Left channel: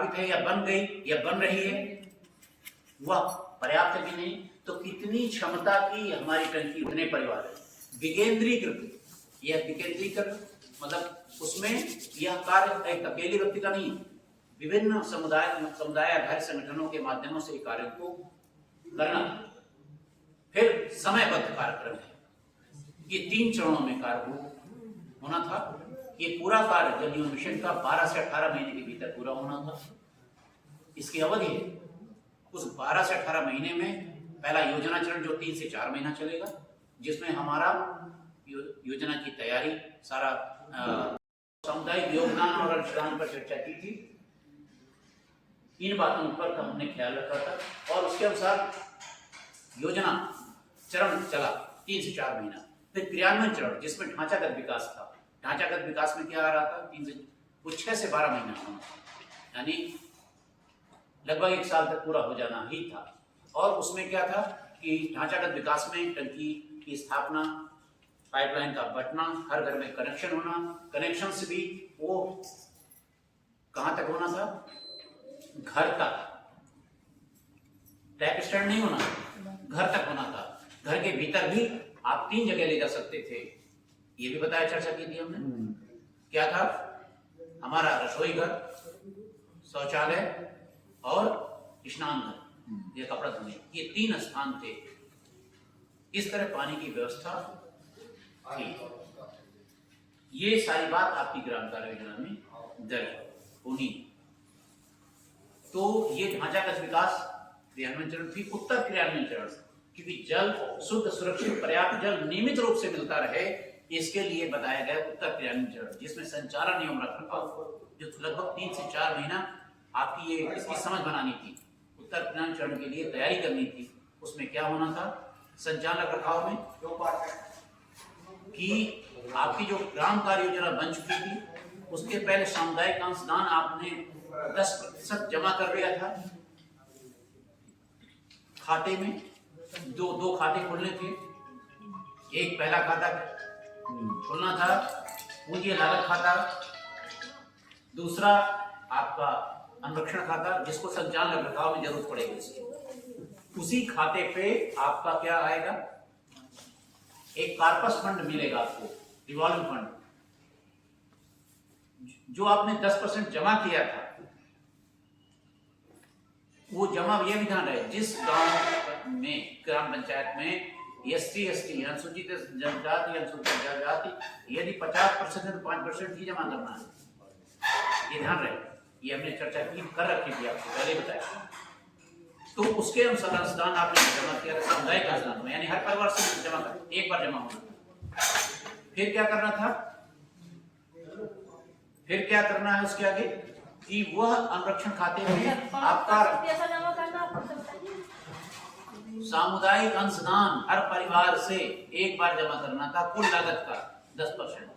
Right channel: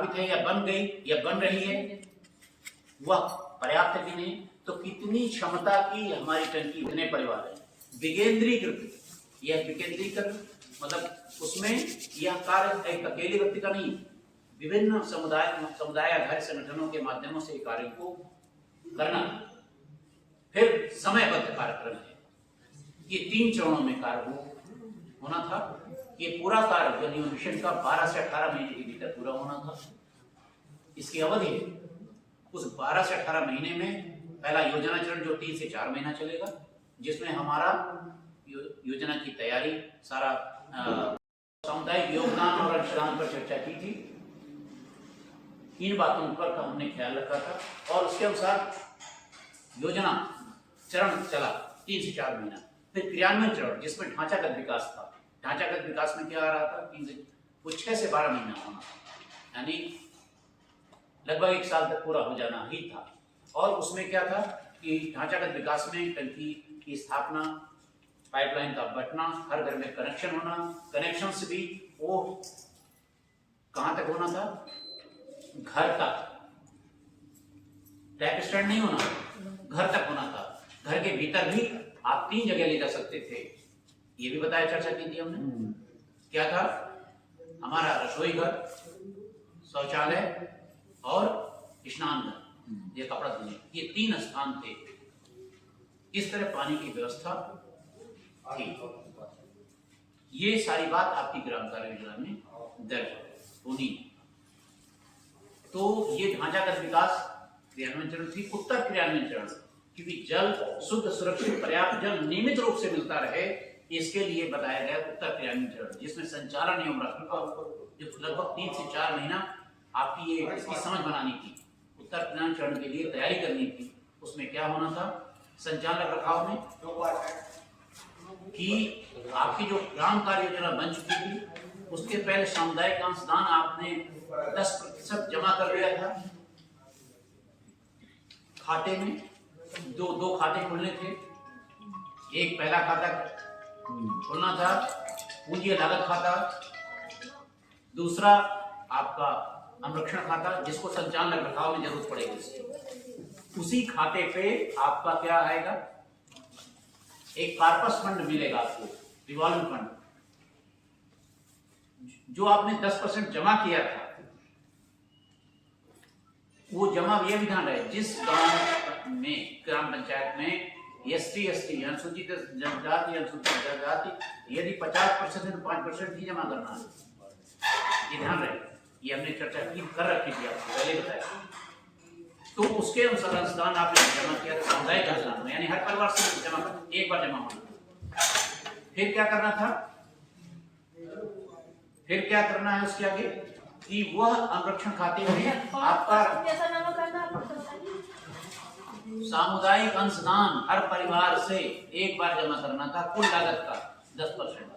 स्थापित है या बन गई या बन रही है वह पर्याप्त भी नहीं, तो कितनी क्षमता की हमारी टंकी, उतने परिवार है। विकेंद्रीकृत, यह विकेंद्रीकरण मतलब उसमें यह कार्य एक अकेले व्यक्ति का नहीं, विभिन्न समुदाय आधारित संगठनों के माध्यमों से कार्य को करना। फिर समयबद्ध कार्यक्रम है, ये 3 चरणों में कार्य होना था। ये पूरा कार्य जल जीवन मिशन का 12 से 18 महीने के भीतर पूरा होना था। इसकी अवधि है, उस 12 से 18 महीने में पहला योजना चरण जो 3 से 4 महीना चलेगा, जिसमें हमारा योजना की तैयारी, सारा सामुदायिक योगदान और अंशदान पर चर्चा की थी। इन बातों पर का हमने ख्याल रखा था और उसके अनुसार योजना चरण चला 3 से 4 महीना। फिर क्रियान्वयन चरण जिसमें ढांचागत विकास था। ढांचागत विकास में क्या आ रहा था, 6 से 12 महीना होना था, यानी लगभग 1 साल तक पूरा हो जाना ही था। और उसमें क्या था कि ढांचागत विकास में टंकी की स्थापना, पाइपलाइन का बंटना, हर घर में कनेक्शन होना, कनेक्शन से भी वो कहां तक होना था, घर तक, टैप स्टैंड नहीं होना, घर तक होना था। घर के भीतर भी आप 3 जगह ले जा सकते थे, ये भी बताया, चर्चा की थी हमने। क्या था, हमारा रसोई घर, शौचालय और स्नान घर, ये कपड़ा धोने, ये 3 स्थान थे। इस तरह पानी की व्यवस्था थी। ये सारी बात आपकी ग्राम कार्य योजना में दर्ज होनी। तो ये ढांचागत विकास क्रियान्वयन चरण थी। उत्तर क्रियान्वयन चरण, क्योंकि जल शुद्ध, सुरक्षित, पर्याप्त जल नियमित रूप से मिलता रहे, इसके लिए बताया गया उत्तर क्रियान्वयन चरण, जिसमें संचालन नियम रखरखाव, जो लगभग 3 से 4 महीना आपकी ये इसकी समझ बनानी थी, उत्तर क्रियान्वयन चरण के लिए तैयारी करनी थी। उसमें क्या होना था, संचालन रखरखाव में कि आपकी जो ग्राम कार्य योजना बन चुकी थी, उसके पहले सामुदायिक अंशदान आपने 10% जमा कर दिया था खाते में। दो खाते खोलने थे, एक पहला खाता खोलना था पूंजी लागत खाता, दूसरा आपका अनुरक्षण खाता, जिसको संचालन रखरखाव में जरूरत पड़ेगी। उसी खाते पे आपका क्या आएगा, एक कार्पस फंड मिलेगा आपको, रिवॉल्विंग फंड, जो आपने 10% जमा किया था। वो जमा, यह भी ध्यान रहे, जिस गांव में, ग्राम पंचायत में SC ST अनुसूचित जनजाति, अनुसूचित जनजाति, यदि 50% है तो 5% ही जमा करना है, ये ध्यान रहे। ये हमने चर्चा की, कर रखी थी, आपको पहले बताया। तो उसके अनुसार अंशदान आपने जमा किया था सामुदायिक अंशदान में, यानी हर परिवार से जमा कर, एक बार जमा होना था। फिर क्या करना था, फिर क्या करना है उसके आगे, कि वह अनुरक्षण खाते में आपका सामुदायिक अंशदान हर परिवार से एक बार जमा करना था, कुल लागत का 10%।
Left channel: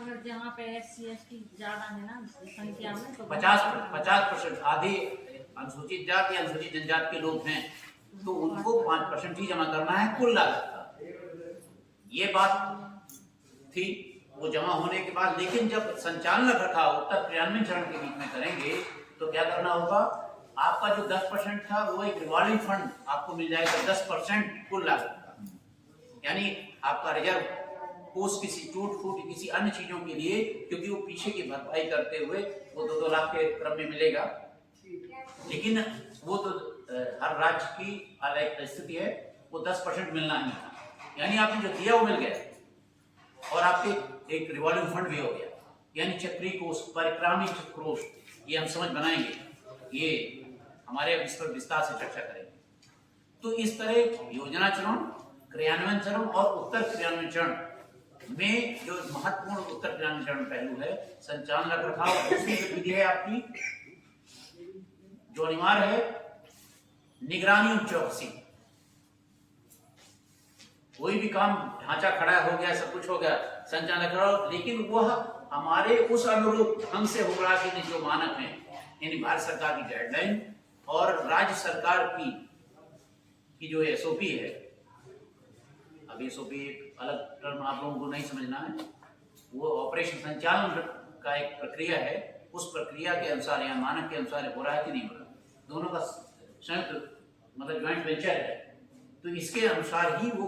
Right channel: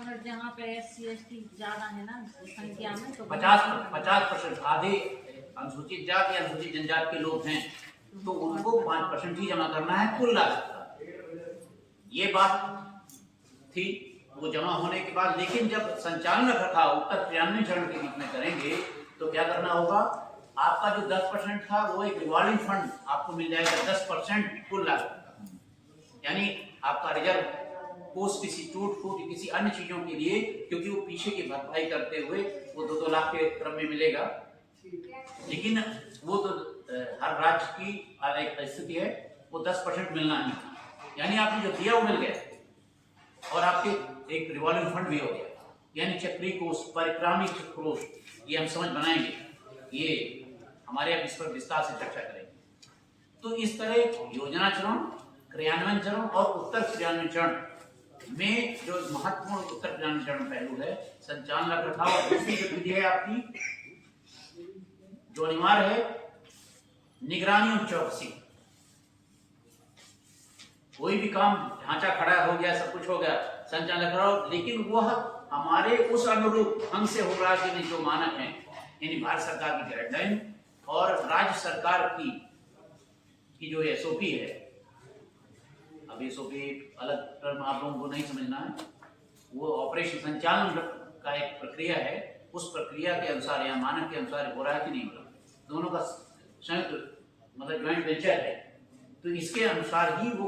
अगर जहाँ पे SC ST ज्यादा है ना संख्या में, तो 50%, आधे अनुसूचित जाति, अनुसूचित जनजाति के लोग हैं, तो उनको 5% ही जमा करना है कुल लागत का। ये बात थी। वो जमा होने के बाद, लेकिन जब संचालन रखरखाव उत्तर क्रियान्वयन चरण के बीच में करेंगे, तो क्या करना होगा, आपका जो 10% था वो एक रिवॉल्विंग फंड आपको मिल जाएगा, 10% कुल लागत का, यानी आपका रिजर्व कोष किसी टूट फूट, किसी अन्य चीजों के लिए, क्योंकि वो पीछे की भरपाई करते हुए वो 2-2 लाख के क्रम में मिलेगा। लेकिन वो तो हर राज्य की अलग स्थिति है, वो 10% मिलना ही था, यानी आपने जो दिया वो मिल गया, और आपके एक रिवॉल्विंग फंड भी हो गया, यानी चक्रीय कोष, परिक्रामी कोष, ये हम समझ बनाएंगे, ये हमारे अब इस पर विस्तार से चर्चा करेंगे। तो इस तरह योजना चरण, क्रियान्वयन चरण और उत्तर क्रियान्वयन चरण में जो महत्वपूर्ण उत्तर क्रियान्वयन चरण पहलू है, संचालन रखरखाव, और दूसरी गतिविधि है आपकी जो अनिवार्य है, निगरानी और चौकसी। कोई भी काम ढांचा खड़ा हो गया, सब कुछ हो गया, संचालन रखरखाव, लेकिन वह हमारे उस अनुरूप ढंग से हो रहा कि नहीं, जो मानक हैं, यानी भारत सरकार की गाइडलाइन और राज्य सरकार की जो SOP है। अब SOP एक अलग टर्म आप लोगों को नहीं समझना है, वो ऑपरेशन संचालन का एक प्रक्रिया है, उस प्रक्रिया के अनुसार या मानक के अनुसार हो रहा है कि नहीं हो रहा, दोनों का संयुक्त मतलब ज्वाइंट वेंचर है, तो इसके अनुसार ही वो,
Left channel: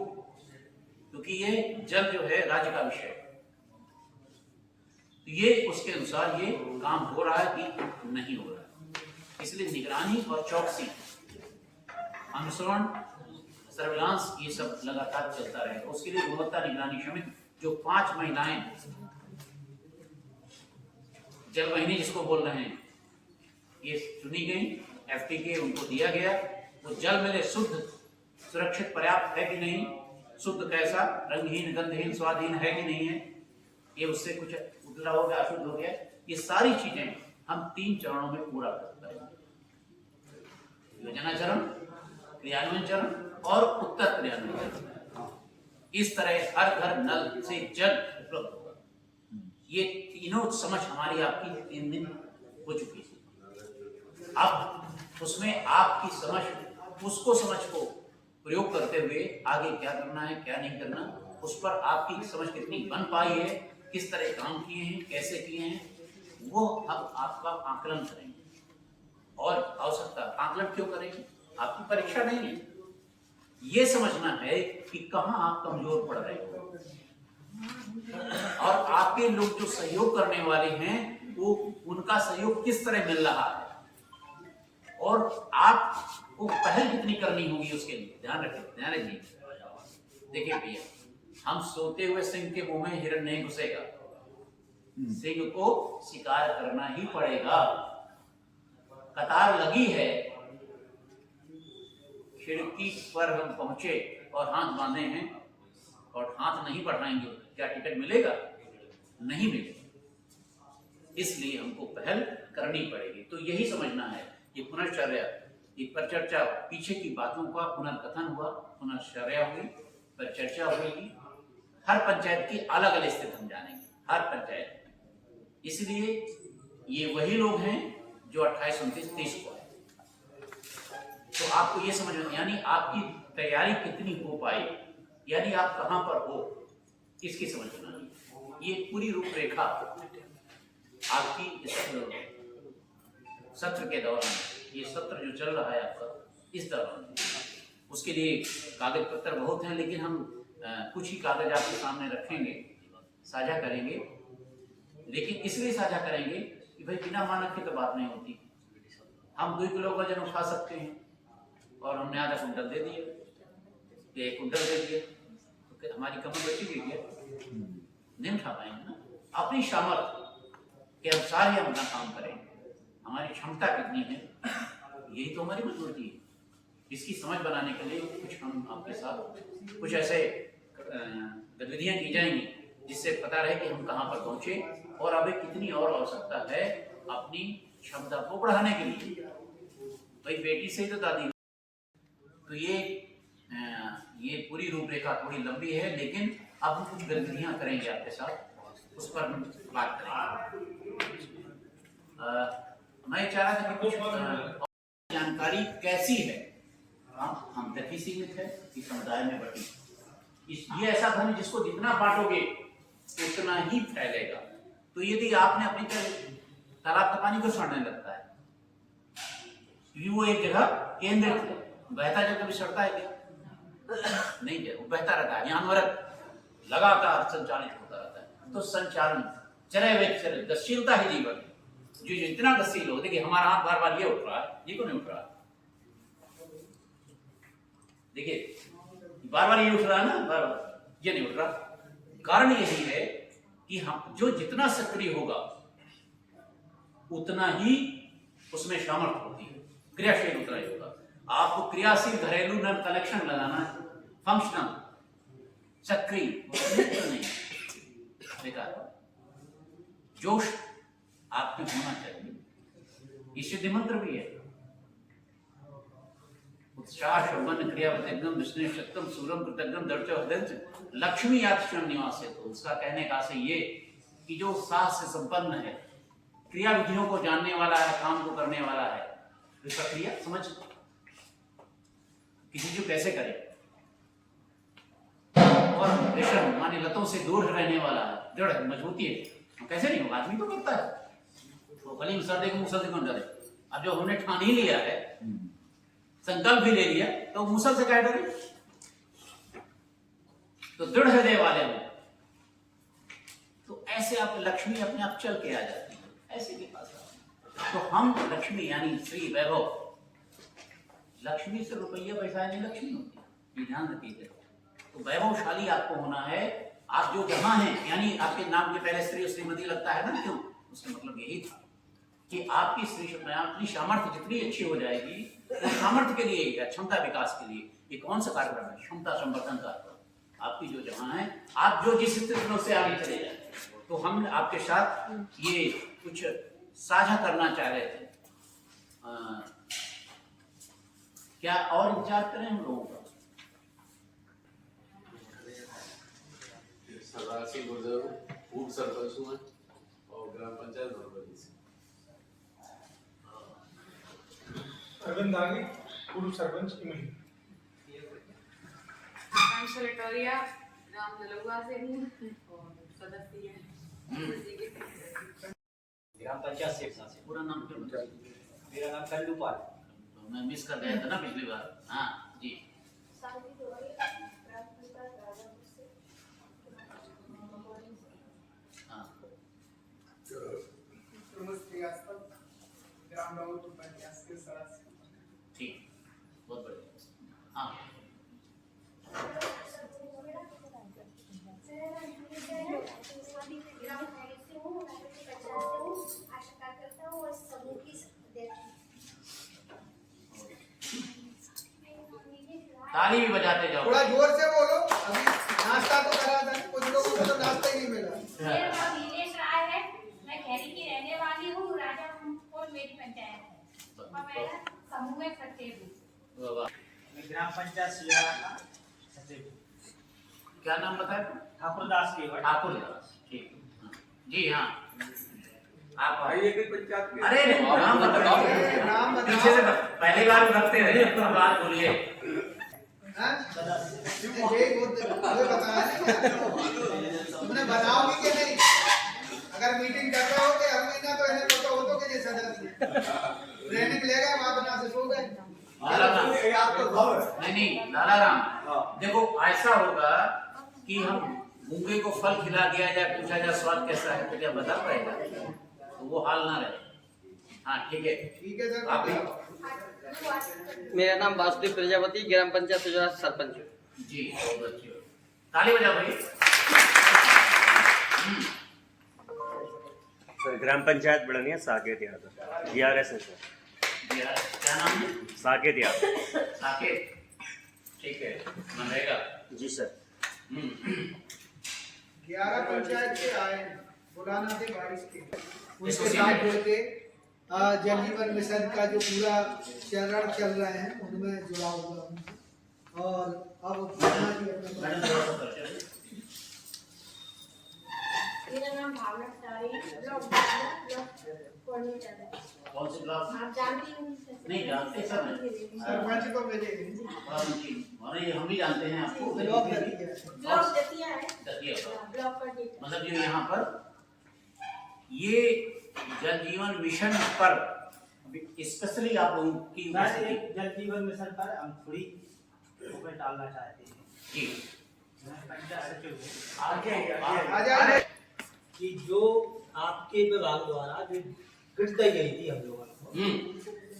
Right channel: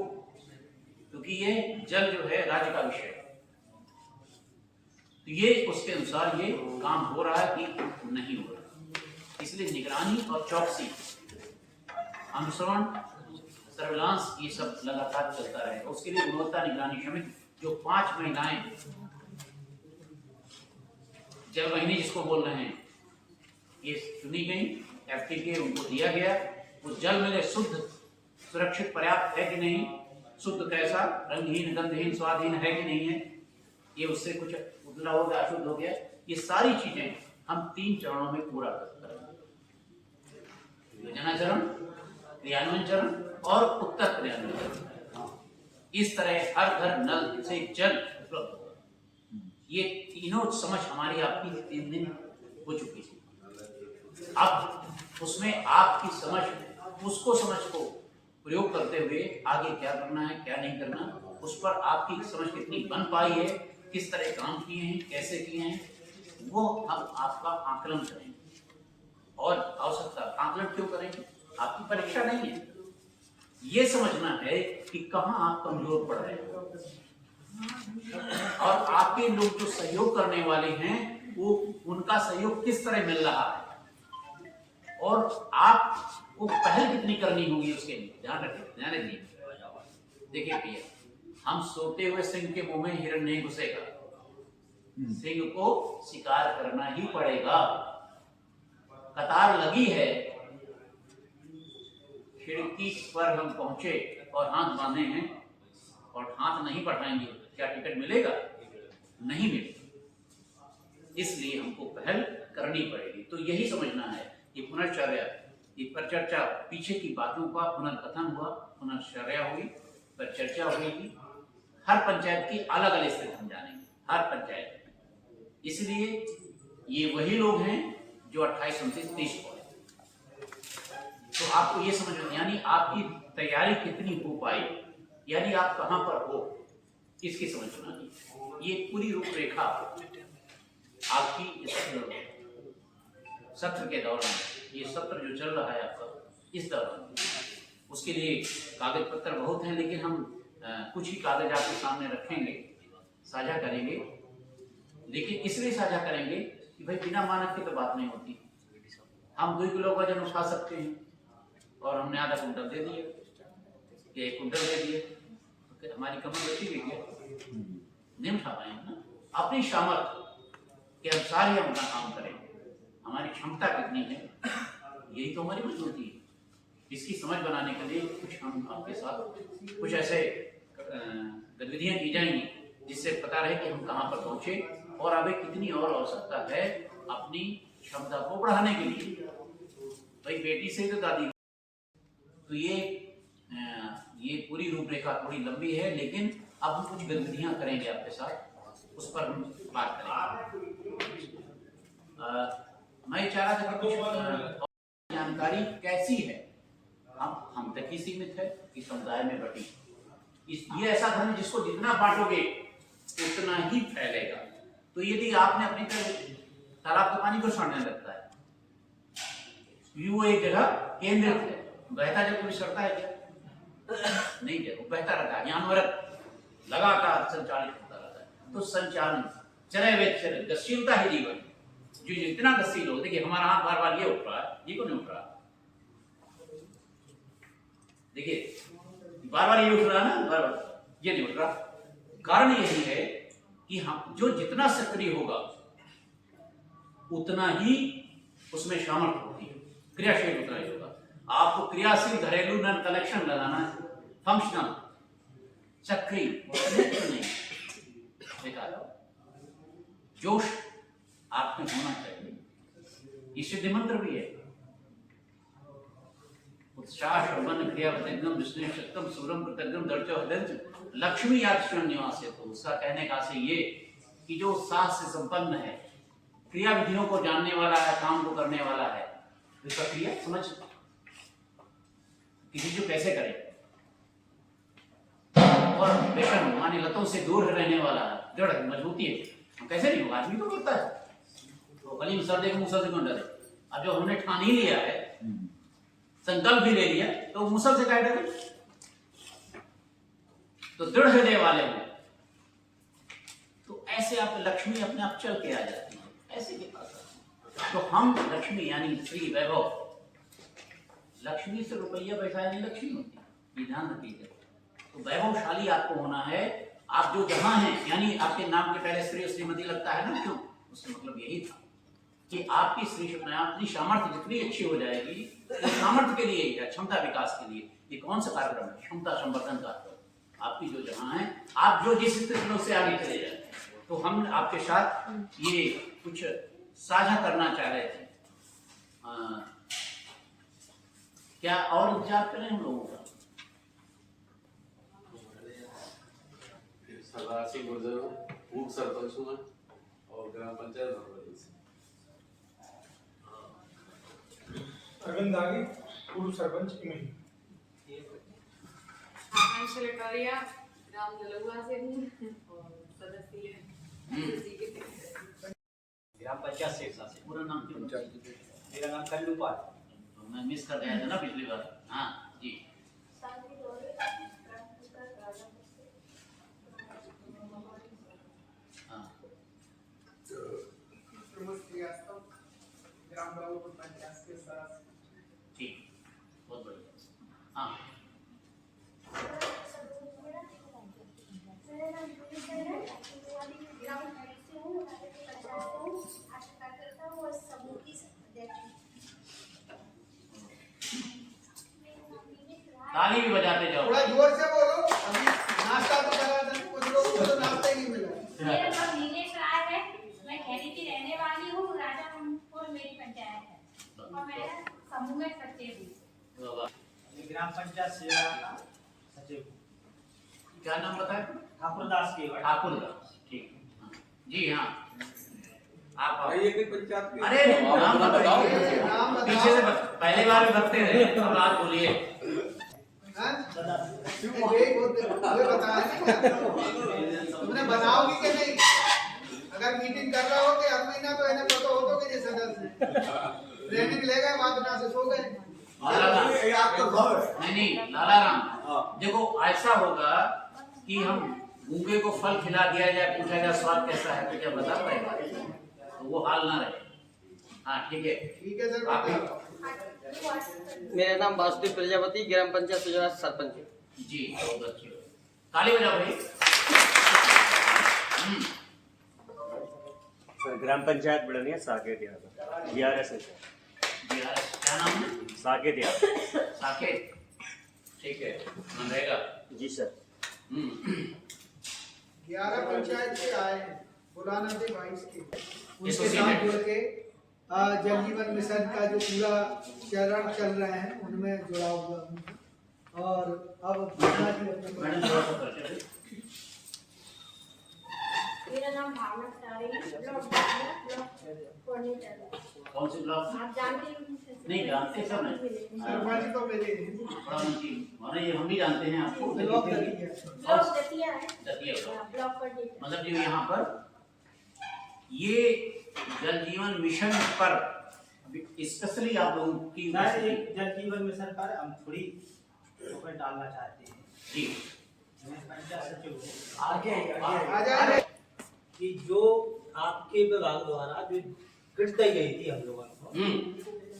क्योंकि ये जल जो है राज्य का विषय है, तो ये उसके अनुसार ये काम हो रहा है कि नहीं हो रहा है। इसलिए निगरानी और चौकसी, अनुसरण, सर्विलांस, ये सब लगातार चलता रहे। उसके लिए गुणवत्ता निगरानी समिति जो 5 महिलाएं जल वाहिनी जिसको बोल रहे हैं, ये चुनी गई, FTK उनको दिया गया, वो जल मिले शुद्ध, सुरक्षित, पर्याप्त है कि नहीं, शुद्ध कैसा, रंगहीन, गंधहीन, स्वादहीन है कि नहीं है, ये उससे कुछ उतला हो गया, अशुद्ध हो गया, ये सारी चीजें हम 3 चरणों में पूरा करेंगे, योजना चरण, क्रियान्वयन चरण और उत्तर क्रियान्वयन चरण। इस तरह हर घर नल से जल उपलब्ध होगा। ये तीनों समझ हमारी आपकी 3 दिन हो चुकी थी। अब उसमें आपकी समझ, उसको समझ को प्रयोग करते हुए आगे क्या करना है, क्या नहीं करना, उस पर आपकी समझ कितनी बन पाई है, किस तरह काम किए हैं, कैसे किए हैं, वो हम आपका आकलन करेंगे। और आवश्यकता, आकलन क्यों करेंगे, आपकी परीक्षा नहीं है, ये समझना है कि कहाँ आप कमजोर पड़ रहे हो, और आपके लोग जो सहयोग करने वाले हैं वो उनका सहयोग किस तरह मिल रहा है, और आपको पहल कितनी करनी होगी उसके लिए ध्यान रखें, ध्यान दीजिए। देखिए भैया, हम सोते हुए सिंह के मुंह में हिरण नहीं घुसेगा, सिंह को शिकार करना ही पड़ेगा। कतार लगी है, खिड़की पर हम पहुंचे और हाथ बांधे हैं और हाथ नहीं बढ़ाएंगे, क्या टिकट मिलेगा? नहीं मिलेगा। इसलिए हमको पहल करनी पड़ेगी। तो यही समझना है कि पुनर्चर्या, ये परिचर्चा, पीछे की बातों का पुनर्कथन हुआ, पुनर्चर्या हुई, परिचर्चा हुई, हर पंचायत की अलग अलग स्थिति हम जानेंगे, हर पंचायत में। इसलिए ये वही लोग हैं जो 28, 29, 30 को है। तो आपको ये समझ, यानी आपकी तैयारी कितनी हो पाई, यानी आप कहां पर हो, इसकी समझना है। ये पूरी रूपरेखा आपकी इस सत्र के दौरान, ये सत्र जो चल रहा है आपका इस दौरान, उसके लिए कागज पत्र बहुत हैं, लेकिन हम कुछ ही कागज आपके सामने रखेंगे, साझा करेंगे। लेकिन इसलिए साझा करेंगे कि भाई बिना मानक की तो बात नहीं होती। हम 2 किलो वजन उठा सकते हैं और हमने आधा कुंटल दे दिए या 1 कुंटल दे दिए, तो फिर हमारी कमर बची गई क्या? नहीं उठा पाएंगे ना। अपनी सामर्थ्य के अनुसार ही हम अपना काम करें, हमारी क्षमता कितनी है, यही तो हमारी मजबूती है। इसकी समझ बनाने के लिए कुछ हम आपके साथ कुछ ऐसे गतिविधियां की जाएंगी जिससे पता रहे कि हम कहाँ पर पहुंचे और अभी कितनी और आवश्यकता है अपनी क्षमता को बढ़ाने के लिए। भाई बेटी से तो दादी, तो ये पूरी रूपरेखा थोड़ी लंबी है, लेकिन अब हम कुछ गतिविधियां करेंगे आपके साथ, उस पर हम बात करेंगे। मैं चाह रहा था कि कुछ जानकारी कैसी है, हम तक ही सीमित है कि समुदाय में बटी। ये ऐसा धन है जिसको जितना बांटोगे उतना ही फैलेगा। तो यदि आपने अपनी तरफ तालाब का पानी को सड़ने लगता है, वो एक जगह केंद्रित है, बहता जल कभी सड़ता है क्या? नहीं है, वो बहता रहता है, अनवरत लगातार संचालित होता रहता है। तो संचालन, चले वे चले, गतिशीलता ही जीवन है। जो जितना गतिशील हो, देखिए हमारा हाथ बार बार ये उठ रहा है, ये क्यों नहीं उठ रहा? देखिए बार बार ये उठ रहा है ना, बार बार ये नहीं उठ रहा। कारण यही है कि हम जो जितना सक्रिय होगा उतना ही उसमें सामर्थ्य होती है, क्रियाशील उतना ही होगा। आपको क्रियाशील घरेलू नल कनेक्शन लगाना है, फंक्शनल, सक्रिय नहीं, बेकार। जोश आप में होना चाहिए, ये सिद्ध मंत्र भी है। उत्साह शोभन क्रिया वतंगम विष्णु शक्तम सूरम कृतज्ञम दर्चो हृदय लक्ष्मी याक्षम निवास है। तो उसका कहने का से ये कि जो उत्साह से संपन्न है, क्रिया विधियों को जानने वाला है, काम को करने वाला है, इसका क्रिया समझ किसी को कैसे करे, और व्यसन माने लतों से दूर रहने वाला है, दृढ़ मजबूती है, कैसे नहीं होगा, आदमी तो करता है। तो कलीम सर देखो मुसल से कौन डरे। अब जो हमने ठान ही लिया है, संकल्प भी ले लिया, तो मुसल से क्या डरे। तो दृढ़ हृदय वाले हो तो ऐसे आप लक्ष्मी अपने आप चल के आ जाती है, ऐसे के पास आती है। तो हम लक्ष्मी यानी श्री वैभव, लक्ष्मी से रुपया पैसा नहीं लक्ष्मी होती, ये ध्यान रखिए। तो वैभवशाली आपको होना है। आप जो जहां हैं, यानी आपके नाम के पहले श्री और श्रीमती लगता है ना, क्यों? उसका मतलब यही था कि आपकी अपनी सामर्थ्य जितनी अच्छी हो जाएगी, तो सामर्थ्य के लिए या क्षमता विकास के लिए ये कौन सा कार्यक्रम है? क्षमता संवर्धन कार्यक्रम। आपकी जो जहां है, आप जो जिस स्थिति से आगे चले जाए। तो हम आपके साथ ये कुछ साझा करना चाह रहे थे। क्या और इंतजार करें हम लोगों का? सरदारसी गुर्जर पूर्व सरपंच हूँ और ग्राम पंचायत भरवली से। अरविंद दागी पूर्व सरपंच इमली। आकांक्षा लटारिया ग्राम जलुआ से हूँ और सदस्य हैं ग्राम पंचायत से। पूरा नाम क्यों? मेरा नाम कल्लू पाल। तो मैं मिस कर गया था ना पिछली बार। हाँ जी। हाँ ग्राम राउपुर पंचायत के सदस्य। ठीक, बहुत बढ़िया। हाँ ताली भी बजाते जाओ। थोड़ा जोर से बोलो, अभी नाश्ता तो करा था, कुछ लोगों को तो नाश्ता ही नहीं मिला। मेरा नाम नीलेश राय है, मैं खैरी की रहने वाली हूँ। राजापुर मेरी पंचायत है और मेरा समूह में सचिव हूँ। ग्राम पंचायत सियारा का सचिव। क्या नाम बताया? ठाकुरदास की। ठाकुरदास, ठीक। हाँ। जी हाँ, आप ये भी पंचायत के। अरे नाम बताइए। नाम बताओ। पीछे से पहली बार भी भगते रहे, अब बात बोलिए। हाँ? यही बोलते हैं, हमें बताया नहीं। तुमने बनाओगी कि नहीं? अगर मीटिंग कर रहे हो कि हर महीना तो इन्हें फोटो हो तो कि नहीं सदस्य ट्रेनिंग ले गए, वहां बना से सो गए। नहीं लाला राम, देखो ऐसा होगा कि हम गूंगे को फल खिला दिया जाए, पूछा जाए स्वाद कैसा है, तो क्या बता पाएगा? तो वो हाल ना रहे। हाँ ठीक है सर। आप भी। मेरा नाम वासुदेव प्रजापति, ग्राम पंचायत सुजरा सरपंच। जी बहुत अच्छी। ताली बजा भाई। सर ग्राम पंचायत बड़निया साकेत यादव GRS है सर। क्या नाम है? साकेत यादव। साकेत, ठीक है, मनरेगा। जी सर। 11 पंचायत के आए, बुलाना थे 22 के, उनके एसोसिएटेड। साथ जुड़ के जल जीवन मिशन का जो पूरा चरण चल रहे हैं उनमें जुड़ा हुआ हूँ। और अब मैडम थोड़ा सा परिचय। मेरा नाम भावना सारी, ब्लॉक कौन से ब्लॉक? आप जानते हैं? नहीं जानते सब है। सरपंच तो मेरे बड़ा मंत्री माने हम भी जानते हैं आपको। ब्लॉक दतिया। ब्लॉक दतिया है, दतिया ब्लॉक। ब्लॉक पर डेटा। मतलब जो यहाँ पर ये जल जीवन मिशन पर स्पेशली आप लोगों की उपस्थिति। जल जीवन मिशन पर हम थोड़ी ऊपर डालना चाहते हैं। जी मैं पंचायत सचिव हूँ। आ जाइए। कि जो आपके विभाग द्वारा जो किट दी गई थी हम लोगों को,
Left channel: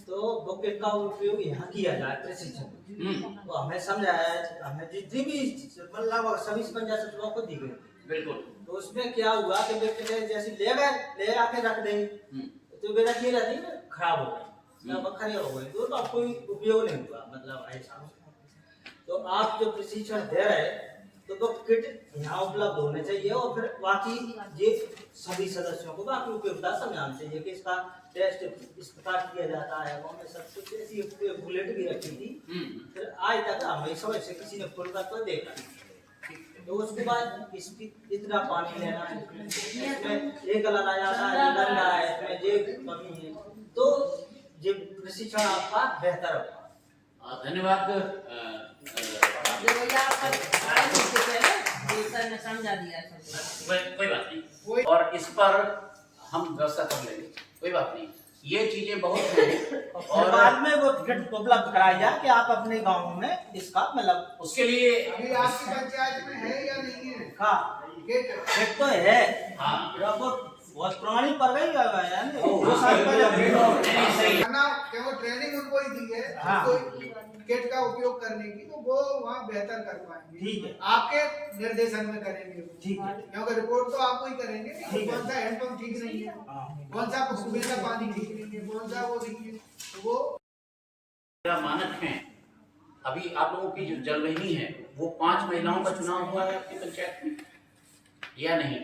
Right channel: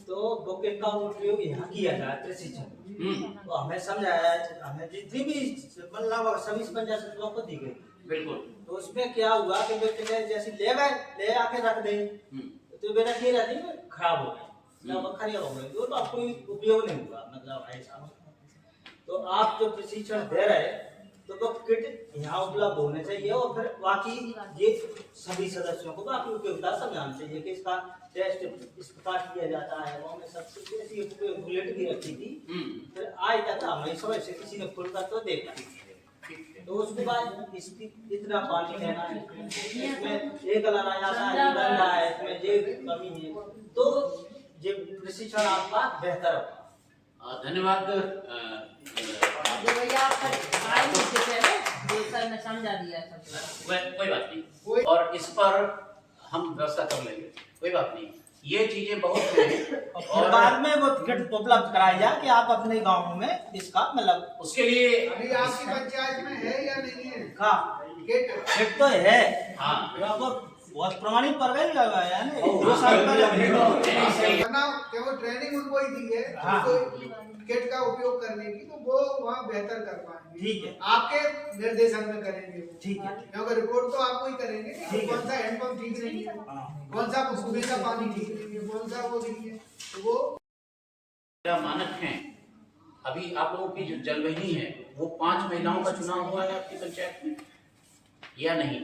तो बुक का उपयोग यहाँ किया जाए प्रशिक्षण। तो हमें समझाया, हमें जितनी भी मतलब सभी पंचायत सचिवों को दी गई। बिल्कुल। तो उसमें क्या हुआ कि व्यक्ति ने जैसे ले आके रख देंगे, तो बेटा ये रहती है खराब हो गई, खराब हो गई, तो आपको कोई उपयोग नहीं हुआ, मतलब ऐसा। तो आप जो प्रशिक्षण दे रहे हैं, तो वो किट यहाँ उपलब्ध होने चाहिए और फिर बाकी ये सभी सदस्यों को बाकी उपयोगिता समझानी चाहिए कि इसका टेस्ट इस प्रकार किया जाता है। वो में सब कुछ ऐसी बुलेट भी रखी थी, फिर आज तक हमारी समझ से किसी ने खुलकर तो देखा। तो उसके बाद इसकी इतना पानी लेना है, इसमें ये कलर आ जाता है, ये गंदा है, इसमें ये कमी है, तो ये प्रशिक्षण आपका बेहतर होगा। धन्यवाद। जो भैया आप आए मुझसे पहले जो सर ने समझा दिया सब। कोई बात नहीं। और इस पर हम व्यवस्था कर लेंगे, कोई बात नहीं। ये चीजें बहुत हैं और बाद में वो टिकट उपलब्ध कराई जाए कि आप अपने गांव में इसका मतलब उसके लिए अभी आपकी पंचायत में है या नहीं है हाँ गेट? तो है। हाँ तो बहुत पुरानी पड़ गई है ना, हाँ, 2 साल पहले। नहीं, सही है। वरना कि वो ट्रेनिंग उनको ही दी है हाँ। गेट का उपयोग करने की, तो वो वहाँ बेहतर कर पाएंगे। ठीक है, आपके निर्देशन में करेंगे वो। ठीक है। क्योंकि रिपोर्ट तो आपको ही करेंगे कि ठीक है। कौन सा हैंडपंप ठीक नहीं है, हाँ। कौन सा कुएं का पानी ठीक नहीं है, कौन सा वो नहीं है, तो वो मेरा मानक है। अभी आप लोगों की जो जलवहिनी है वो 5 महिलाओं का चुनाव हुआ है आपकी पंचायत में या नहीं?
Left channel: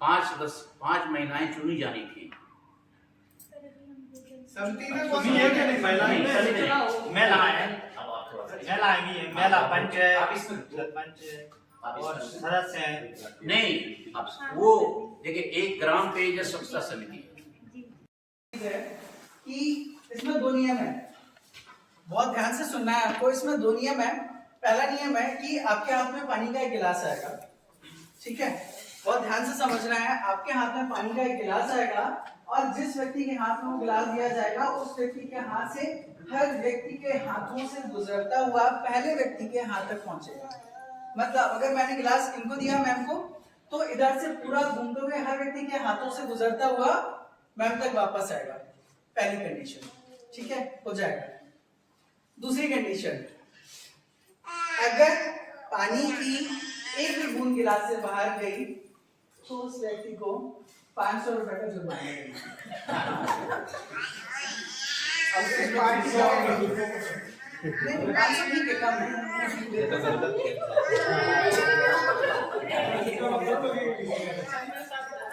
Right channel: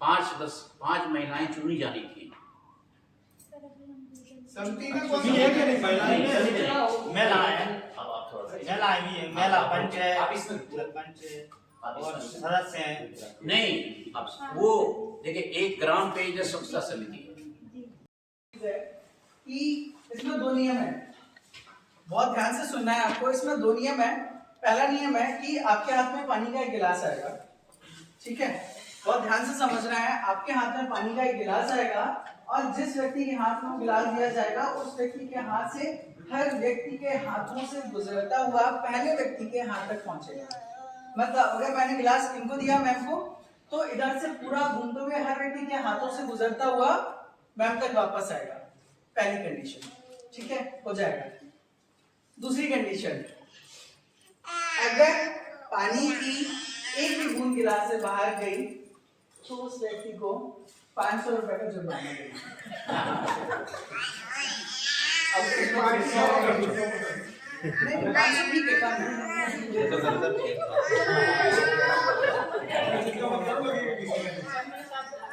5 महिलाएं चुनी जानी थी। समिति में कौन नहीं, सा नहीं, महिला है। अब आप थोड़ा सा महिला आएंगी, महिला पंच है, आप इसमें सरपंच है आप और इसमें सदस्य हैं। नहीं, अब वो देखिए एक ग्राम पेयजल स्वच्छता समिति है। कि इसमें 2 नियम है, बहुत ध्यान से सुनना है आपको। इसमें 2 नियम है। पहला नियम है कि आपके हाथ में पानी का एक गिलास आएगा, ठीक है, बहुत ध्यान से समझना है। आपके हाथ में पानी का एक गिलास आएगा और जिस व्यक्ति के हाथ में वो गिलास दिया जाएगा उस व्यक्ति के हाथ से हर व्यक्ति के हाथों से गुजरता हुआ पहले व्यक्ति के हाथ तक पहुंचेगा। मतलब अगर मैंने गिलास इनको दिया मैम को, तो इधर से पूरा घूमते हुए हर व्यक्ति के हाथों से गुजरता हुआ मैम तक वापस आएगा। पहली कंडीशन, ठीक है, हो जाएगा। दूसरी कंडीशन, अगर पानी की एक भी बूंद गिलास से बाहर गई तो उस व्यक्ति को 500 रुपए का जुर्माना देगा। अब नहीं, 500 ठीक है, कम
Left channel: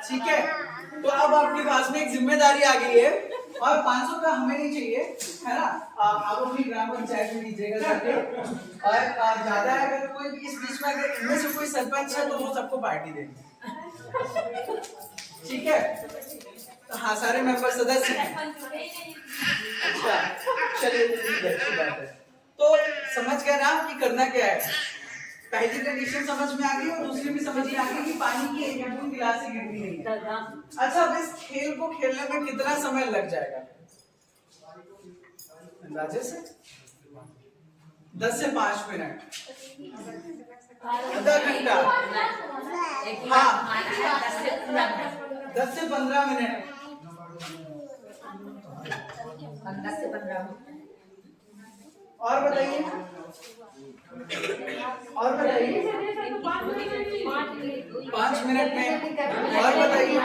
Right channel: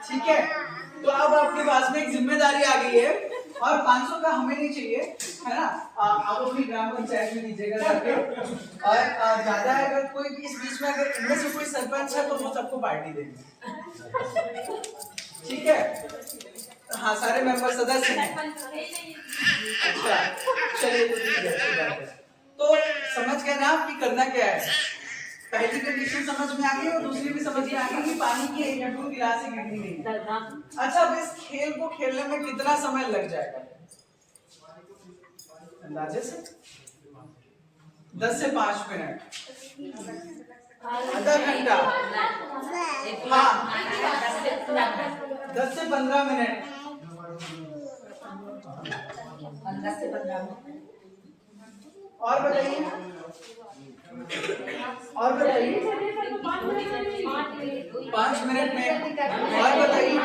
ठीक है। तो अब आपके पास में एक जिम्मेदारी आ गई है और 500 का हमें नहीं चाहिए, है ना। आप अपनी ग्राम पंचायत में दीजिएगा जाके। और ज्यादा है अगर कोई इस बीच में, अगर इनमें से कोई सरपंच है तो वो सबको पार्टी देंगे, ठीक है। हाँ, सारे मेंबर सदस्य हैं। अच्छा, चलिए तो ठीक है, अच्छी बात है। तो समझ गए ना कि करना क्या है। पहली कंडीशन समझ में आ गई और दूसरी भी समझ में आ गई कि पानी की एक बूंद गिलास से गिरनी नहीं। अच्छा, अब इस खेल को खेलने में कितना समय लग जाएगा अंदाजे से? 10 से 5 मिनट, आधा घंटा, हाँ 10 से 15 मिनट, 10 से 15 मिनट। और बताइए, और बताइए 5 मिनट में, और बताइए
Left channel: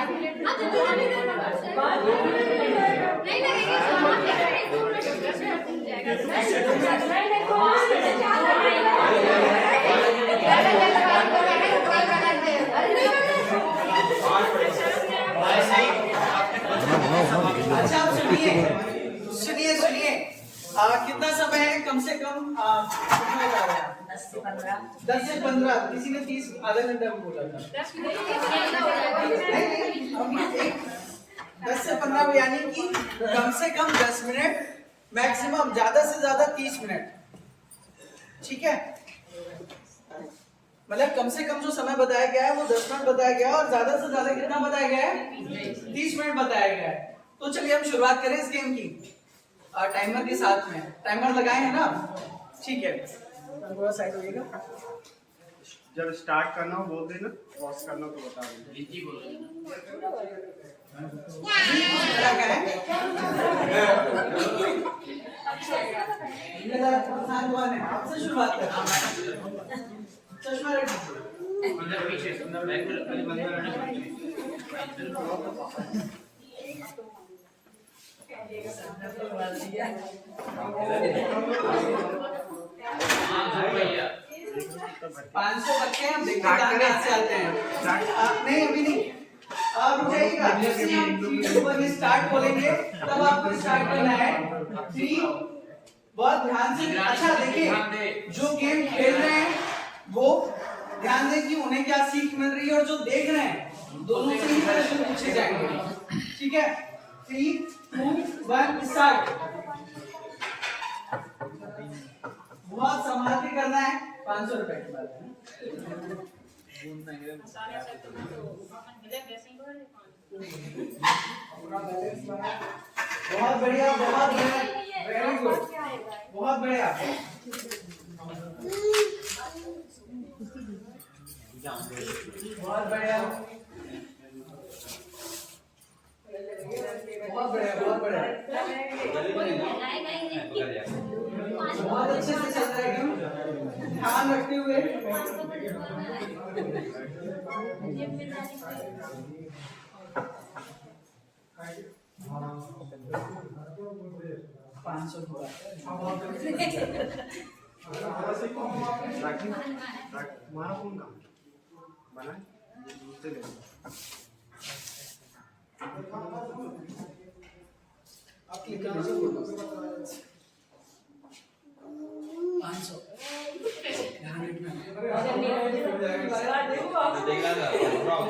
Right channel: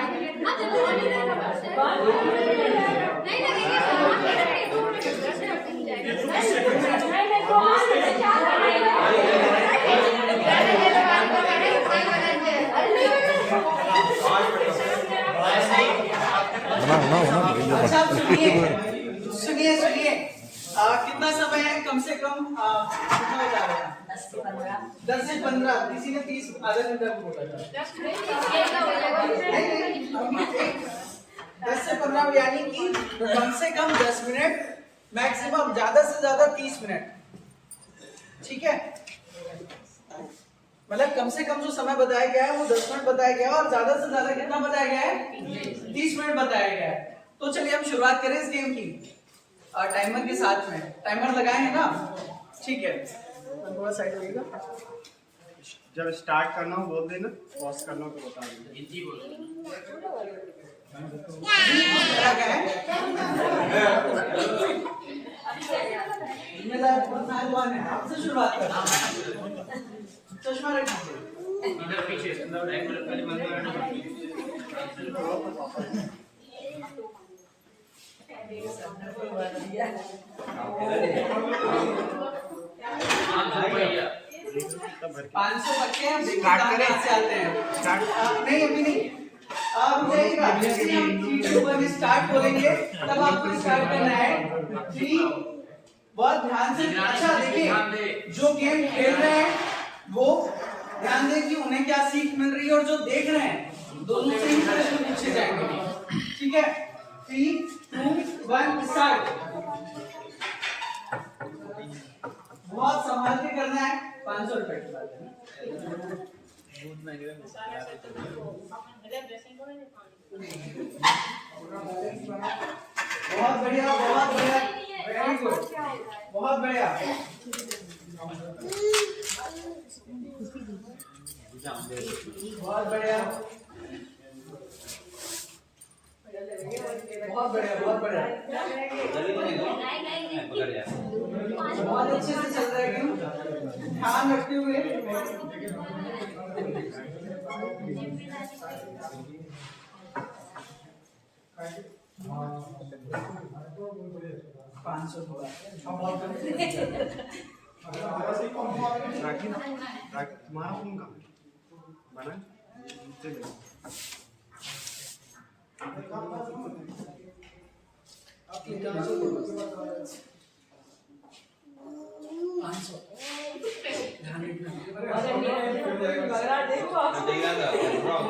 अच्छा सुनिए सुनिए, कितना समय है कम से कम, कितना बता रहे हैं आप? 10 से 15। 10 से 15, किसी ने 30 आधा घंटा बोला था। नहीं, 10 से 15 यानी कि कम से कम 10 मिनट, मैक्सिमम ज्यादा से ज्यादा 30 मिनट, ठीक है। मतलब कम से कम जो समय बताया गया है वो 10 मिनट बताया गया है और ज्यादा से ज्यादा कितना बताया गया है? 30 मिनट बताया गया है। तो चलिए हम शुरुआत करें इस गेम की, टाइमर के साथ में। टाइमर लगाए हैं ना, ठीक है। थोड़ा साइड होइएगा। जब स्टार्ट करना हो बोल देना, पॉज करना तो बता देना। हिंदी बोल रहे क्या है? आपसे शुरुआत कर, चश्मा रख दीजिए। इधर पीछे बैक में पहले बंद करना। भैया 500 बच्चे हैं, देखते हैं कहाँ से आते हैं। नहीं अभी नहीं, आप जाइएगा, जैसे हम 3 2 1 स्टार्ट बोलेंगे तब आपको स्टार्ट करना है। 3, बहुत ध्यान से। अच्छा देखिए, जो गेम खेल रहे हैं वो ध्यान दें कि उन्हें क्या सीख मिल रही है, और जो देख रहे हैं दोनों से ही प्रश्न पूछे जाएंगे, ठीक है। 3 2 1 स्टार्ट। बहुत संभाल के करना है, 500 रुपए की बात है। बहुत बढ़िया, बहुत बढ़िया, वेरी गुड, बहुत बढ़िया। बहुत बढ़िया, बहुत बढ़िया, बहुत बढ़िया, बहुत अच्छे से चल रहा है एकदम, ध्यान रखते हुए।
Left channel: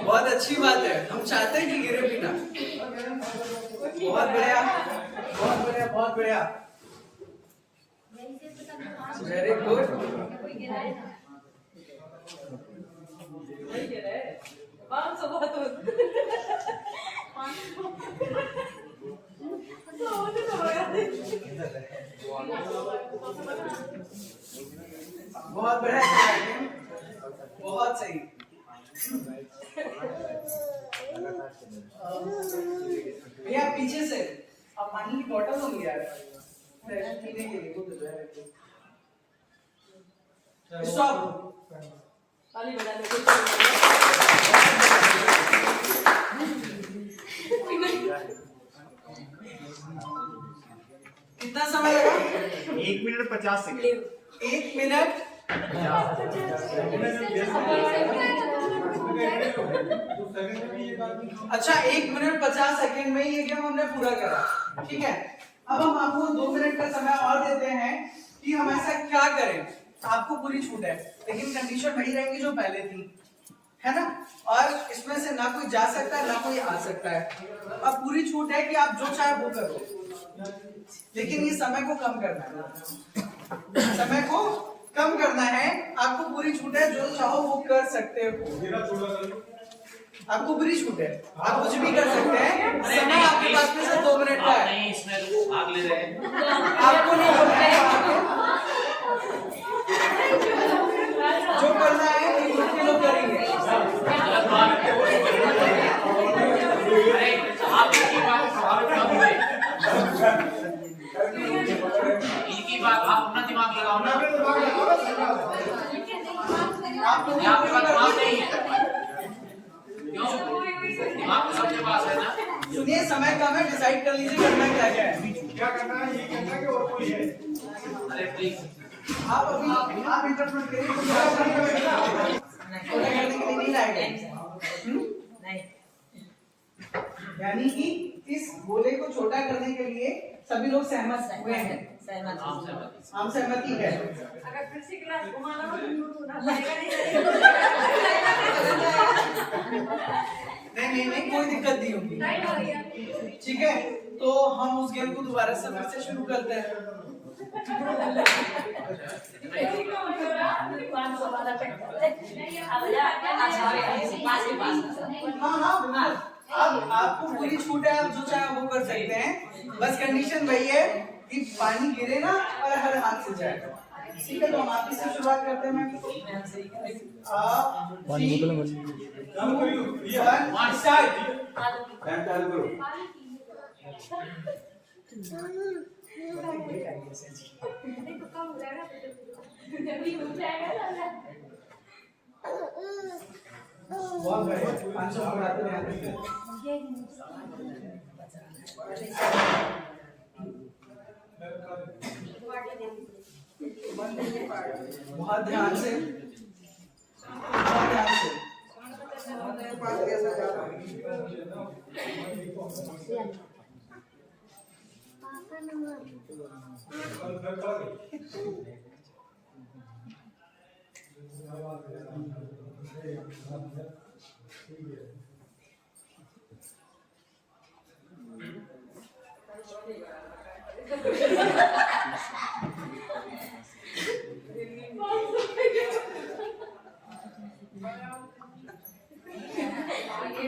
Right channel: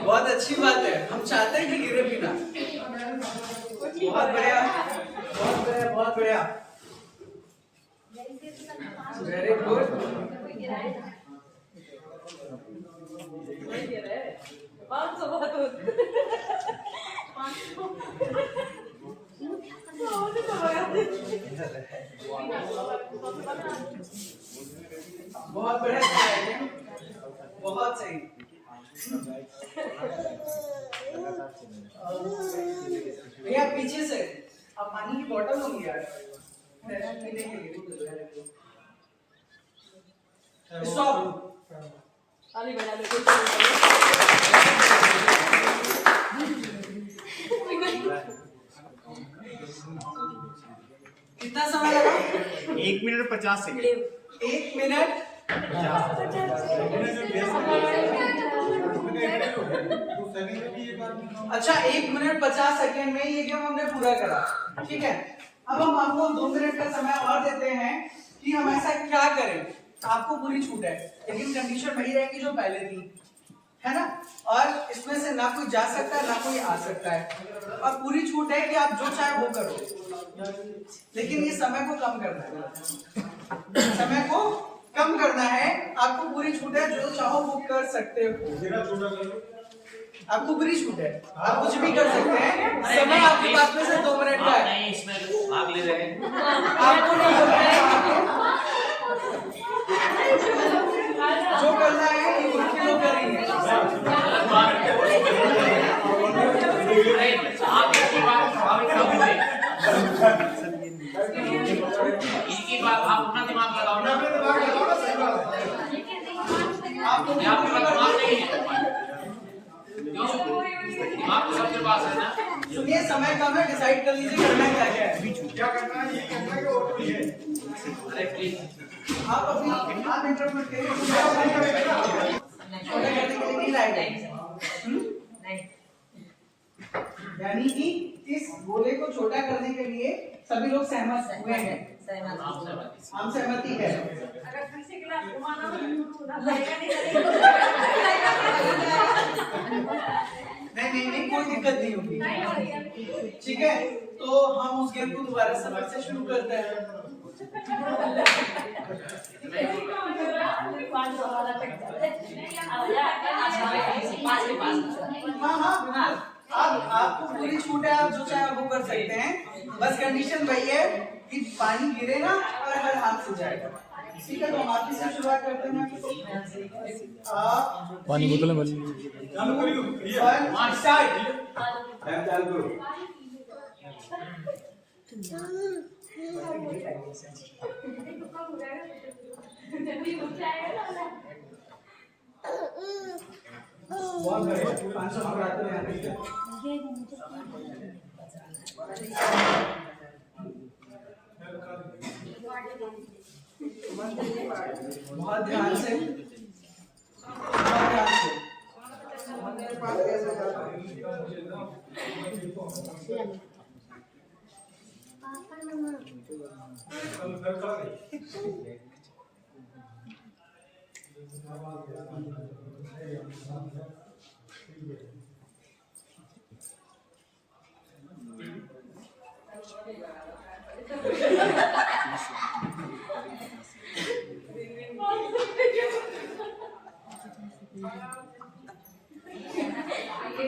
बहुत अच्छी बात है, हम चाहते हैं कि गिरे बिना। बहुत बढ़िया, बहुत बढ़िया, बहुत बढ़िया, वेरी गुड। बहुत बढ़िया, बहुत सही। भैया पीछे से आप पानी की बोतल होंगी यार पीने के लिए। स्टॉप। कितना समय लगा? 1 मिनट 50 सेकंड। 1 मिनट अच्छा 1 मिनट 50 सेकंड में ये गेम हमने पूरा करा, ठीक है। अब हम आपको 2 मिनट का समय और देते हैं कि हम ऐसा क्या करें। आपको पूरी छूट है, लेकिन कंडीशन वही रहेंगी जो पहले थी, है ना। और इसमें से ना कोई जा सकता है ना कोई आ सकता है। अब पूरी छूट है कि आप जो चाहे वो करो, लेकिन ये समय को कम करना है, समय को कम करना है। आपको पूरी छूट है, जो चाहो वो कर सकते हो। आपको पूरी छूट है, आप कुछ भी कर सकते हैं। समय आपके पास में से 2 मिनट का है। नहीं इसमें भाग ले रहे हैं। आपको नहीं बोलना है, जो करना है ये ग्रुप के लोग करेंगे। इनकी बात आप अपना दिमाग लगाओ ना, आपके पास दिमाग नहीं है। क्यों? दिमाग तो सबके पास है ना। सुनिए समय कम है, डिसाइड कर लीजिए करना क्या क्या है। क्या करना है, ये करना कि और कोई है? अरे प्लीज आप अभी आप इंटरप्रेट करिए, छोटा करने के लिए नहीं लाएगा। यानी कि इस गोले को छोटा करने के लिए सभी लोग सहमत हुए हैं, हम सहमति है। अगर फिर से गिलास घुमाना हो तो ना लगेगा नहीं कोई दिक्कत नहीं होगी, ठीक है। तो हम उस गेम को दोबारा से फिर से शुरू करते हैं। हाँ अब आपको पूरी छूट है, आप जो चाहे वो कर सकते हैं। बस कंडीशन वही है कि पानी गिरे ना और हर हाथ से जाएगा, ठीक है। तो हम आपकी से शुरुआत करते हैं। पानी बोतल में स्टार्ट। बहुत बढ़िया, 500 बढ़ाते हैं। बहुत ध्यान से, बहुत ध्यान से।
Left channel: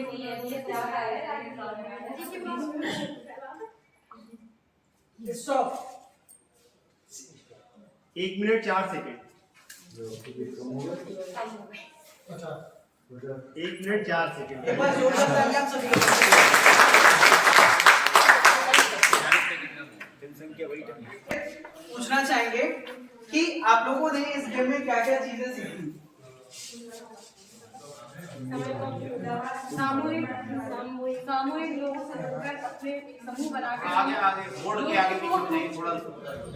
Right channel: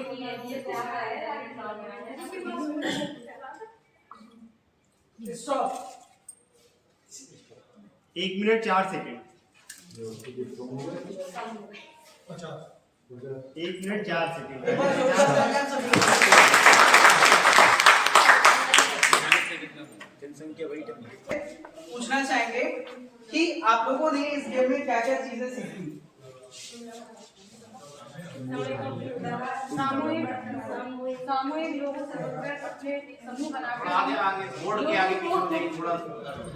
के लिए ये ज्यादा है राजस्थान में। Stop. 1 minute 4 second. 1 minute 4 second. एक बार जोरदार तालियां आप सभी को। पूछना चाहेंगे कि आप लोगों ने इस गेम में क्या क्या चीजें सीखी? सामूहिक लोगों से मिलकर अपने समूह बना के आगे बोर्ड के आगे पीछे हो जाइए थोड़ा।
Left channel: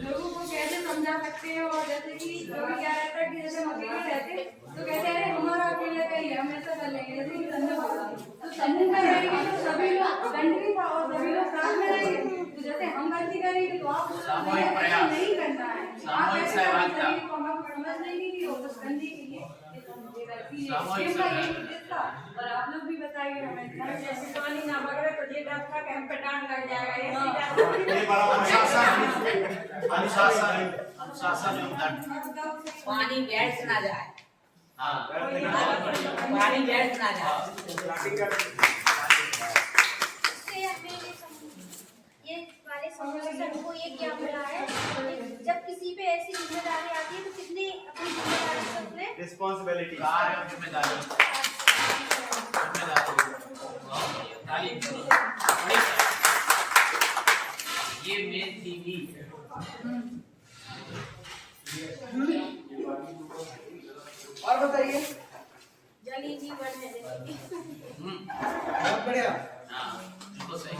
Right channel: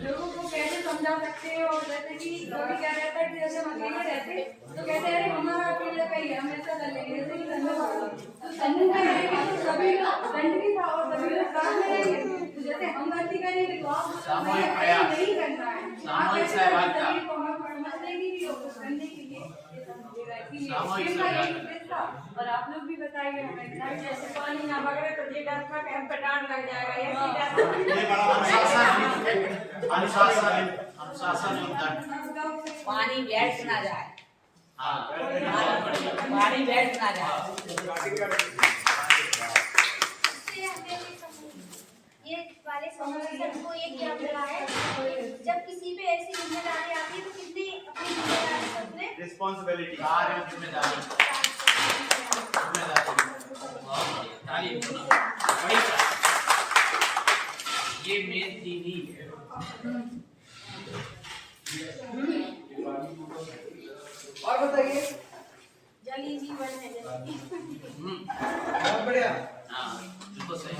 लोगों को कैसे समझा सकते हैं। और जैसे कि कभी क्या रहता है कि जैसे हम अकेले रहते तो कहते हैं अरे हमारा अकेले का ही है, हम ऐसा कर लेंगे। जैसे कि समूह वाला तो समूह में रहेंगे तो सभी लोग दंड भी था और सभी लोग साथ में रहेंगे। तो जैसे हम गलती करेंगे तो आप सामूहिक प्रयास, नहीं करना है, सामूहिक सहभागिता, सभी को हम समझ लेंगे कि कुछ करने के लिए ये सब मिलेगा। इसीलिए सामूहिक इसका ये सहभागिता। उद्देश्य था। और आप लोग भी बताइए हमें जैसे पानी ना बगड़े तो ये डर था कि हम पे डांट लग जाएगा, ऐसी डर अनुशासन एवं दंड। पानी बैठ ना जाए, हाँ पानी बैठ ना जाए। ये वाले समूह को ये क्या मिला है, जब किसी पे ऐसी जिम्मेदारी आती है तो कितनी अपनी जिम्मेदारी से अपने रिस्पांसिबिलिटी। कार्य और जिम्मेदारी तारीफ बड़ी ये मेन थीम ही है। और बताइए। जल ही जीवन है। बहुत बढ़िया। हाँ बिल्कुल सही।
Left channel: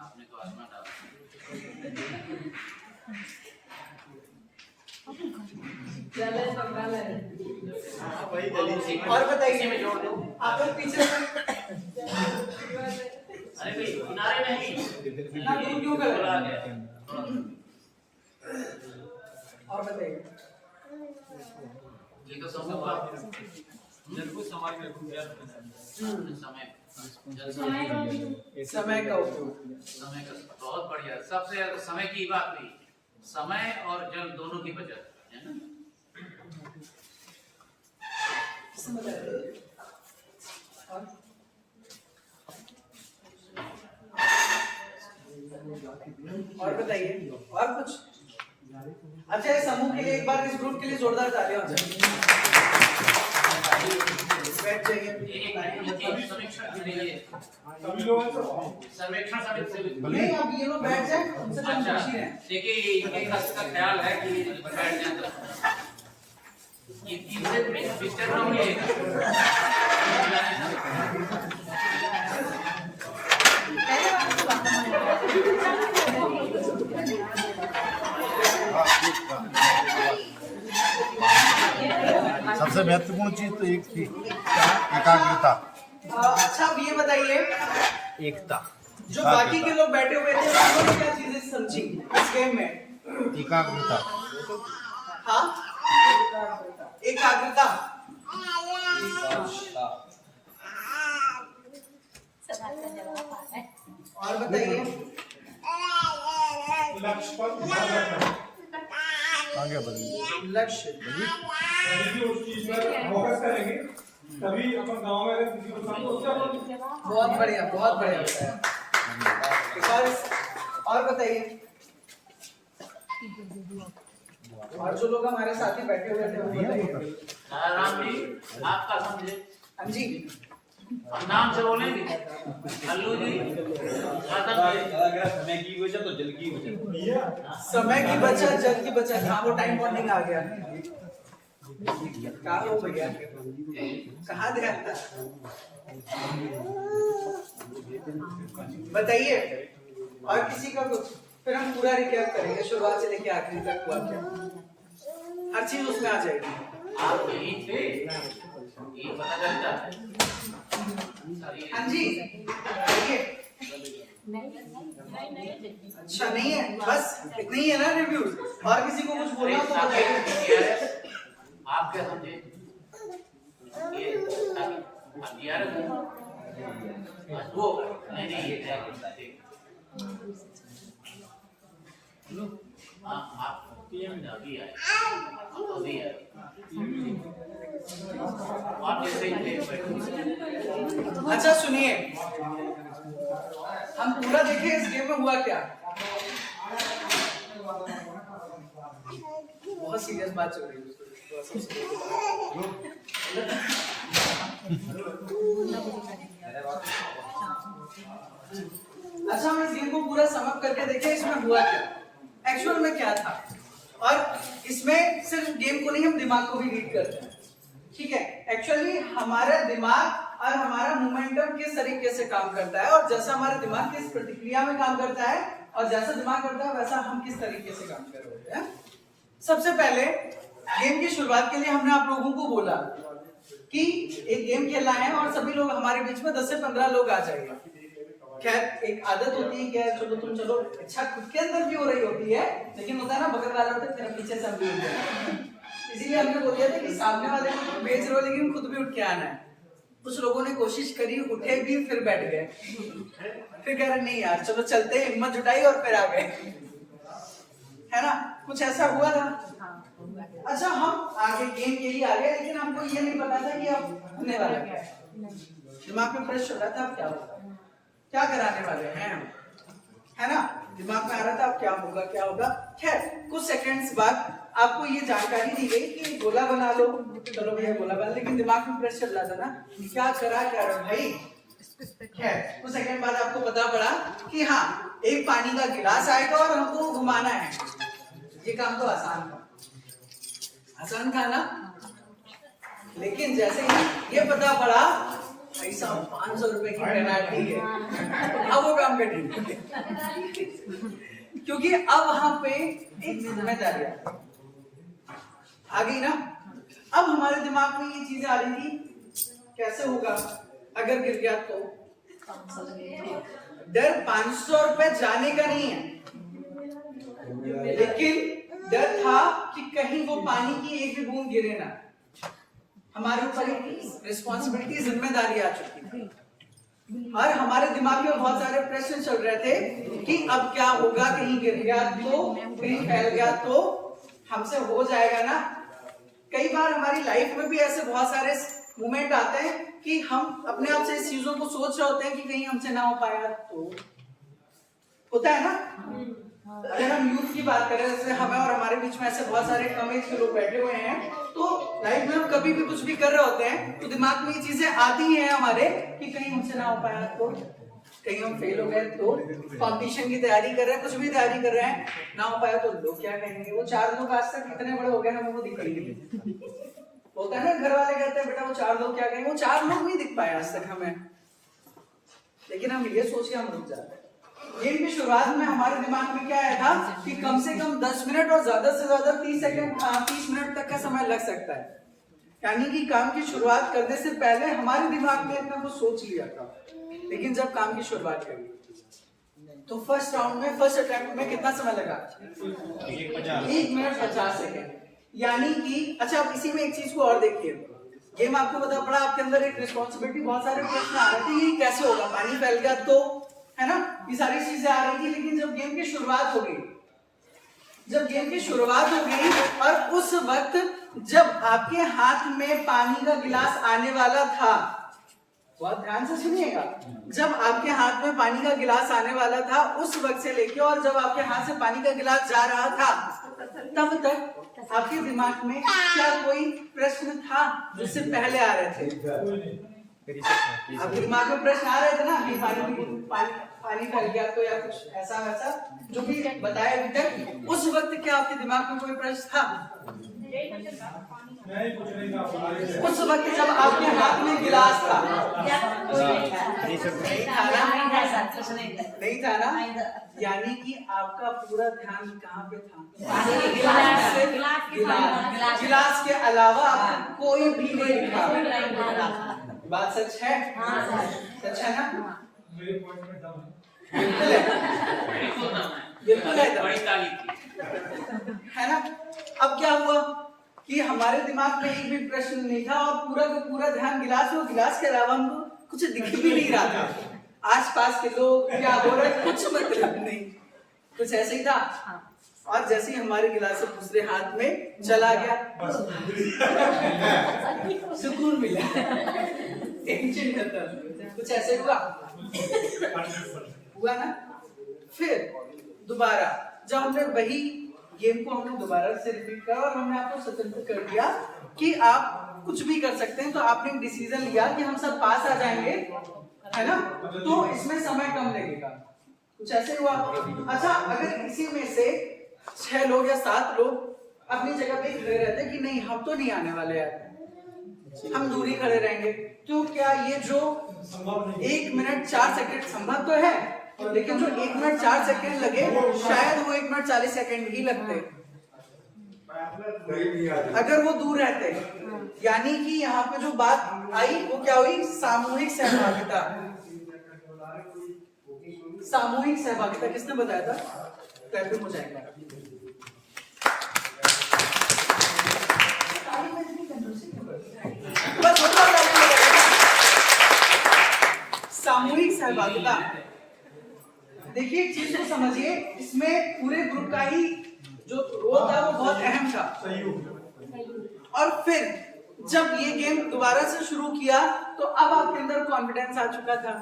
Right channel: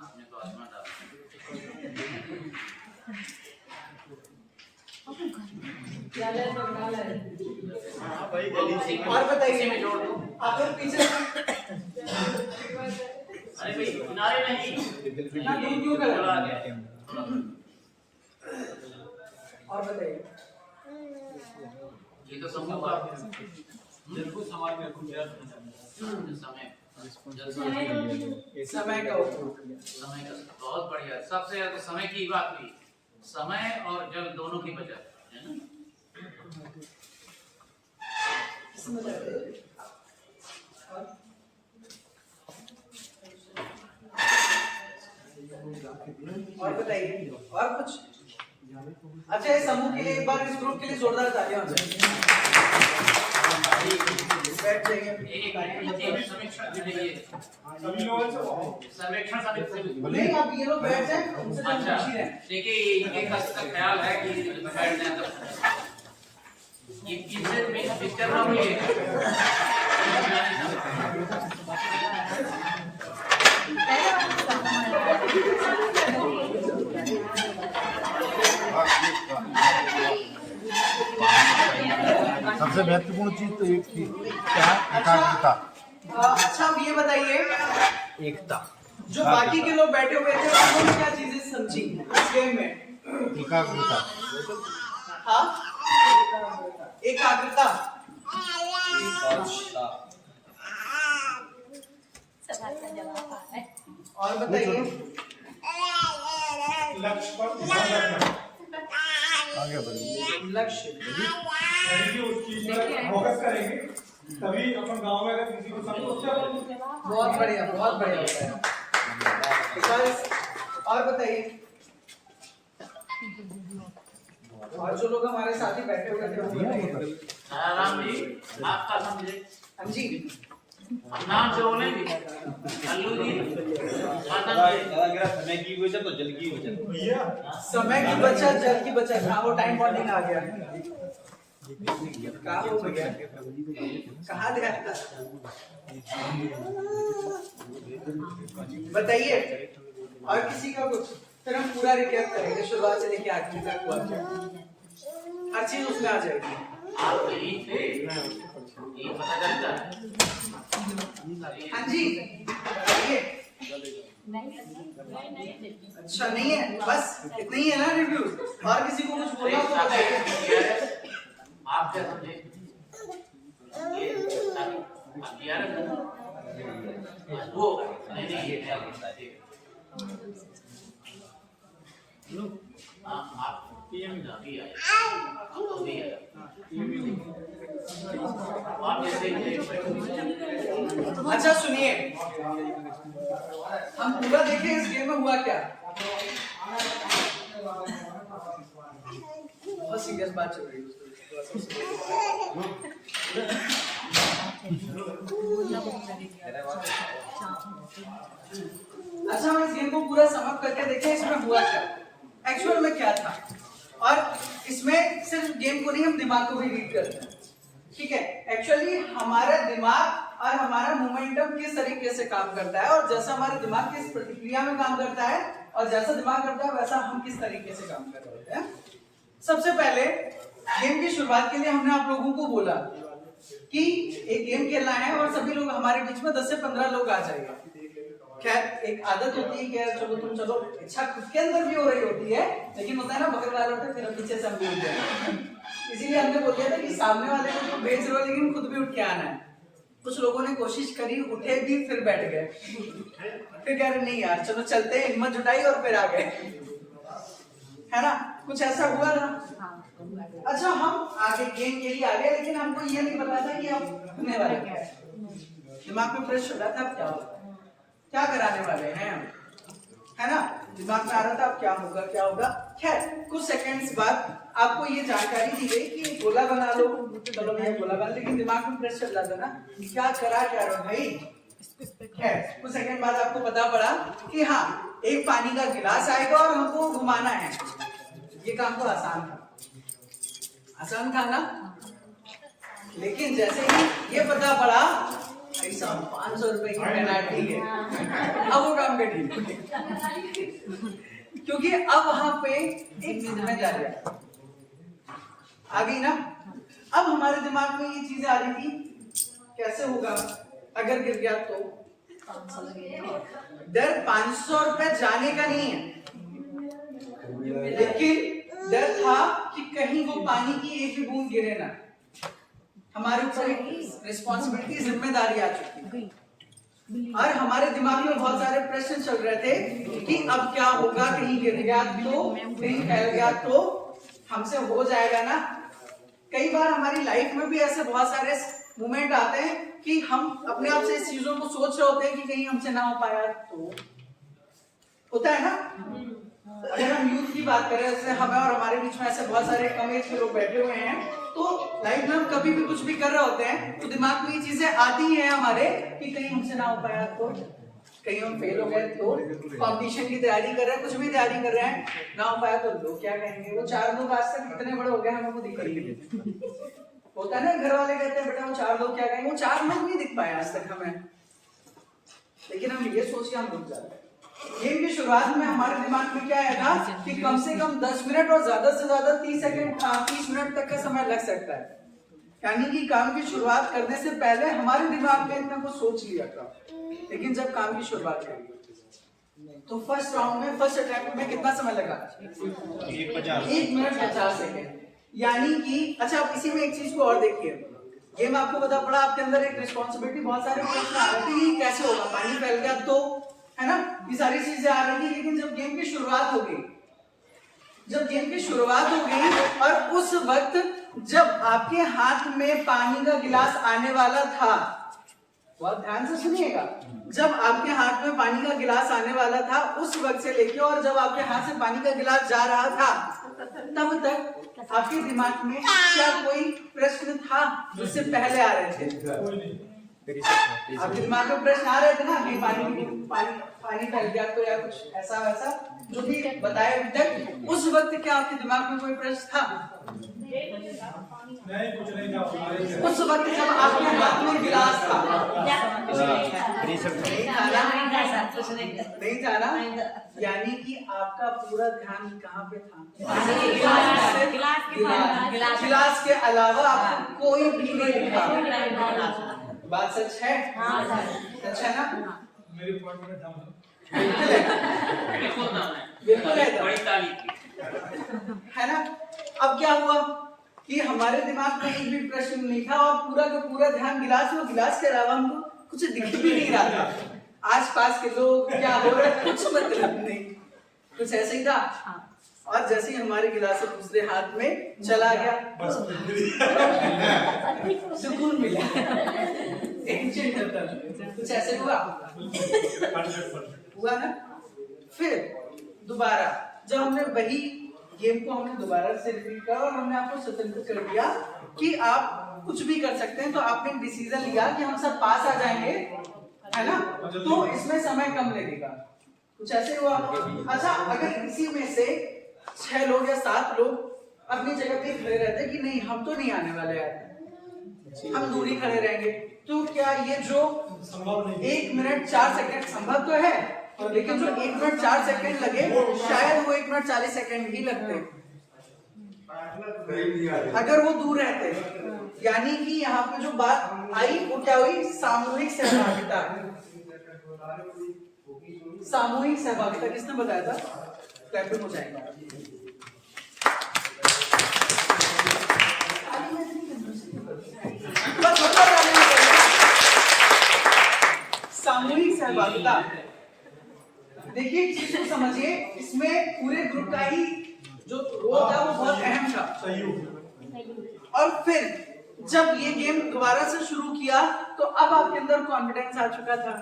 आपने तो आसमान डाला। और बताइए। इसी में जोड़ दो। आप लोग पीछे अरे भाई किनारे नहीं, इतना दूर क्यों कर थोड़ा आगे। और बताइए। ये तो समूह का बिल्कुल समाज में समय का उपयोग। समय का बहुत बढ़िया। सबसे ज्यादा तो समय की बात हुई, समय और जल दोनों की बचत है ना। और बताइए। और कुछ? अच्छा, इस समूह के लिए एक बार, इस ग्रुप के लिए जोरदार तालियां हो जाए। बैठ जाइए। सर्वेक्षण समिति से नहीं, अब ये लोग बैठ जाए, उनसे जो अच्छा पूछी हैं। देखिए इनके का ख्याल है कि बैठ जाए तो ये इनसे डिस्टर्ब ना होइएगा। सबसे महत्वपूर्ण चीज तो एक थी एकाग्रता। अच्छा, अब ये बताइए, एकता। जो बाकी के लोग बैठे हुए थे उन्होंने क्या चीजें समझी इस गेम में? एकाग्रता। हाँ, एकाग्रता। और बताइए। लक्ष्य पर ध्यान रखना। आगे बढ़िए। लक्ष्य। उस चीज पर फोकस करेंगे तभी अपन गांव में अगर किसी को बहुत बढ़िया, बहुत बढ़िया बताया। और बताइए। और जो लोग हमारे साथ ही बैठे हुए थे वो बताइए। राम जी आपका समझे। हम जी हम नाम से बोलेंगे। अल्लू जी समय की बचत तो जल की बचत। समय की बचत, जल की बचत। हाँ, वो टाइम बॉन्डिंग आ गया। कहाँ हो भैया, कहाँ गया? बताइए। और किसी का कुछ? फिर हम पूरा रिकैप करेंगे, शुरुआत से लेके आखिरी तक हुआ क्या, हर चीज उसमें आ जाएगी। आप यही थे, ये पता चलता है। हाँ जी, बताइए। अच्छा, नहीं है, बस इतना ही है ना रिव्यूज? और किसी को कुछ बोलना हो तो बताइए। आप क्या समझे? ये वो नहीं ये है। आप अभी आए, अभी आए। आप जैसे ही देख बैठे। अच्छा सुनिए, हम पूरा देखें इस गेम में हुआ क्या। बहुत सीरियस बात चल रही है। अच्छा हम इस गेम को पूरा समअप करके देखें इसमें हुआ क्या, एक्चुअल में क्या था। और इसमें सिर्फ गेम को नहीं, हम दिमाग को भी रीड करते हैं, ठीक है। एक्चुअली हमारा दिमाग और हमारा मोमेंटम किस तरीके से काम करता है, और जैसा हमारा दिमाग किस प्रतिक्रिया में काम करता है और जैसा दिमाग करता है वैसा हम किस तरीके से काम कर रहे होते हैं। सबसे पहले गेम की शुरुआत के लिए हमने आप लोगों को बोला कि एक गेम खेलना है और सभी लोग हमारे बीच में 10 से 15 लोग आ जाएंगे। खैर एक आदत होती है कि चलो तुम चलो, इच्छा खुद के अंदर भी हो रही होती है, लेकिन होता है ना बगल वाले होते फिर पीछे से हम भी उठ जाए। इसीलिए हमने बोल दिया था कि सामने वाले को तो बेच रहे हो लेकिन खुद भी उठ के आना है। कुछ लोगों ने कोशिश करी, उठे भी फिर बैठ गए, फिर कह रहे नहीं यार चलो चलते हैं, हिम्मत जुटाई और फिर आ गए, है ना। कुछ ऐसा हुआ था। अच्छा हम आगे गेम के लिए आ गए, लेकिन हमको ये नहीं पता था कि अब होने वाला क्या है। दिमाग में प्रेस चल रहा था अब क्या होगा, क्या कराने वाले हैं, है ना। दिमाग में आ रहा था अब क्या होगा क्या होगा। खैर कुछ सेकंड्स बाद आपको ये जानकारी दी गई कि गोला बना लो, चलो भैया गोला बना, लेकिन दिमाग में प्रेस चल रहा था ना, क्या करा क्या रहा भाई। खैर कुछ सेकंड बाद आपको पता पड़ा कि हाँ एक पानी का गिलास आएगा और हमको घुमाना है। ये काम तो आसान था ना, लेकिन जैसे ही ये पता पड़ा भाई साहब 500 रुपए की पेनाल्टी है, अब वो काम कठिन, क्योंकि अब वहां पे एक जिम्मेदारी आ गई ना। अब हमारे दिमाग में ये चीजें आ रही थी, कैसे होगा अगर गिर गया तो। डर 500 रुपए जाने का नहीं है, लेकिन डर था कि कहीं वो पानी की एक भी बूंद गिरे ना। हमारे ऊपर एक रिस्पॉन्सिबिलिटी, जिम्मेदारी आ चुकी थी और हमारे दिमाग में बहुत सारे प्रश्न चल रहे थे कि अब क्या होगा, कहीं गिर गया तो, कहीं फैल गया तो हमसे हो जाएगा ना। कई बार हमारी लाइफ में भी ऐसे बहुत सारे मोमेंट आते हैं कि हम अपने आप से इस चीजों को सोच रहे होते हैं कि कहीं हमसे ना हो पाया तो। होता है ना। अगर हम यूथ की बात करें, जैसे हमें और हमारे बीच में ऐसे बहुत सारे कम एज के लोग बैठे हुए हैं, तो लाइफ में हम कभी भी कुछ भी कर रहे होते हैं तो दिमाग में ये चीजें आती हैं हमारे कि कहीं हमसे ना हो पाया तो, कहीं हम फेल हो गए तो, कंपटीशन की तैयारी कर रहे हैं, कुछ भी तैयारी कर रहे हैं, ना हो पाया तो लोग क्या कहेंगे। वो 4 लोग आज तक इतने बड़े हो गए हमें वो दिख रही है। होता है ना, घर वाले कहते हैं बेटा वो 4 लोग क्या कहेंगे, वो 4 लोग नहीं दिख पाए आज तक हमें, लेकिन हम ये सोच के हम रुक जाते हैं। गेम की शुरुआत में हमारे दिमाग में क्या आया था कि कम से कम 10 मिनट और ज्यादा से ज्यादा 30 मिनट तक का समय लग सकता है। यानी कि काम की शुरुआत करने से पहले हमारे दिमाग में इतना कुछ सोच लिया था, लेकिन जब काम की शुरुआत करी तो फर्स्ट राउंड में, फर्स्ट अटेम्प्ट में कितना समय लगा, 1 मिनट 50 सेकेंड। यानी कि अच्छा अब इसी में एक चीज को और देखिए, गेम आपको पता पड़ा, आपके अंदर एक रिस्पॉन्सिबिलिटी, बहुत सारे प्रश्न आ रहे थे, ये कैसे होगा, पानी फैल गया तो, है ना, ये सारी चीजें आ रही थी। लेकिन जब गेम की शुरुआत हो गई, और उस वक्त जब आपके हाथ में पानी का गिलास आने वाला था, बहुत ध्यान से सुनिएगा, जब आपके हाथ में पानी का गिलास आने वाला था उस वक्त से लेके और जब आपके हाथ से पानी का गिलास जा रहा था तब तक आपके दिमाग में क्या कोई प्रश्न था जिससे पहले आ रहे थे? आपके दिमाग में प्रश्न आ रहे थे ना कि पानी फैल गया तो, या कुछ ऐसा वैसा जो भी बताया अभी तक। उस वक्त क्या आपके दिमाग में कोई प्रश्न था? नहीं, कुछ नहीं था। उस वक्त जब आपके हाथ में गिलास था, नहीं था ना, यानी कि आपका पूरा ध्यान कहाँ पे था? गिलास के अलावा आपको कोई भी नहीं दिखा। बात सच है? सच है ना? मेरे पॉइंट में डाउन बिल्कुल है, बिल्कुल है ना। अब क्या हुआ कि हमारे दिमाग में एक भी प्रश्न नहीं था और पूरा का पूरा ध्यान गिलास, वो गिलास के अलावा हमको कुछ दिख भी नहीं रहा था। आसपास के लोग क्या हो रहा है कुछ मतलब नहीं, कुछ ऐसे ही था। और जैसे ही हमारे गिलास दूसरे हाथ में चला गया, सुकून मिला, टेंशन खत्म। कुछ ऐसे हुआ ना। फिर दोबारा जब हमने वही गेम को हमने दोबारा से रिपीट करा और हमने आपको स्वतंत्र कर दिया कि आप कुछ भी कर सकते हैं, तो आपने एक डिसीजन लिया कि हम सब पास आ जाएंगे, है ना, तो इसमें समय कम लगेगा। कुछ ऐसे हुआ। अच्छा, अगर इसी में से 6 लोग या 7 लोग अपनी जगह पे खड़े रहते कि नहीं हम तो नहीं आने वाले यार, हम दूरी खड़े रहेंगे, तो क्या ये जो 1 मिनट 4 सेकंड संभव तो है, लेकिन जो 1 मिनट 4 सेकंड लगे शायद वो 1 मिनट 40 सेकंड ही लगते अगर वो दूर रहते। यानी कि यहाँ पे जो बात आई वो क्या हुई, सामूहिक सहभागिता। सामूहिक सहभागिता किसने बताया था? क्लैपिंग हो जाएगा। बस सामूहिक सहभागिता। देखिए एक चीज को समझिए, इसमें पूरे ग्रुप का ही जो रोल था वो बहुत अहम था। और फिर जब ये गेम दोबारा से शुरू किया तो अब आपके अंदर कॉन्फिडेंस आ चुका था,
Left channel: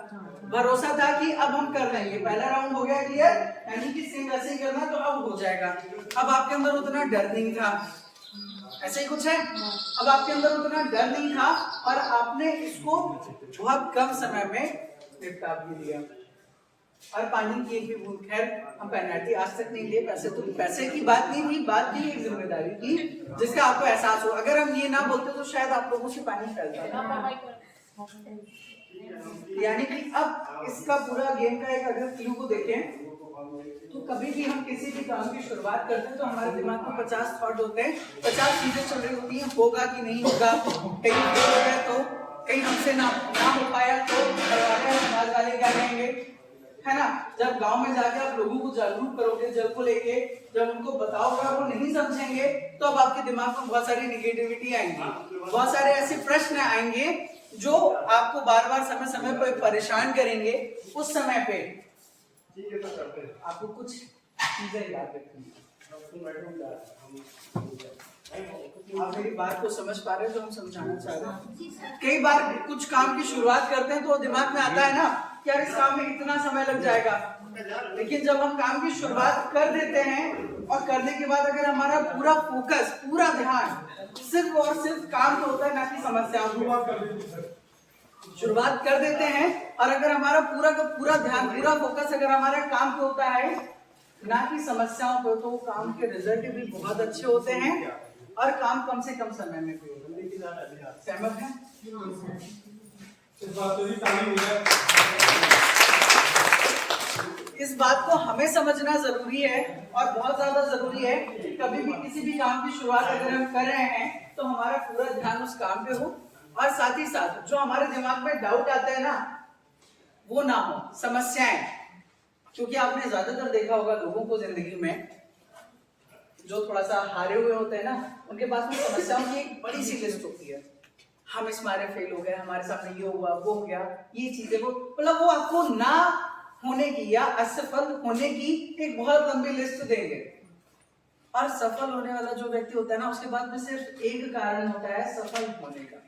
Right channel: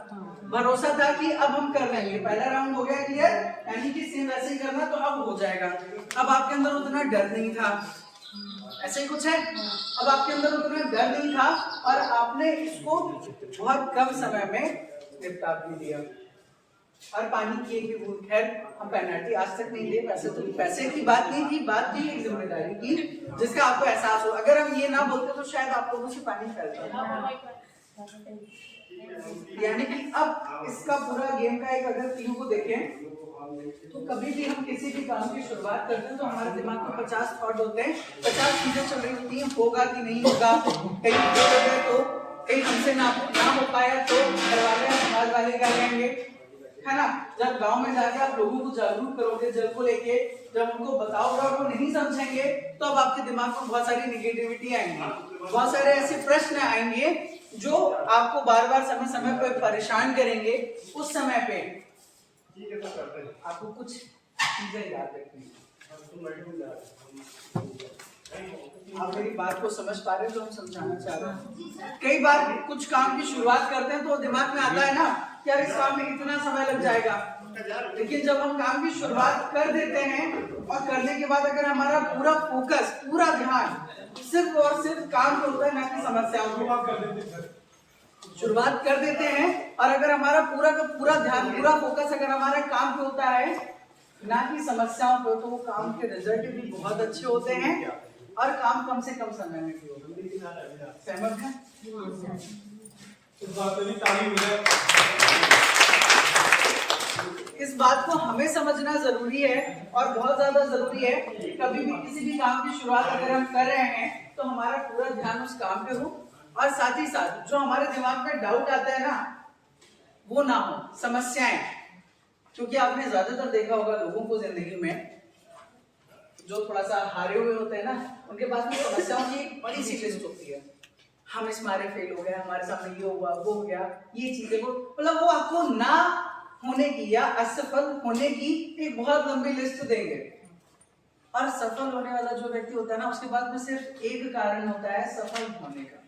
भरोसा था कि अब हम कर लेंगे। पहला राउंड हो गया क्लियर, यानी कि सेम वैसे ही करना तो अब हो जाएगा। अब आपके अंदर उतना डर नहीं था, ऐसे ही कुछ है। अब आपके अंदर उतना डर नहीं था और आपने इसको बहुत कम समय में निपटा भी दिया। और पानी की एक भी बूंद, खैर हम पेनल्टी आज तक नहीं दिए, पैसे की बात नहीं थी, बात थी एक जिम्मेदारी की जिसका आपको एहसास हो। अगर हम ये ना बोलते तो शायद आप लोगों से पानी फैलता। यानी कि अब इसका पूरा गेम का एक अगर क्लू को देखें तो कभी भी हम किसी भी काम की शुरुआत करते हैं तो हमारे दिमाग में 50 थॉट होते हैं, 50 चीजें चल रही होती हैं, होगा कि नहीं होगा, कहीं फेल हो गए तो, कहीं हमसे ना हो पाया तो घर वाले समाज वाले क्या कहेंगे, है ना। जब गांव में जाके आप लोगों को जागरूक करोगे जल को लेके, जब उनको बताओगे और वो नहीं समझेंगे तो अब आपके दिमाग में बहुत सारी निगेटिविटी आएंगी, बहुत सारे ऐसे प्रश्न आएंगे जो आपको बार बार समय समय पर परेशान करेंगे। उस समय पे आपको कुछ चीजें याद रखनी है। आप मेरी बात को समझ पा रहे हैं जो हम समझाना चाह रहे हैं? कई बार कुछ काम की शुरुआत करते हैं तो दिमाग में आता है ना कि यार इस काम में इतना समय लग जाएगा, लेकिन जब हम काम की शुरुआत कर देते हैं और करने के बाद अगर हमारा पूरा फोकस, पूरा ध्यान सिर्फ और सिर्फ काम पे होता है ना कि समस्याओं पे, शुरुआत कर देते हैं और अगर हमारा पूरा का पूरा ध्यान, पूरा फोकस अगर हमारा काम पे होता है ना कि समस्याओं पे, तो काम के रिजल्ट भी बहुत अच्छे होते हैं और काम कम से कम समय में भी होता है। सहमत हैं? इस बात को हमें समझना जरूरी है और बहुत ज्यादा जरूरी है। कभी भी किसी भी काम की शुरुआत अगर हम कर रहे हैं तो हमारा पूरा ध्यान उस काम पे हो और साथ ही साथ जो हमारे दिमाग में डाउट आता है ना वो ना हो, समस्याएं। क्योंकि आपने ज्यादातर देखा होगा लोगों को जिंदगी में जो थोड़ा सा हारे हुए होते हैं ना, उनके पास में समस्याओं की एक बड़ी सी लिस्ट होती है। हम इस मारे फेल हो गए, हमारे सामने ये हुआ, वो हो गया, ये चीजें, वो मतलब वो आपको ना होने की या असफल होने की एक बहुत लंबी लिस्ट देंगे। और सफल होने वाला जो व्यक्ति होता है ना, उसके बाद में सिर्फ एक कारण होता है सफल होने का।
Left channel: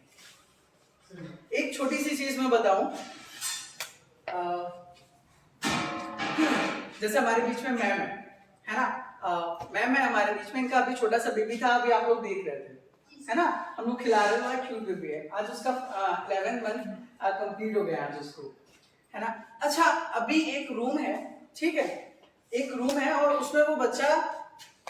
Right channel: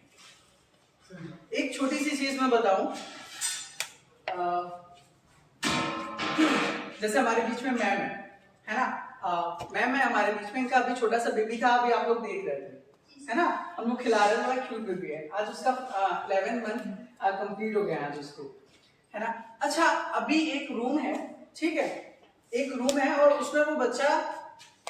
एक छोटी सी चीज मैं बताऊं, जैसे हमारे बीच में मैम है ना, मैम है हमारे बीच में, इनका अभी छोटा सा बेबी था, अभी आप लोग देख रहे थे, है ना, हम लोग खिला रहे हैं, बड़ा क्यूट बेबी है। आज उसका 11 मंथ कंप्लीट हो गया आज उसको, है ना। अच्छा, अभी एक रूम है, ठीक है, एक रूम है और उसमें वो बच्चा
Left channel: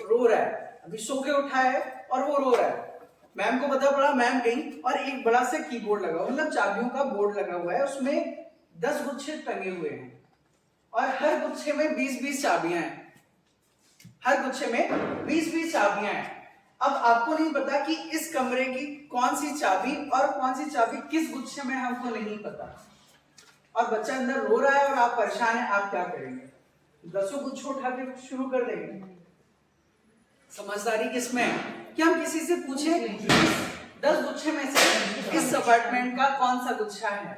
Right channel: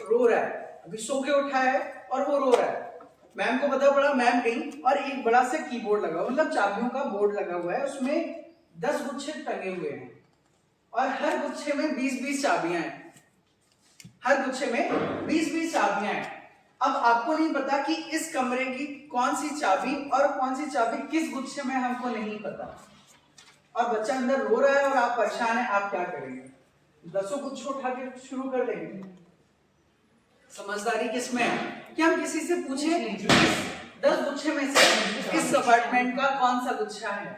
रो रहा है, अभी सो के उठा है और वो रो रहा है। मैम को पता पड़ा, मैम गई और एक बड़ा सा कीबोर्ड लगा, मतलब चाबियों का बोर्ड लगा हुआ है, उसमें 10 गुच्छे टंगे हुए हैं और हर गुच्छे में 20-20 चाबियां हैं, हर गुच्छे में 20-20 चाबियां हैं। अब आपको नहीं पता कि इस कमरे की कौन सी चाबी और कौन सी चाबी किस गुच्छे में, हमको नहीं पता। और बच्चा अंदर रो रहा है और आप परेशान हैं, आप क्या करेंगे? 10 गुच्छे उठा के शुरू कर देंगे? समझदारी किसमें है कि हम किसी से पूछें 10 गुच्छे में से इस अपार्टमेंट का कौन सा गुच्छा है।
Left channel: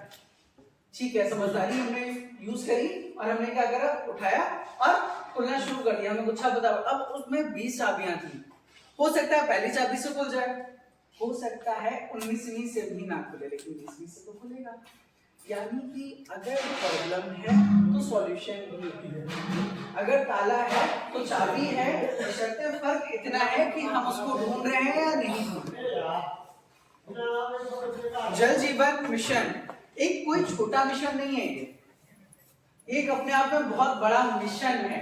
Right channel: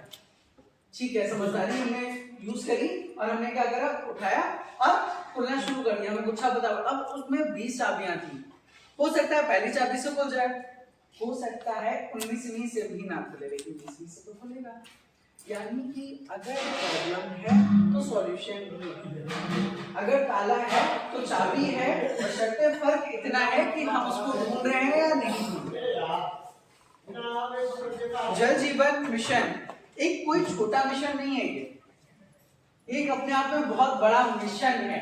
ठीक है, समझदारी हमने यूज करी और हमने क्या करा, उठाया और खुलना शुरू कर दिया, हमें गुच्छा पता, अब उसमें 20 चाबियां थी। हो सकता है पहली चाबी से खुल जाए, हो सकता है 19वीं से भी ना खुले, लेकिन 20वीं से तो खुलेगा। यानी कि अगर प्रॉब्लम है तो सॉल्यूशन भी है, अगर ताला है तो चाबी है, बशर्ते फर्क इतना है कि हम उसको ढूंढ रहे हैं या नहीं ढूंढ रहे। जल जीवन मिशन एक कोई छोटा मिशन नहीं है, ये एक अपने आप में बहुत बड़ा मिशन है।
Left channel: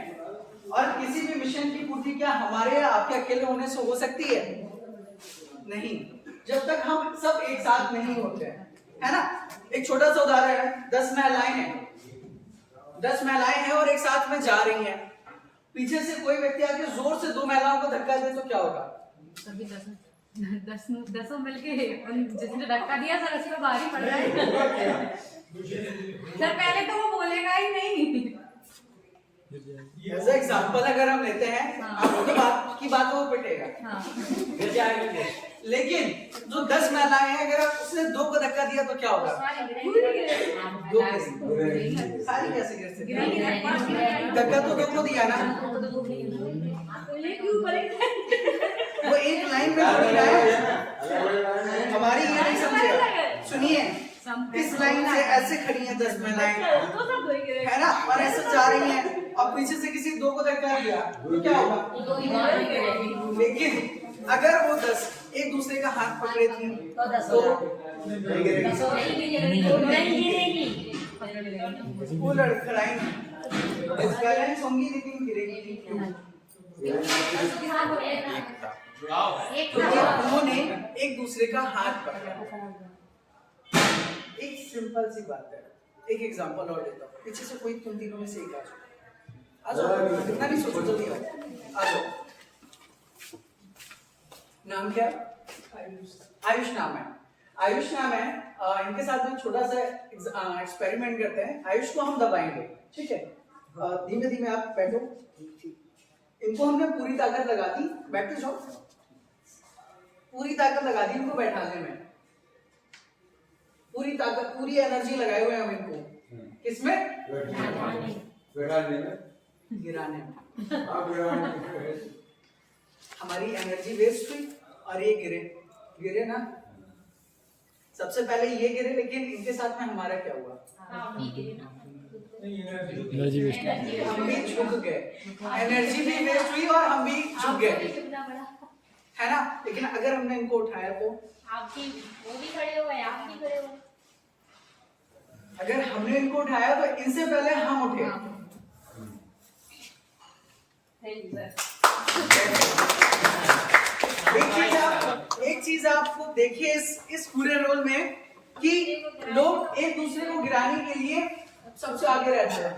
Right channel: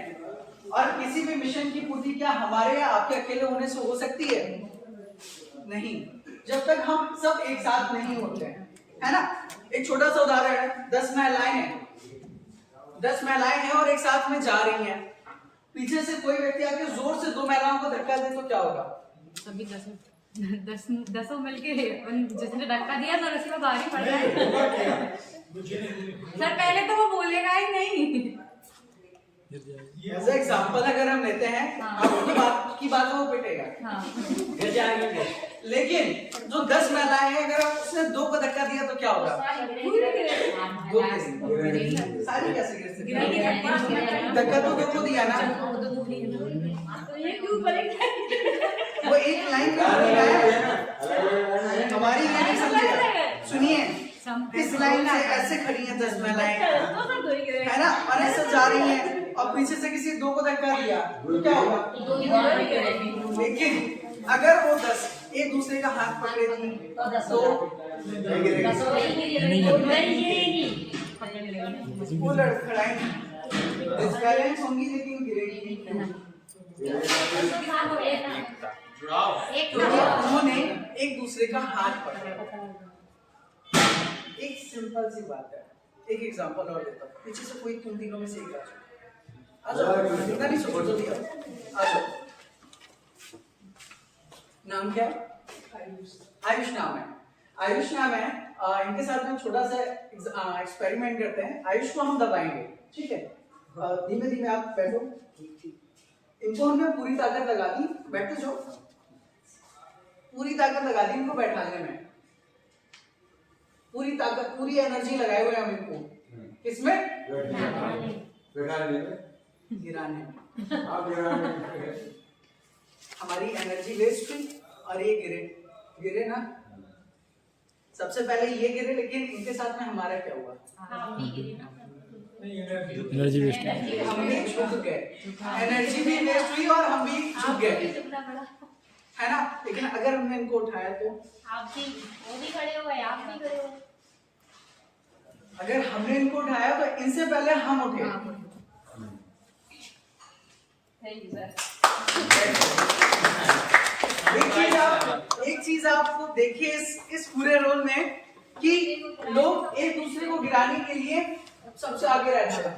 और किसी भी मिशन की पूर्ति क्या हमारे या आपके अकेले होने से हो सकती है? नहीं, जब तक हम सब एक साथ नहीं होते हैं, है ना। एक छोटा सा उदाहरण है, 10 महिलाएं हैं, 10 महिलाएं हैं और एक साथ में जा रही हैं। पीछे से कोई व्यक्ति आके जोर से 2 महिलाओं को धक्का दे तो क्या होगा? सभी 10 मिलके जिसने धक्का दिया सर उसको भारी पड़ रहा है। सर पहले तो वो बोलेगा ही नहीं। एज एग्जाम्पल अगर हम लेते हैं, आपकी बात वो पिटेगा, गिर जाएंगे। लेकिन जो 10 महिलाएं हैं, अगर उसने 2 को धक्का दिया तो क्या होगा? सारी कैसे गिर सकती? धक्का तो 2 को दिया ना, तो ये क्यों बोलेगा? वो एक लाइन में थोड़ी ना है, हमारी ये नहीं समझेगा। सुनिए, इस लाइन से ऐसे खड़ी हैं 10 महिलाएं, है ना, और ऐसे जा रही हैं, और पीछे से किसी 2 को धक्का दिया तो क्या होगा? लेकिन अगर वो 10 एक दूसरे का हाथ पकड़े थी तो वो लड़खड़ाएंगी, बैलेंस होंगी लेकिन गिरेगी नहीं। क्योंकि उन्होंने एक दूसरे का हाथ पकड़ा। एक सिंपल सी बात है, एक एग्जांपल और देता हूँ। पीछे से कोई तुम तीनों में से एक आ जाओ, इतना नहीं सोचो, जल्दी आओ, आ जाओ। नाम क्या है? आयुष नाम है। आयुष नाम है। इनके साथ में छोटा सा एक्सपेरिमेंट करते हैं। आयुष को हम दबाएंगे, ठीक है। धीमे धीमे आप बैठो। इनको हमने पूरी ताकत लगा दी, बैठते जाओ। पूरी ताकत लगा दी इनको बैठाने में, पूरी ताकत, पूरी एनर्जी लगाए हुए हम इनको। किसमें? गिराने में। हमारी एनर्जी वेस्ट हुई और ये गिरे ना। सबसे पहले ये गिरे, लेकिन इनके साथ में हमारा क्या हुआ? एनर्जी वेस्ट, हम भी झुक गए, एनर्जी भी वेस्ट हुई और हम भी झुक गए, है ना। लेकिन अगर हमने इनको उठाया तो आप भी, वो भी खड़े हुए, आप भी खड़े हुए। अगर हमने इनको उठाया तो इनसे पहले हम उठे। एक चीज आपको देखिए इस पूरे रोल में कि लोग एक दूसरे को गिराने के लिए सबसे आगे रहते हैं,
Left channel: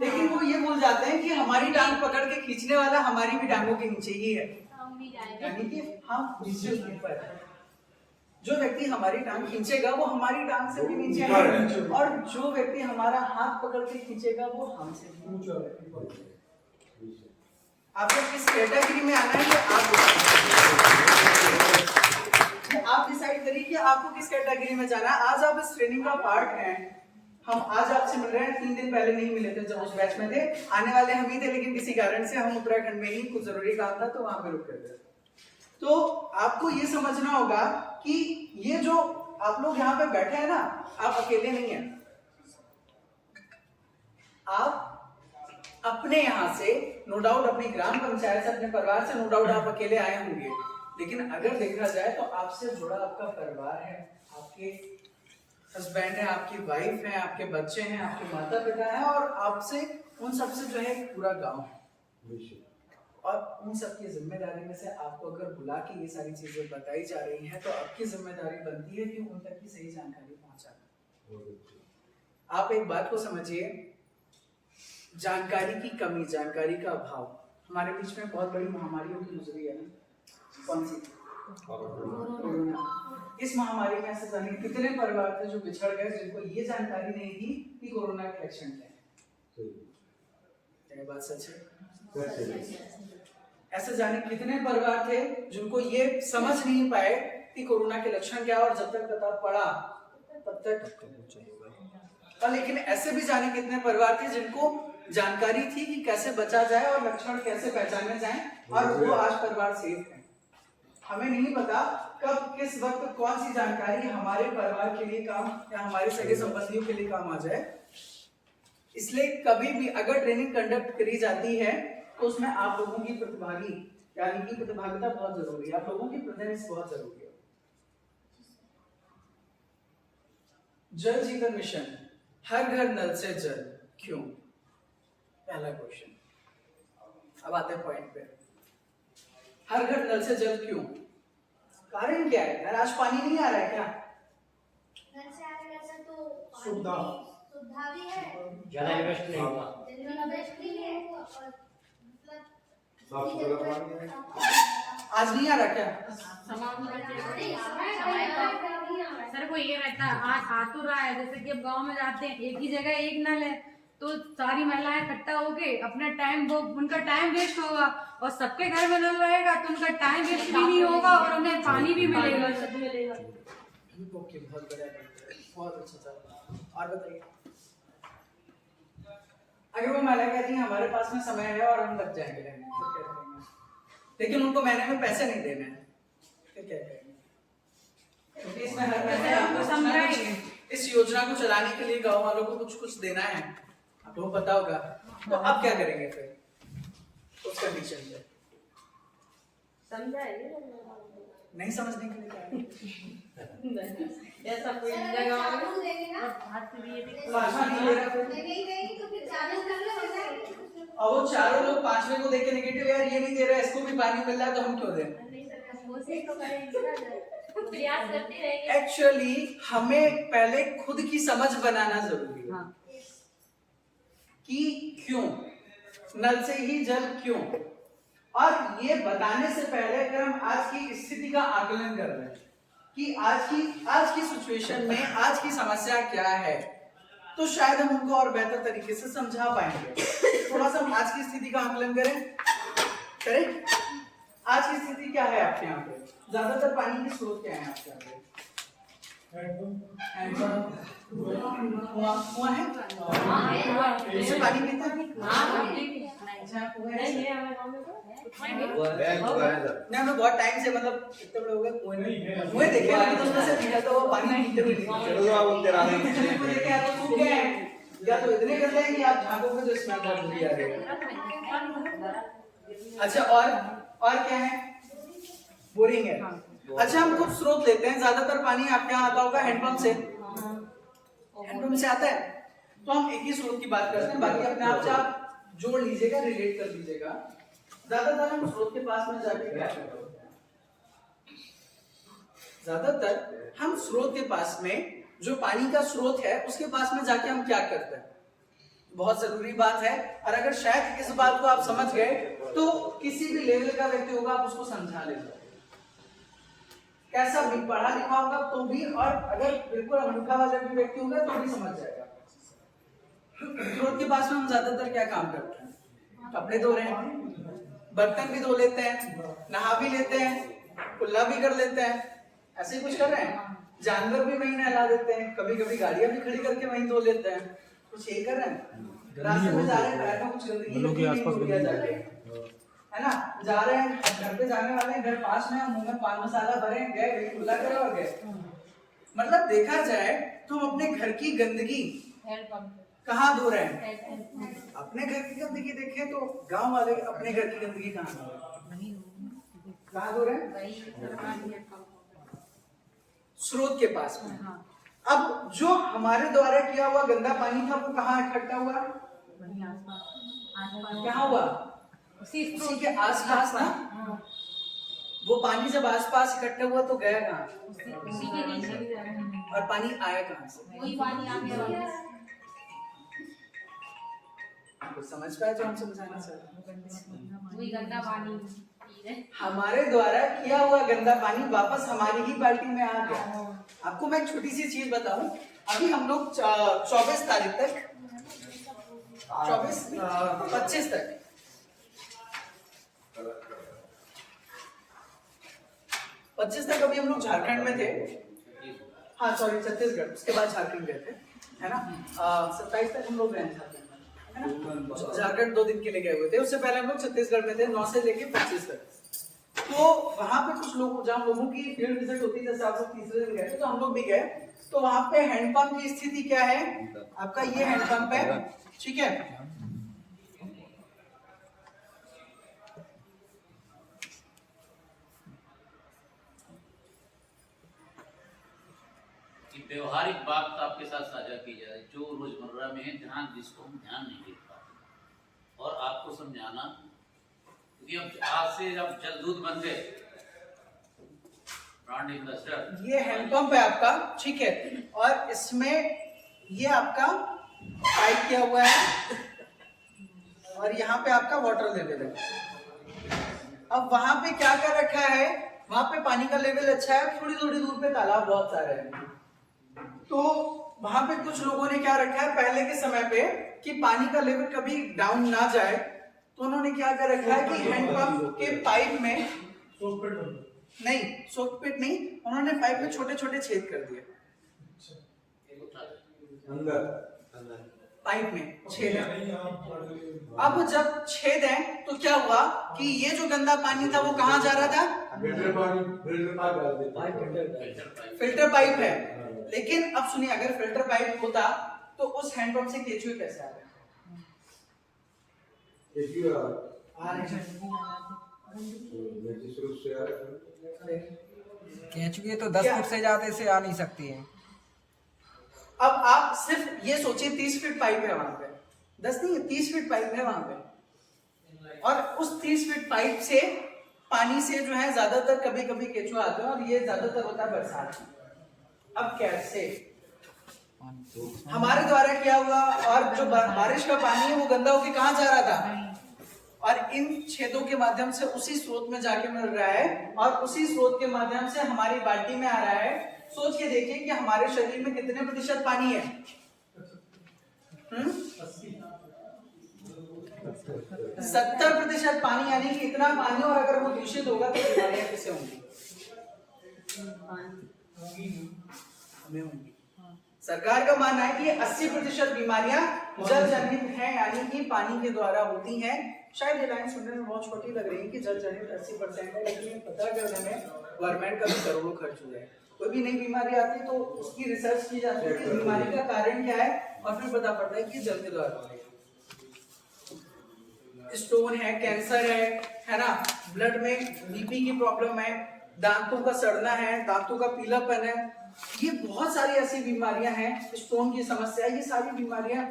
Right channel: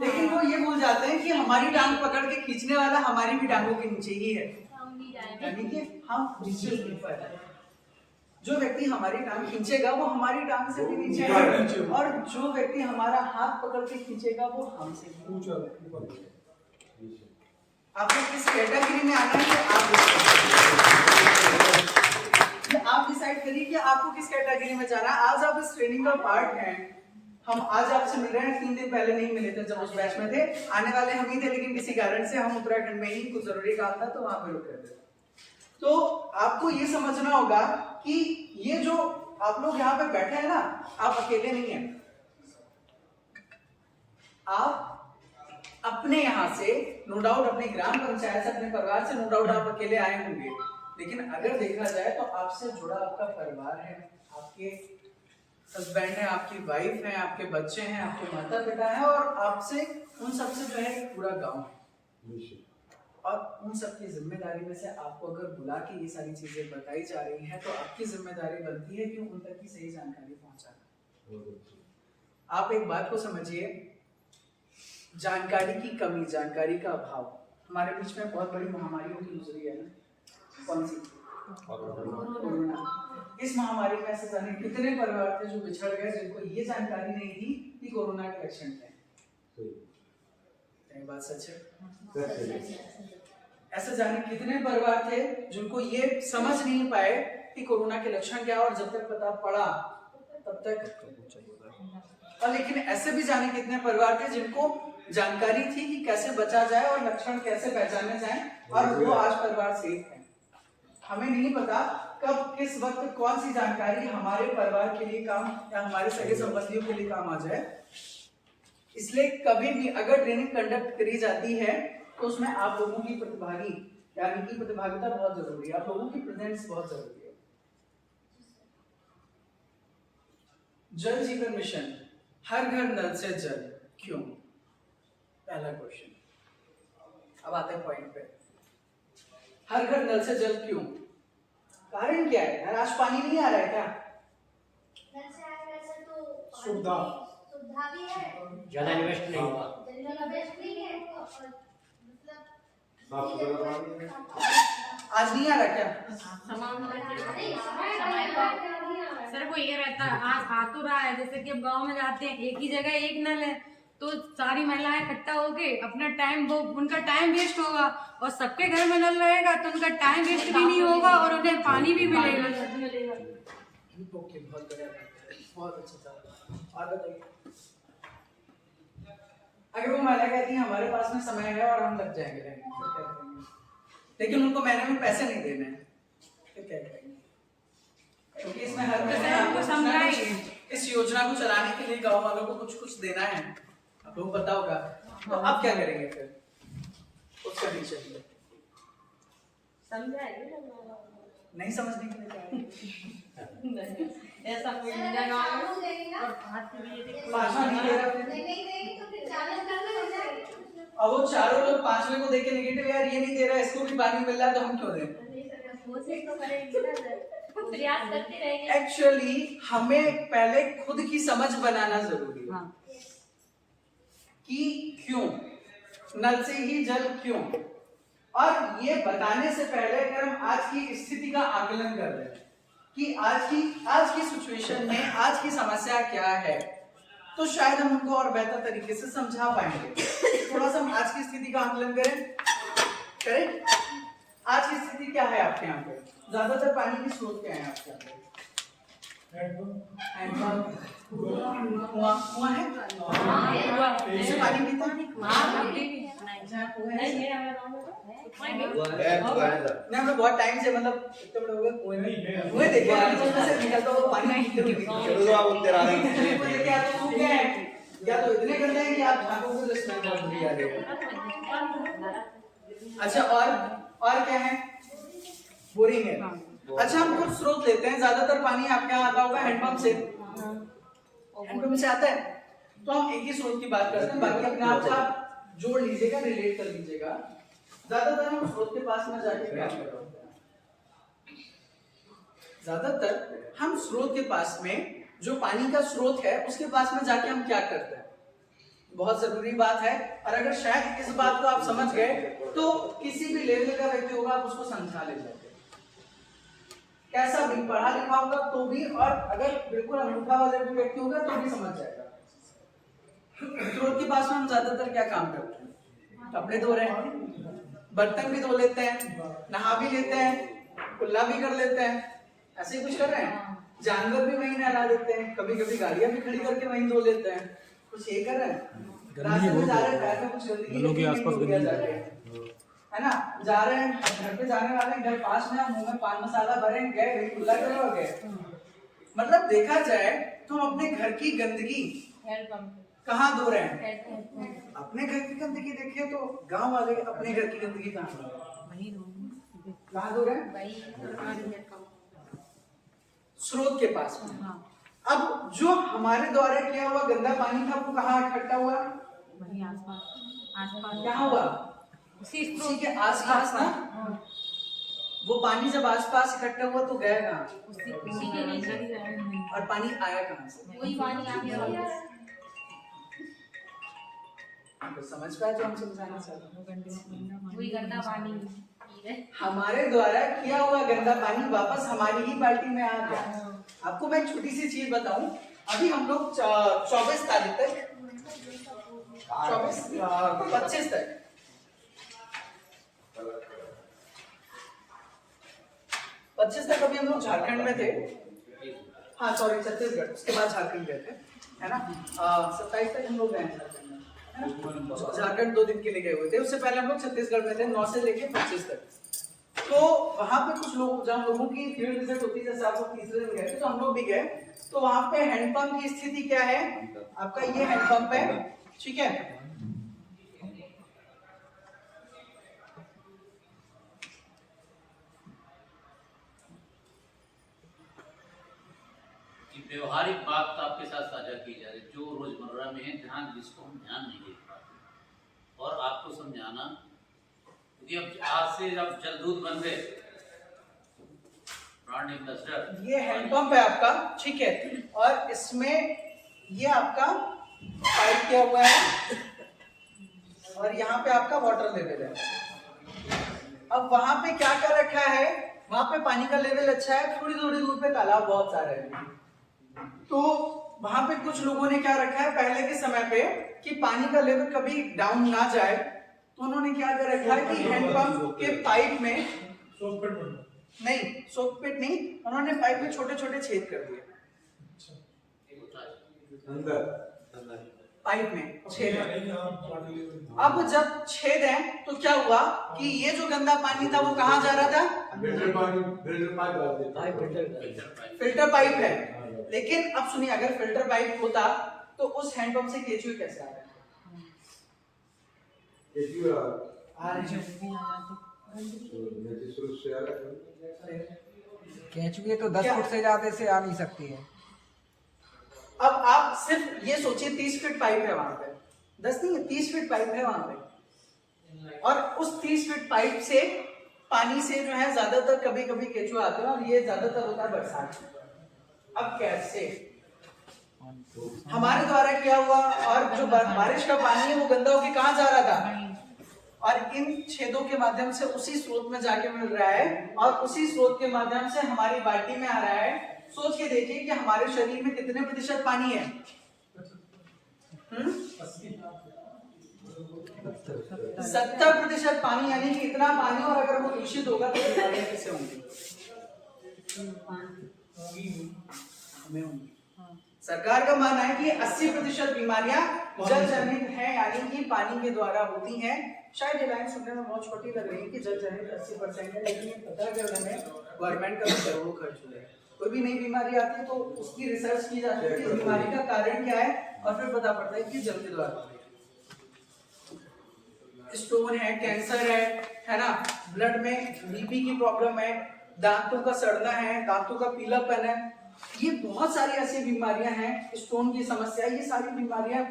लेकिन वो ये भूल जाते हैं कि हमारी टांग पकड़ के खींचने वाला हमारी भी टांगों के नीचे ही है, यानी कि हम नीचे ऊपर है। जो व्यक्ति हमारी टांग खींचेगा वो हमारी टांग से भी नीचे है, और जो व्यक्ति हमारा हाथ पकड़ के खींचेगा वो हमसे भी नीचे। आपको किस कैटेगरी में आना है आप डिसाइड करिए कि आपको किस कैटेगरी में जाना है। आज आप इस ट्रेनिंग का पार्ट हैं। हम आज आपसे मिल रहे हैं, 3 दिन पहले नहीं मिले थे जब उस बैच में थे। आने वाले हम ही थे, लेकिन किसी कारण से हम उत्तराखंड में ही कुछ जरूरी काम था तो वहां पे रुक गए थे। तो आपको ये समझना होगा कि ये जो आप लोग यहाँ पे बैठे हैं ना, आप अकेले नहीं हैं। आप अपने यहाँ से नो डाउट, अपने ग्राम पंचायत से, अपने परिवार से नो डाउट आप अकेले आए होंगे, लेकिन अगर देखा जाए तो आपसे जुड़ा आपका परिवार है, आपके हस्बैंड है, आपकी वाइफ है, आपके बच्चे हैं, आपके माता पिता हैं, और आपसे उन सबसे जो है पूरा गांव है। और उन सबकी जिम्मेदारी में से आपको अगर बुला के ये सारी चीजें बताई जा रही हैं तो आपकी जिम्मेदारी बनती है कि उन तक की सही जानकारी पहुंचाना। आप एक बात को समझिए, जानकारी की कमी, जानकारी का अभाव, हमारे बीच में बहुत बड़ी महामारियों की गुजरी है ना। कौन सी? कोरोना। इस महामारी में ऐसे जाने कितने परिवार थे जो बिछड़ गए, जिनको ये जानकारी नहीं थी कि कोरोना के लक्षण क्या है। बात सच है। ऐसे जाने कितने परिवार थे जिनको ये समझ नहीं पाए कि कोरोना के लक्षण क्या है, और जब तक पता पड़ा तब तक। और लेकिन ऐसे भी जाने कितने परिवार थे जिनको जानकारी थी कि कैसे बचा जाए और लक्षण कैसे पहचाने जाएं, और वो आज परिवार सेफ है। हमें नहीं पता कब किस वक्त कौन सी जानकारी हमारे परिवार के लिए काम या हमारे सगे संबंधियों के लिए काम आ जाए। इसलिए कभी भी अगर ट्रेनिंग कंडक्ट करी जाती है तो उसमें आप लोगों की प्रतिभागी यानी कि प्रतिभागिता बहुत जरूरी है, आप लोगों की प्रेजेंस बहुत जरूरी है। जल जीवन मिशन, हर घर नल से जल, क्यों? पहला क्वेश्चन। अब आते हैं पॉइंट पे। हर घर नल से जल क्यों? कारण क्या है यार? आज पानी नहीं आ रहा है क्या? नल से आने वैसे तो सुविधा भी है, ज्यादा इन्वेस्ट नहीं हुआ। इन्वेस्ट नहीं है, साफ सुथरा पानी है। आज नहीं आ रहा क्या? सर वो ये रहता है, आज आ तो रहा है, जैसे कि अब गांव में जाते हैं एक ही जगह एक नल है, तो सारी महिलाएं इकट्ठा होके अपना टाइम, वो उनका टाइम वेस्ट होगा, और सबके घर में नल रहेगा तो उनका टाइम वेस्ट भी नहीं होगा और उन्हें पानी भी मिलेगा। ओके, बहुत बढ़िया, बहुत अच्छा था। और बताइए, अगर वो महिला कहती है हमारे पास में समय है और हम लग जाएंगे रहने, फिर क्या करेंगे? लेकिन उनको महीने में पैसे नहीं देने हैं, फिर क्या करेंगे? क्योंकि इसमें हर महीने आपको समझाएंगे, इस योजना को चलाने के लिए गांव वालों को कुछ कुछ देना है, आप लोगों को पता होगा। तो अब क्या करेंगे फिर उस कंडीशन में? समझाएंगे नहीं समझने के लिए क्या है? ऐसा कोई नहीं भाषा नहीं दे रहा फिर। तो फिर 40 कर हो जाएगी। अब वो चारों लोग पांचवें को देखे नेगेटिव, यार ये नहीं दे रहा, इसको भी पानी मिल रहा है तो हम क्यों दें? कोशिश तो करेंगे ना, प्रयास करते रहेंगे। एक्चुअली हमें पहले खुद की समझ बनाना जरूरी है कि क्यों नल से ही जल क्यों, और ये बताने से पहले अगर हम आज की स्थिति का आकलन कर रहे हैं कि आज की सिचुएशन में आज की समस्या क्या है, तो शायद हम उनको और बेहतर तरीके से समझा पाएंगे। थोड़ा सा हम आज की स्थिति का आकलन करें। आज की स्थिति क्या है आपके यहाँ पे? ज्यादातर पानी की स्रोत क्या है आपके यहाँ पे? कुआं है? उससे पानी पीते हैं? नहीं, हम लोग बहुत टाइम से, मतलब कितने बड़े हो गए, कुएं देखे तो उसमें से निकलता हुआ पानी पीते हुए देखे, या तो सूख गए हैं या तो इतने गंदे हैं कि आप झांकोगे तो स्मेल बहुत बुरी आ रही है। अच्छा, और क्या है? बोरिंग है। अच्छा, हम कुछ स्रोत लेते हैं, ज्यादातर पानी आपके यहाँ आता होगा हैंडपंप से, हैंडपंप से आता है, तो हम एक ही स्रोत की बात करते हैं, बाकी अपने आप से आप जोड़ लीजिएगा, रिलेट कर लीजिएगा। ज्यादातर हम स्रोत के पास में जाके क्या कर रहे होते हैं? ज्यादातर हम स्रोत के पास में, जो पानी का स्रोत है उसके पास में जाके हम क्या करते हैं? बहुत जरूरी बात है, और अगर शायद इस बात को आप समझ गए तो किसी भी लेवल का व्यक्ति होगा आप उसको समझा ले जाओगे, कैसा भी पढ़ा लिखा होगा तो भी, और अगर बिल्कुल अंगूठा वाला भी व्यक्ति होगा तो भी समझ जाएगा। स्रोत के पास में हम ज्यादातर क्या काम करते हैं? कपड़े धो रहे हैं, बर्तन भी धो लेते हैं, नहा भी लेते हैं, कुल्ला भी कर लेते हैं, ऐसे ही कुछ कर रहे हैं। जानवर भी वहीं नहला देते हैं, कभी कभी गाड़ियां भी खड़ी करके वहीं धो लेते हैं, कुछ ये कर रहे हैं। रास्ते में जा रहे हैं, पैर में कुछ गंदगी है ना, जा रहे हैं, घर पे जाने वाले हैं, घर पास में, मुंह में पान मसाला भरे, गए वही कुल्ला करे और गए। मतलब देखा जाए तो हम अपने घर की गंदगी कहाँ धो रहे हैं? अपने घर की गंदगी देखें तो गांव वाले अपने घर की गंदगी कहाँ धो रहे हैं? स्रोत के पास में। अब जो हमारे द्वारा किया हुआ गंदा पानी था वो कहाँ इकट्ठा हुआ? क्या हुआ? उसी के आसपास ना। वो पानी जब आसपास इकट्ठा हुआ तो गया कहाँ? और पानी आया कहाँ से? वही पानी आ गया। आपको समझ पाया जो हम समझाना चाहते हैं? वही गंदा पानी हमारे द्वारा किया हुआ गंदा पानी वापस हमारी ही बाल्टी में आ गया। आपको मैं एक छोटी सी चीज बताऊं, अभी हम लोग 24 तारीख तक 25 तक अभी हम लोग झारखंड में थे। हाँ सॉरी, छत्तीसगढ़, उसके बाद झारखंड गए थे, है ना। 27 तक हम लोग गए झारखंड में, है ना। झारखंड 2 दिन के लिए गए हुए थे, उससे पहले हम लोग छत्तीसगढ़ में थे 9 से लेके 25 तक। तो वहां पे कुछ लोग, जहाँ लोगों की फील्ड विजिट होती है, जैसे आप लोग तीसरे दिन गए थे तो हम लोग भी गए, तो वहां पे हैंडपंप की स्थिति क्या है, आपका ये हैंडपंप है, ठीक है। व्यवहारिक बात आपके साथ साझा की जा रही जो रोजमर्रा में है, जहाँ जिसको हम ध्यान नहीं दे पाते, और आपको समझाना कि अब आज से जब जल दूध बन गए, ब्रांड एम्बेसडर, ये हैंडपंप है आपका, ठीक है, और इसमें ये आपका पाइप किया हुआ है और यहाँ पे आपका वाटर लेवल है। अब वहां पे क्या कर रखा है, वहां पे पानी का लेवल अच्छा है, थोड़ी थोड़ी दूर पे तालाब बहुत सारे हैं। तो वहां पे कुछ लोगों ने क्या रखा है पहले के समय पे कि पानी का लेवल कभी डाउन ना जाए, तो उन्होंने क्या कर रखा है कि हैंडपंप के पाइप में नहीं, सोकपिट नहीं, उन्होंने पाइप में छोटे छोटे छेद कर दिए, पाइप में छेद है। अब जब छेद है तो क्या हुआ कि ये जो गंदा पानी था वो कहाँ जा रहा था, फिल्टर पाइप है। लेकिन अब सुनिए, अगर फिल्टर पाइप होता तो उस हैंडपंप से केचुए कैसे आ रहे केंचुए तो 10 फुट से ज्यादा से आ नहीं सकती है। अब आप सिर्फ ये सोचिए 30 फीट पाइप है वहां पे, 10 नहीं 30 फीट पाइप है वहां पे, और उस 30 फीट पाइप से पानी से जो है ज्यादातर कभी कभी केचुआ आते हैं, और ये ज्यादातर होता है बरसात में। अब कैसे हमारे द्वारा किया हुआ, और जो बारिश का पानी है वो गंदा होकर कहाँ जा रहा था, और इन छेदों के माध्यम से उसी स्रोत में जाके मिल रहा है, और उसी स्रोत के माध्यम से हमारी बाल्टी में आ रहा है। सोच के देखिए कि हमारे शरीर में कितने प्रतिशत पानी है, 70% पानी, यानी कि इतना पानी, और अगर वो दूषित होगा तो बीमारियां कैसे होंगी, हमें होंगी। सरकार का मानना है कि 80% बीमारियां जल जनित हैं, यानी कि पानी के द्वारा होती हैं। शायद ये लाइन सुनने में बहुत छोटी लग रही है कि जल जनित 80% है, लेकिन ये पता करने में गवर्नमेंट का भी करोड़ों खर्च हो जाए। कोई भी नई बीमारी आती है तो उसकी रिसर्च की जाती है कि बीमारी का कारण क्या है, और फिर पता पड़ता है कि जल के द्वारा हो रही है। स्टोन है, कैंसर है ना, ब्लड में बीपी की प्रॉब्लम है, दांतों का सड़ना है, दांतों का पीलापन है, ये बहुत सारी ऐसी बीमारियां हैं, स्टोन की समस्या, ये सारी बीमारियां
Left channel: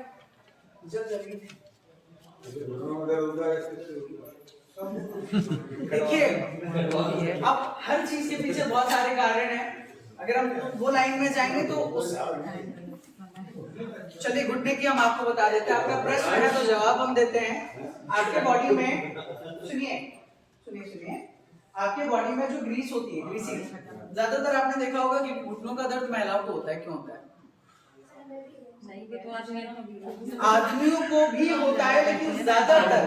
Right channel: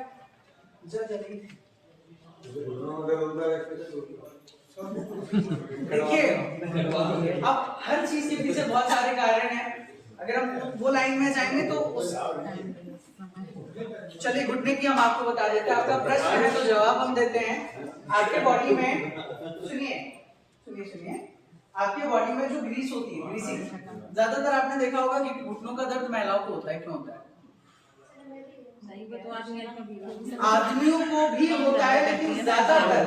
जल जनित हैं। देखिए अब हर चीज के पीछे बहुत सारे कारण हैं। अगर हम वो लाइन में जाएंगे तो उस, चलिए घुटने की हम आपको बता देते हैं। आपका प्रश्न है तो जवाब हम देते हैं। आपके बॉडी में सुनिए आपके बॉडी में जो ग्रीस होती है, ग्रीसिंग, ज्यादातर आपने देखा होगा कि घुटनों का दर्द महिलाओं को होता है। क्यों होता है? आदमियों को भी होता है, लेकिन ज्यादातर,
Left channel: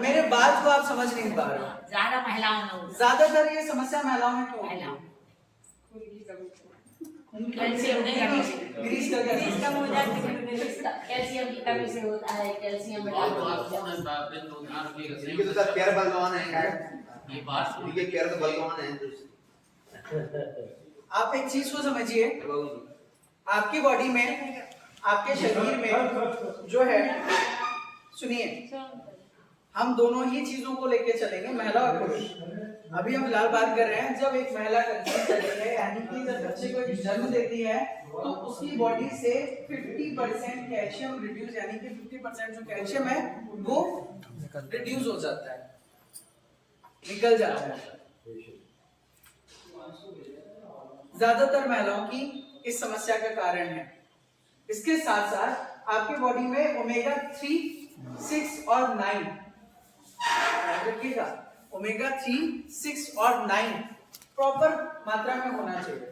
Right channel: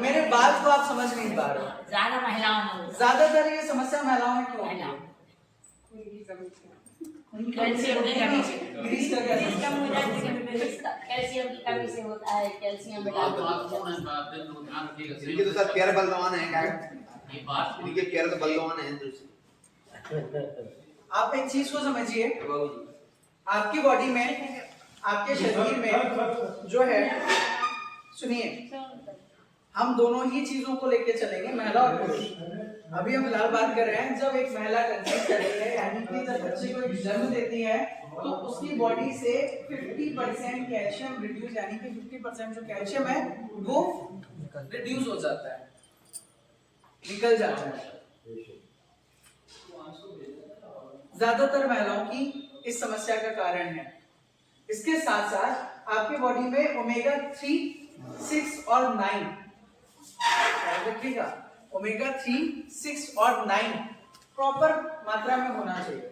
मेरे बात को आप समझ नहीं पा रहे हो, ज्यादा महिलाओं में, ज्यादातर ये समस्या महिलाओं में क्यों होती है? ग्रीस का क्या कैल्शियम की कमी से होता है, कैल्शियम आप एक चीज को समझिए, आपकी बॉडी में, आपके शरीर में जो है, सुनिए हम दोनों ही चीजों को लेके चलेंगे, महिला और पुरुष। अभी हम फिलहाल बात कर रहे हैं जब एक महिला कंसीव करती है, यानी कि जब बच्चे को एक जन्म देती है, तो उसकी बॉडी से 50% कैल्शियम रिड्यूस, यानी कि 50% जो कैल्शियम है वो रिड्यूस हो जाता है, निकल जाता है। ज्यादातर महिलाओं की इस समस्या का कारण है। इसके साथ साथ आपके बॉडी में ओमेगा 3, 6 और 9, रखिएगा, ओमेगा 3, 6 और 9 प्रॉपर मात्रा में होना चाहिए।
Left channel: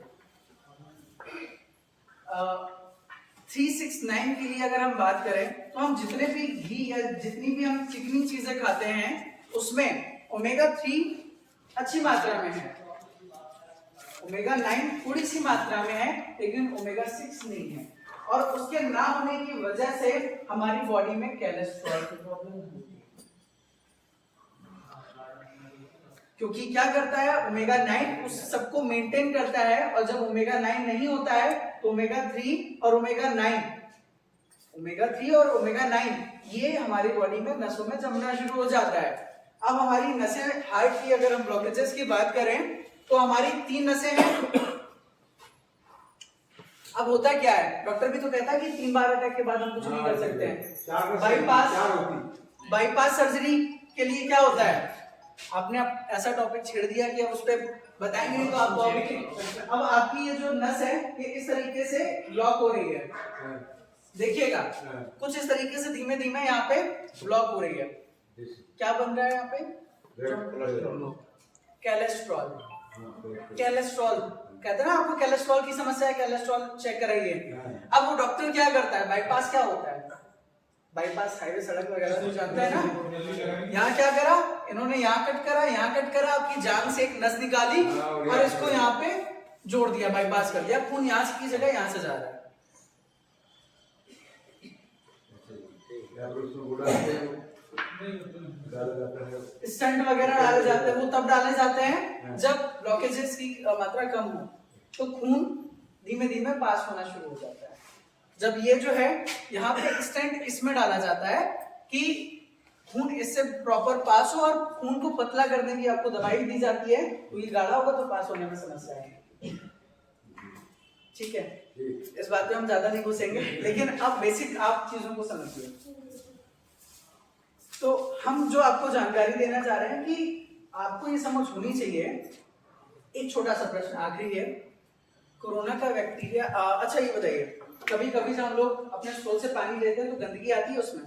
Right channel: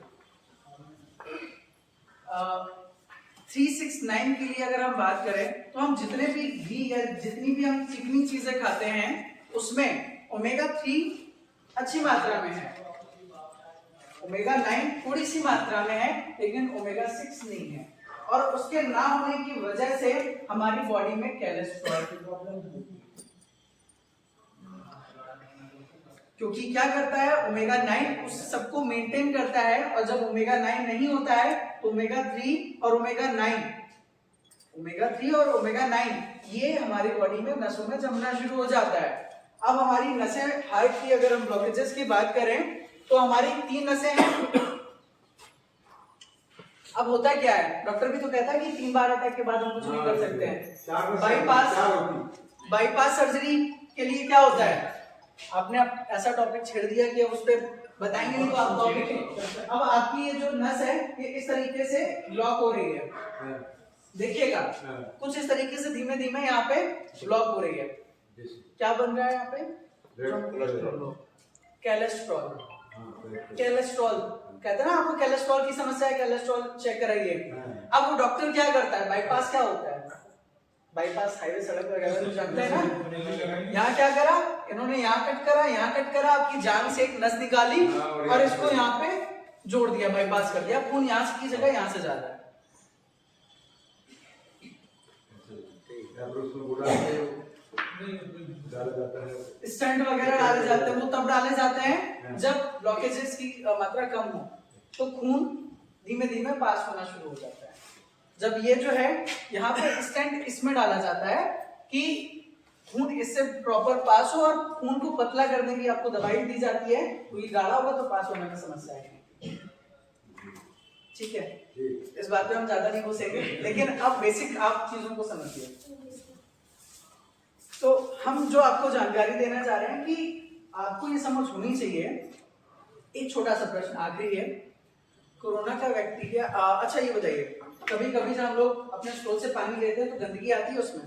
3, 6, 9 के लिए अगर हम बात करें तो हम जितने भी घी या जितनी भी हम चिकनी चीजें खाते हैं उसमें ओमेगा 3 अच्छी मात्रा में है, ओमेगा 9 थोड़ी सी मात्रा में है, लेकिन ओमेगा 6 नहीं है। और उसके ना होने की वजह से हमारी बॉडी में कोलेस्ट्रॉल की प्रॉब्लम होती है। क्योंकि क्या करता है, ओमेगा 9 उस सबको मेंटेन करता है, और जब ओमेगा 9 नहीं होता है तो ओमेगा 3 और ओमेगा 9 ये हमारी बॉडी में नसों में जमना शुरू हो जाता है। अब हमारी नसें, हार्ट की अगर हम ब्लॉकेजेस की बात करें तो हमारी 3 नसें हैं। अब होता क्या है, डॉक्टर भी तो कहता है कि 3 बार अटैक के बाद हम कुछ नहीं कर सकते हैं। बाईपास सर्जरी के लिए क्या होता है, आपने ऐसा टॉपिक छेड़ दिया कि उस पर बताएंगे नहीं तो आप अब आपकी ये जो नस है ये इस तरीके से ब्लॉक हो रही है, देखिएगा कुछ इस तरीके से धीमे धीमे यहाँ पे ब्लॉक हो रही है। क्या बन रहा है यहाँ पे, कोलेस्ट्रॉल कहते हैं ना आपको, कोलेस्ट्रॉल की समस्या है, कोलेस्ट्रॉल चेक कराइए। अब वो डॉक्टर क्या करता है, बाईपास क्या होता है, बाईपास हाईवे सड़क वगैरह तो जानते हैं ना, यहाँ क्या करा इन्होंने, यहाँ कट करा, आपकी जान से एक नस निकाली और इसको यहाँ पे जोड़ दिया, बाईपास कर दिया, खून यहाँ से की जगह यहाँ से जा रहा है। स्टंट वगैरह डाले जाते हैं, वो तब डाले जाते हैं जब ब्लॉकेजेस की मात्रा कम हो, तो खून धीमे धीमे पास होना शुरू हो जाता है। जब ये जो है यहाँ पे स्टेंट इसमें डाला जाता है कि खून इससे प्रॉपर पास हो, और खून को पतला करने की आपको दवाई दी जाती है, तो ये गाढ़ा होगा तो पास होने में समस्या है। ठीक है, इस बात पे हम ज्यादा नहीं घुसेंगे, लेकिन अब बेसिक आप चीजों को समझिए। तो हम जो आपको जानकारी देना चाह रहे हैं कि आपको ये समझ होनी चाहिए। एक छोटा सा प्रश्न आखिरी है, कोरोना का बैक्टीरिया, अच्छा ये बताइए, कभी कभी जब हम लोग अपने स्टोल से पानी लेते हैं तो गंदगी आती है उसमें?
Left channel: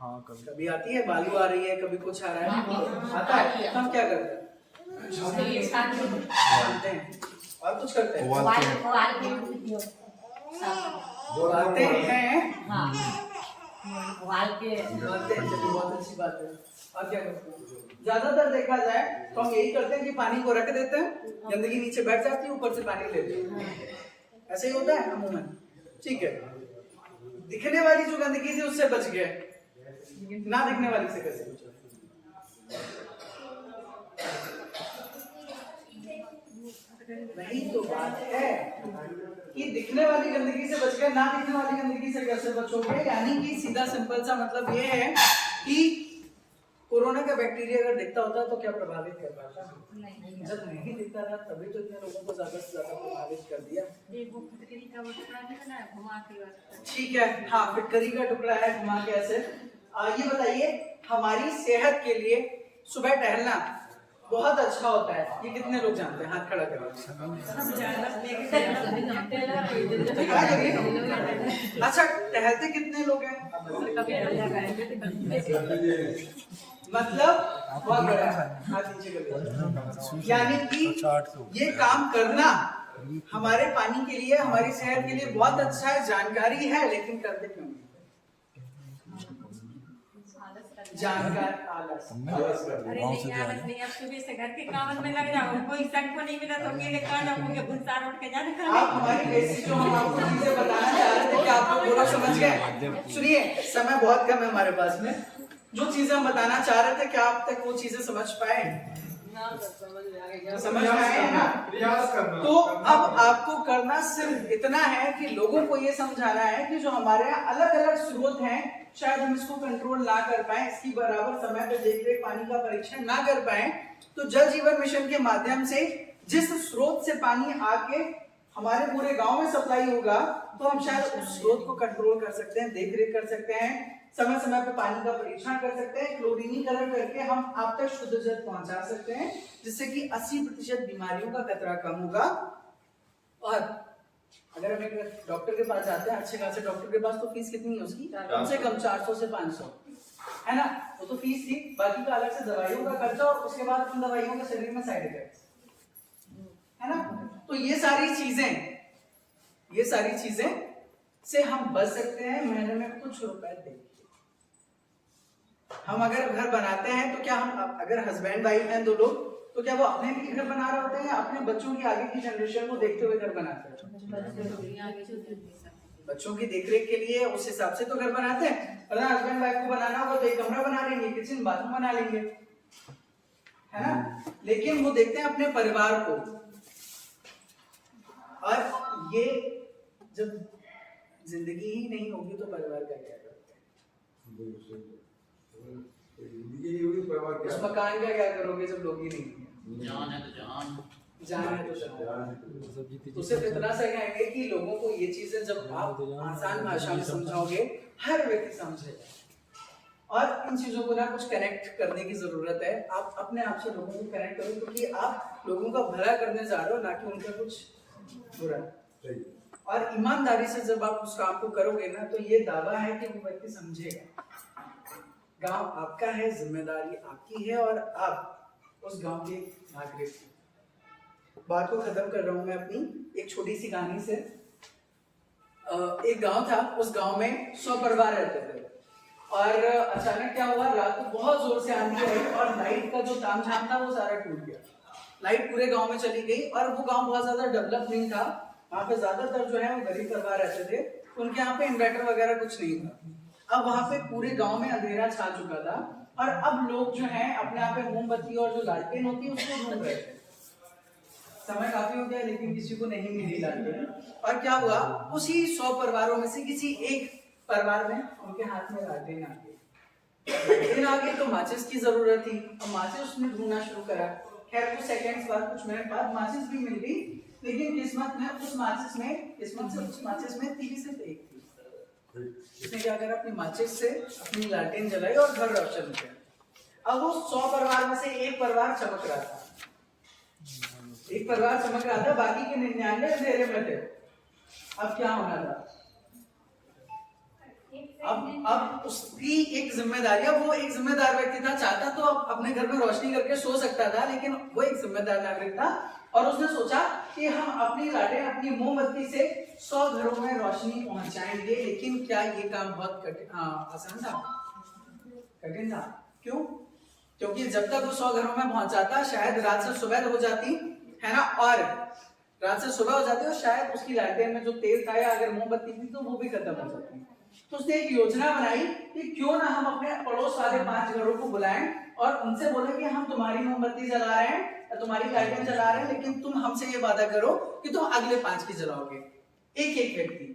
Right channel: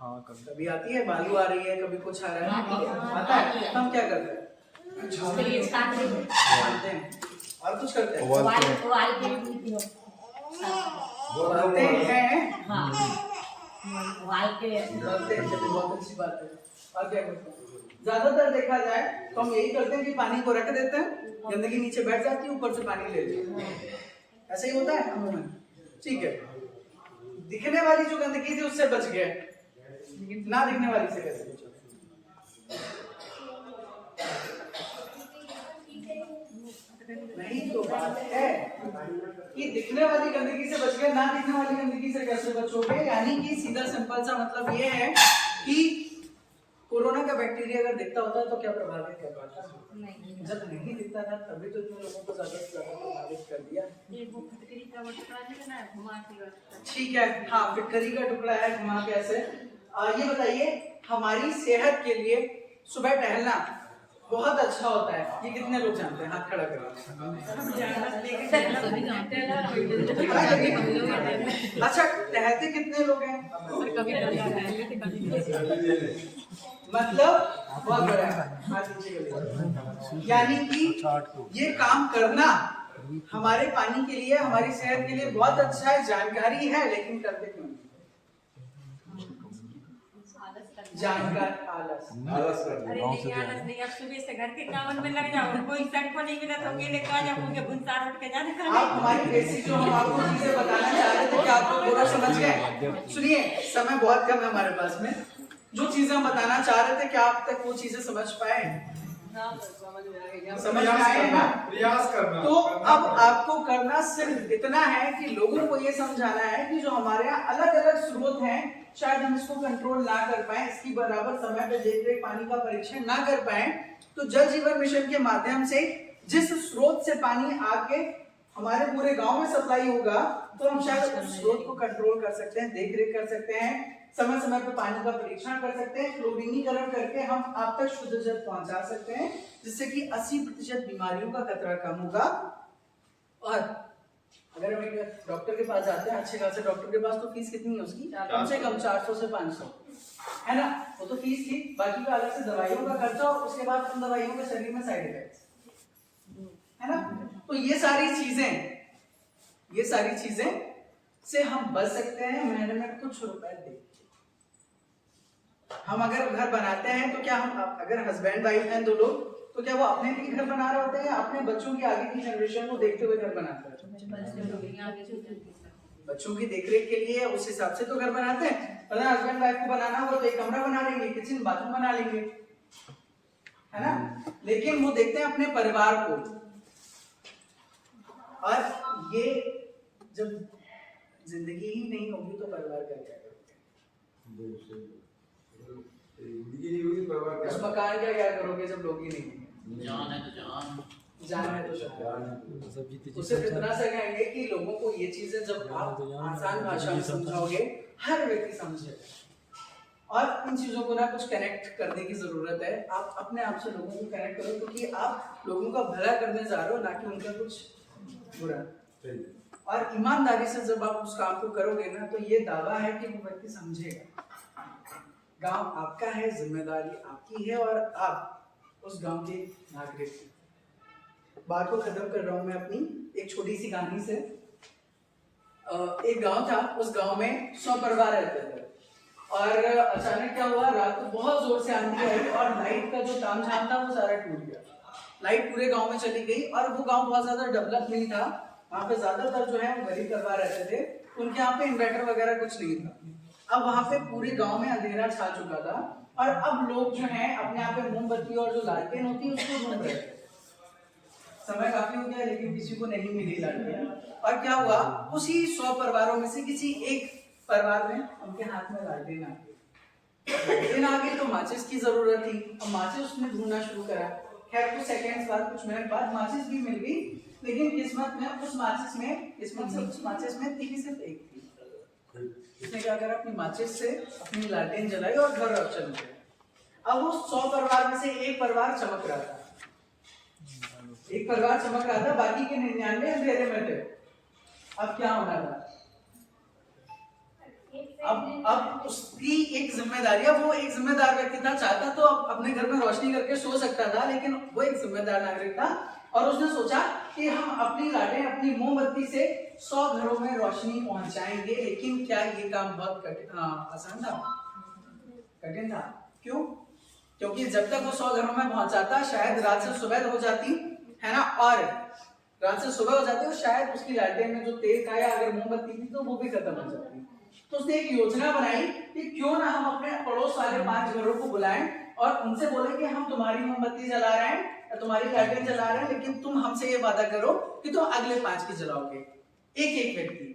हाँ, कभी आती है, बालू आ रही है, कभी कुछ आ रहा है, आता है, हम क्या करते हैं, छानते हैं और कुछ करते हैं, उबालते हैं, बहुत अच्छी बात है। और क्या करते हैं, ज्यादातर देखा जाए तो हम यही करते हैं कि पानी को रख देते हैं, गंदगी नीचे बैठ जाती है, ऊपर से पानी ले लेते हैं, ऐसे ही होता है अमूमन। ठीक है, दिखने वाली जो गंदगी थी उससे बच गए, ना दिखने वाली से कैसे बचे? नहीं तो बात है कि दिखने वाली गंदगी से बच गए, ना दिखने वाली गंदगी से कैसे बचोगे? यानी कि सीधा सिंपल सा मतलब ये है कि कोरोना का बैक्टीरिया अगर दिखता होता तो क्या प्रभावित कर पाता? नहीं। जब नहीं दिखता था तभी तो इतने लोगों को ज्यादा से ज्यादा प्रभावित कर दिया। ठीक है, हाँ, फिटकरी का टुकड़ा है, घुमा के ऐसे। ये बताइए, हमारी सेहत के लिए सुबह टहलना बहुत अच्छा होता है, ये कितने लोग जानते हैं? हाथ खड़ा करिए। अच्छा, टहलते कितने लोग हैं? मतलब बहुत बड़ा है, हाथ नीचे कर लीजिए। यानी कि ये काम करना हमारे पानी के लिए, हमारी सेहत के लिए बहुत अच्छा है, जानकारी है, लेकिन करते क्यों नहीं? जानकार आलस। अरे नहीं, आलस नहीं, अब सुबह से घर के काम में लग जाओ, कोई सट को नहीं मिला तो अकेले कहाँ जाओ, मुझे गुस्सा उठ के जाना। आप हमारी बेसिक जो हम आपको चीजें बताना चाह रहे थे, क्या आप लोग पूरा समझ गए? सुनिए, समय बहुत कम है हमारे पास में, जो चीजें हम बताना चाह रहे थे क्या आप तक वो चीजें समझ पाए? समझ में आए ना? प्रयास करना। तो अब आपको करना सिर्फ इतना है कि लोगों को ये समझाना है कि जो हमारे यहाँ अलग अलग स्रोत हैं, शायद हम इसको कंट्रोल ना कर पाए, इसकी बराबर समय पे देख पानी का परीक्षण ना कर पाए, तो जल जीवन मिशन के माध्यम से जिस स्रोत से पानी आके हमारे पूरे गांव में सप्लाई होगा, तो हम शायद उस स्रोत को कंट्रोल कर सकते हैं, देख रेख कर सकते हैं, समय समय पे पानी का परीक्षण कर सकते हैं, क्लोरीनीकरण करके हम आप तक शुद्ध जल पहुंचा सकते हैं, जिससे कि 80% बीमारियों का खतरा कम होगा। और अगर हम एक डॉक्टर के पास जाते हैं, अच्छे खासे डॉक्टर के पास, तो फीस कितनी है उसकी? कम से कम 400 से 500 है ना, वो तो फीस थी, बाकी का अलग से दवाइयों का खर्चा, और उसके बाद उन दवाइयों के शरीर में साइड इफेक्ट्स है ना। तो ये सारी चीजें से हम बच सकते हैं महीने में कुछ रुपए दे। हम अगर घर बनाते हैं तो क्या हम, अगर हस्बैंड वाइफ हैं दो लोग, तो क्या वो अपने लिए घर बना रहे होते हैं या अपने बच्चों की आगे की जनरेशन को देखते हुए घर बनाते हैं? बच्चों की देखरेख के लिए उस हिसाब से तो घर बनाते हैं। अगर हस्बैंड वाइफ को बनाना होगा तो एक कमरा बना लेंगे, किचन बाथरूम बना लेंगे, है ना। लेकिन वो देखते हैं अपने परिवार को। और ये जब जिंदगी ही नहीं होगी तो परिवार का क्या करोगे? उस मकान का क्या करोगे जब लोग ही नहीं होंगे? जान है तो जान, जान है तो जान। उससे इतना सा कहेंगे कि लोगों को ये चीजें जब आप आसान भाषा में समझाओगे हर व्यक्ति समझेगा। और इन चीजों को ना कुछ कनेक्ट करने की जरूरत है। आप अपने आप से लोगों को कनेक्ट करो, क्योंकि आप लोगों का भला करने जा रहे हो, ना कि उनका कुछ बुरा। और ईमानदारी से जब आप उस काम को करोगे ना, तो ये दावा है कि वो व्यक्ति समझेगा। गांव आपका है, जिम्मेदारी आपकी है, और आप उस गांव के नागरिक हैं। बात को खत्म कर रहा हूं मैं अपनी एक छोटी सी कहानी से। एक गांव था, उस गांव में 100 परिवार रहते थे। और अचानक क्या हुआ, रात को बहुत जोर से आंधी आई और लाइट का जो तामझाम था वो सारा टूट गया। लाइट पूरे गांव में चली गई। और वो गांव बहुत ज्यादा डेवलप नहीं था, वहाँ पे ज्यादातर जो है वो गरीब परिवार रहते थे। उनके यहाँ पे इन्वर्टर वगैरह कुछ नहीं था। अब वहाँ पे पूरे गांव में अंधेरा छा चुका था, और अब लोग जो हैं अपने यहाँ पे मोमबत्ती और जो लालटेन होती है उसको ढूंढ रहे थे। समय काफी हो गया लेकिन किसी को नहीं मिली लालटेन। और क्या हुआ, उसी 100 परिवारों में से किसी एक परिवार में उनके हाथ में लालटेन आ गई। लालटेन आ गई तो माचिस की जरूरत थी। अब माचिस उसने ढूंढना शुरू करा। खैर कुछ सेकंड्स बाद, कुछ मिनट बाद माचिस भी मिल गई, लेकिन किस्मत से उस माचिस में थी सिर्फ एक थी। उसने क्या करा, अपनी माचिस से अपनी लालटेन जलाई और घर रोशन किया। अब वो 100 परिवार में से एक परिवार चमक रहा था। एक परिवार चमक रहा था, बाकी के 99 अंधेरे में थे। अब क्या होना था, अब उसकी एक जिम्मेदारी, वो एक जिम्मेदार व्यक्ति था। चाहता तो अपने घर में रोशनी करके सो सकता था, लेकिन वो एक जिम्मेदार नागरिक था। और उसने सोचा कि हम अपनी लालटेन, अपनी मोमबत्ती से 100 घरों में रोशनी पहुंचाएंगे। लेकिन क्या ये काम बहुत आसान था? कठिन था। क्यों? क्योंकि जब तक वो 100 घरों में पहुंचाता, शायद रात से सुबह हो जाती, है ना। और रात से सुबह हो जाती और शायद उसकी लालटेन में जो तेल था या अगर मोमबत्ती थी तो वो भी खत्म हो जाती। तो उसने एक योजना बनाई कि क्यों ना हम अपने पड़ोस वाले 5 घरों को बुलाएं और उनसे बोले कि हम तुम्हारी मोमबत्ती जला रहे हैं या तुम्हारी लालटेन जला रहे हैं, लेकिन तुम हमसे ये वादा करो कि तुम अगले 5 की जलाओगे, एक एक व्यक्ति।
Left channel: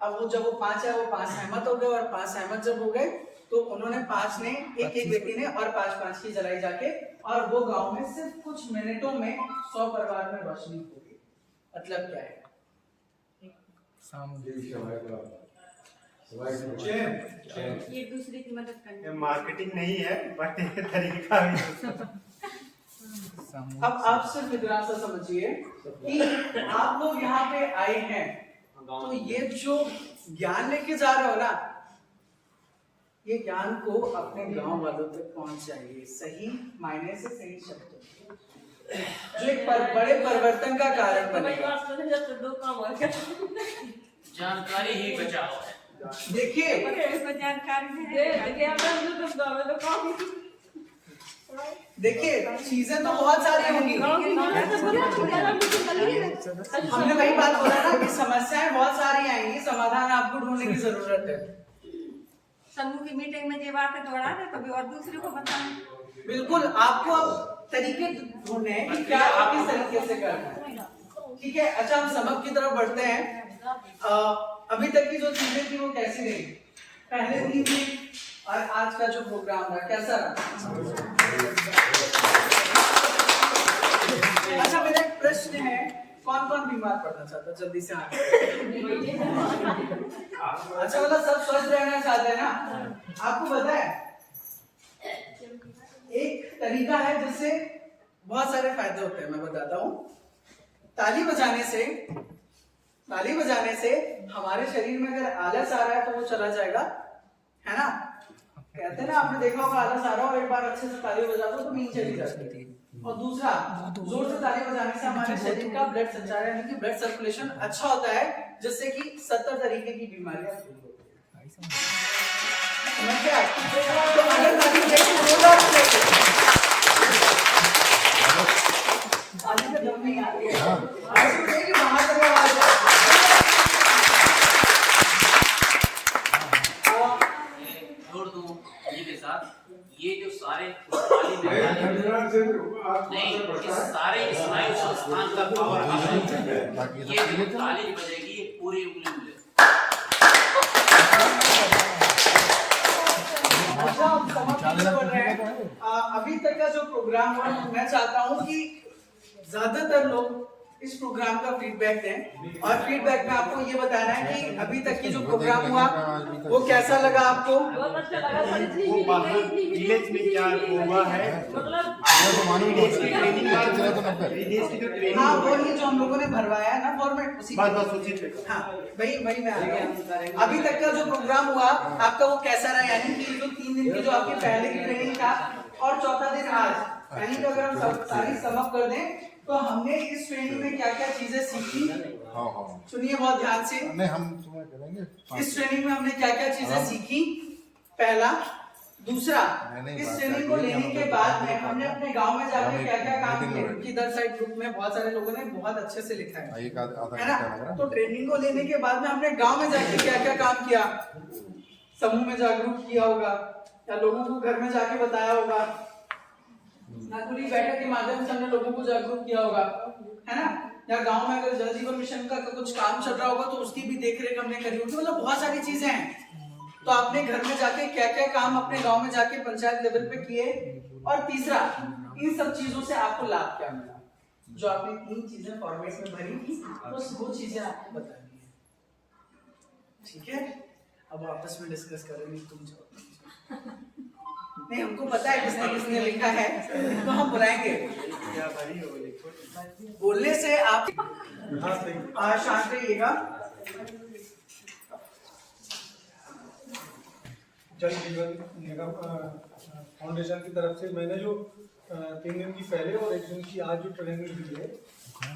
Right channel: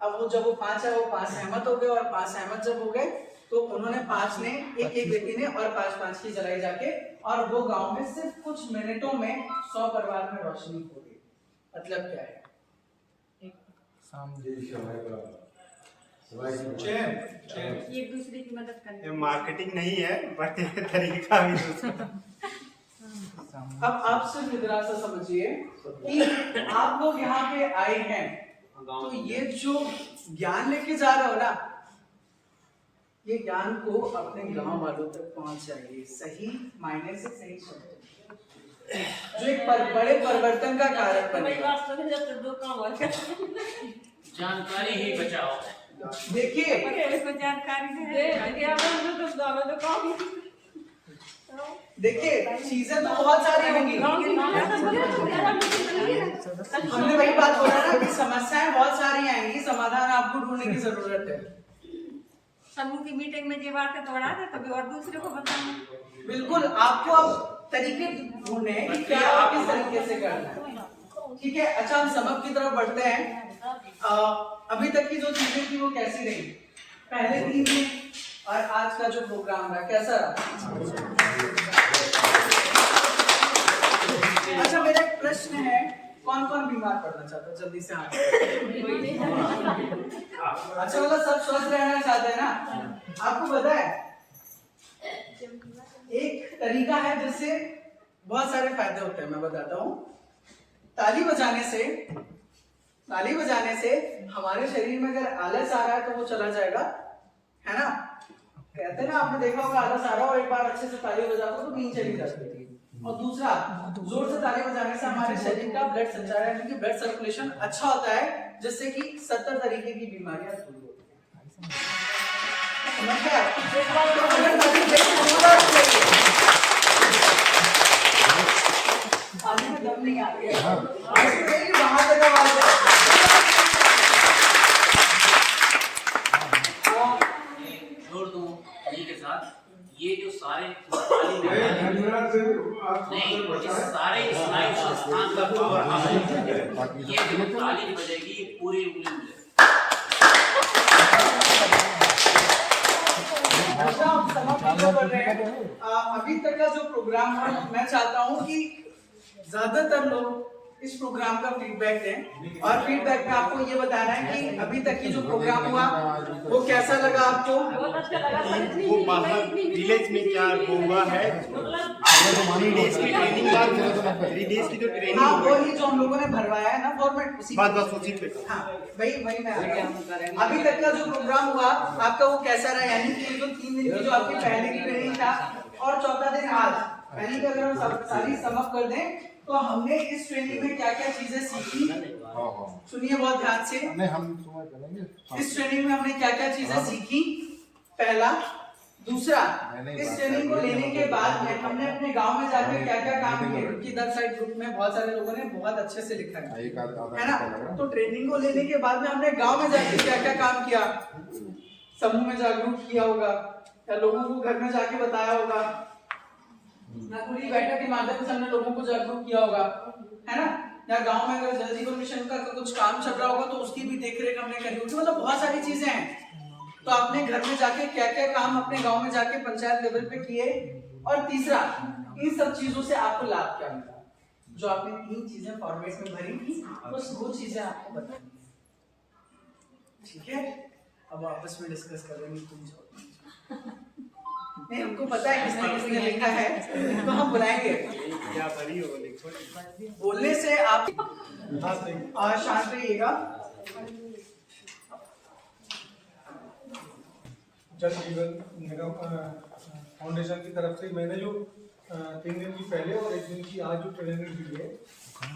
अब वो जब वो 5 है, वो 5 सहमत हो गए। और 5 सहमत जब हो गए तो उन्होंने 5 ने, एक एक व्यक्ति ने, और 5-5 की जलाई जाके। और वो गांव में सिर्फ कुछ मिनटों में 100 परिवार में रोशनी हो गई। मतलब क्या है, एक दूसरे की मदद करना। मार्केटिंग नहीं है बट ये तरीका भी। अब आप सिर्फ इतना सा समझिए कि आप लोग यहाँ पे आए हैं, तो ये जो ज्ञान लेके जा रहे हो ना, ये ज्ञान को अपने गांव वालों तक पहुंचाइए, सही मायने से, सही शब्द, जो एक बड़े परिवर्तन का कारण बनेगा। जानकारी ही बचाओ है। देखिए चीजें तो बहुत सारी होंगी। हमने वही बात बोला ना कि समस्याएं बहुत सारी आएंगी, समाधान आपको ढूंढने की जरूरत है। समूह की मीटिंग में ये बात तोड़ा है, कभी और दूसरे को बताना। बिल्कुल, आपको अब तरीके ढूंढने हैं कि क्या आप किस तरीके से करना है। ठीक है, अच्छा हम सबक की तरफ बढ़ते हैं। अभी तक की जो चीजें थी वो कैसी रही, पहले दिन में और आज का जो प्रोग्राम रहा कैसा रहा? अच्छा मेरा एक प्रश्न है, कौन कौन बीमार पड़ना चाहता है? जल्दी से हाथ। अच्छा मतलब सब स्वस्थ रहना चाहते हैं ना? आपको पता है एक तरीका है जिससे बहुत सारे फायदे होते हैं, मैं बताता हूँ। ताली बजाने से हमारे शरीर में अगर आलस आ रहा है तो वो चला जाएगा, है ना। कहते हैं ना, आपने देखा होगा आलस आ रहा हो, एक बार अच्छे से ताली बजा दो तो नींद चली जाती है। और दूसरा, जोर से ताली बजाने से हमारे शरीर का ब्लड संचार यानी कि ब्लड सर्कुलेशन अच्छा होता है, जिससे कि 70 तरीके की बीमारियां दूर होती हैं। समझ गए? तो अगर ताली समझ नहीं आती है। ऐसे नहीं कि बाहर तक आवाज जाए। जोड़ दूं इन्हीं के साथ, ये जो सारे पुष्पाली नहीं, ये सारे स्नायु संस्थान का पावर हाउस है। ये जो ताली बजेगी ये पूरी उंगली में अच्छा, हम समाप्त कर रहे हैं। अभी तक का जो प्रोग्राम हुआ, मैं चाहता हूँ कि ज्यादातर लोग इस प्रोग्राम का फीडबैक दें, और फीडबैक में आपको ये बताना है कि अभी तक की जो प्रोग्राम हुआ वो कैसा लगा आपको। बहुत अच्छा लगा सर, इतनी विलेज में क्या होगा है हाँ, वही जो हम लोगों ने भरवाया है ना फॉर्मेट, उसी हाँ वही मैं आ गया। अभी तक का जो प्रोग्राम हुआ आपका वो कैसा रहा, यानी कि जो 3 दिन की जो आपकी पहले की ट्रेनिंग था और चौथा दिन आज, यानी कि अगर हम सारी समअप कर दें तो हमने इस ट्रेनिंग में क्या क्या चीजें सीखी, सुनिए बहुत ध्यान से। इस ट्रेनिंग में हमने क्या क्या चीजें सीखी, पहला। दूसरा, इस ट्रेनिंग को लेने के बाद में हमने अपने गांव में जाकर क्या क्या काम किए, क्योंकि इधर साइड ग्रुप में बहुत सारे लोगों ने बहुत अच्छे से लिखा है ना। तो ट्रेनिंग को लेने के बाद में हमने गांव में जाकर क्या क्या काम किया, समूह में जागरूक किया होगा या लोगों को घर में जाके बताया होगा, खुली बैठक के माध्यम से हमने लोगों को जागरूक किया होगा, है ना। या गांव में अगर जल जीवन मिशन का कुछ काम चल रहा होगा तो उसकी भी देखरेख हमने करी होगी। मतलब बहुत सारी चीजें हैं। तो आपने घर में जाके क्या क्या काम अपने गांव में जाके पंचायत लेवल पे किए, और तीसरा, इन सब चीजों से आपको लाभ क्या मिला, जो आपने 3 चीजें फॉर्मेट में भरी थी, बस वो चीजें आपको बतानी है, ठीक है। अब आपस में डिस्कस करेंगे, तुम जाओ। नहीं, हमको पता है किसने किसने लिखा है, तो हम बुलाएंगे। बोलने से आप शांत रहिएगा। जल जीवन निगम फाउंडेशन की तरफ से मैंने जो 3 दिन की पहले और 1 दिन की आज जो ट्रेनिंग दी है,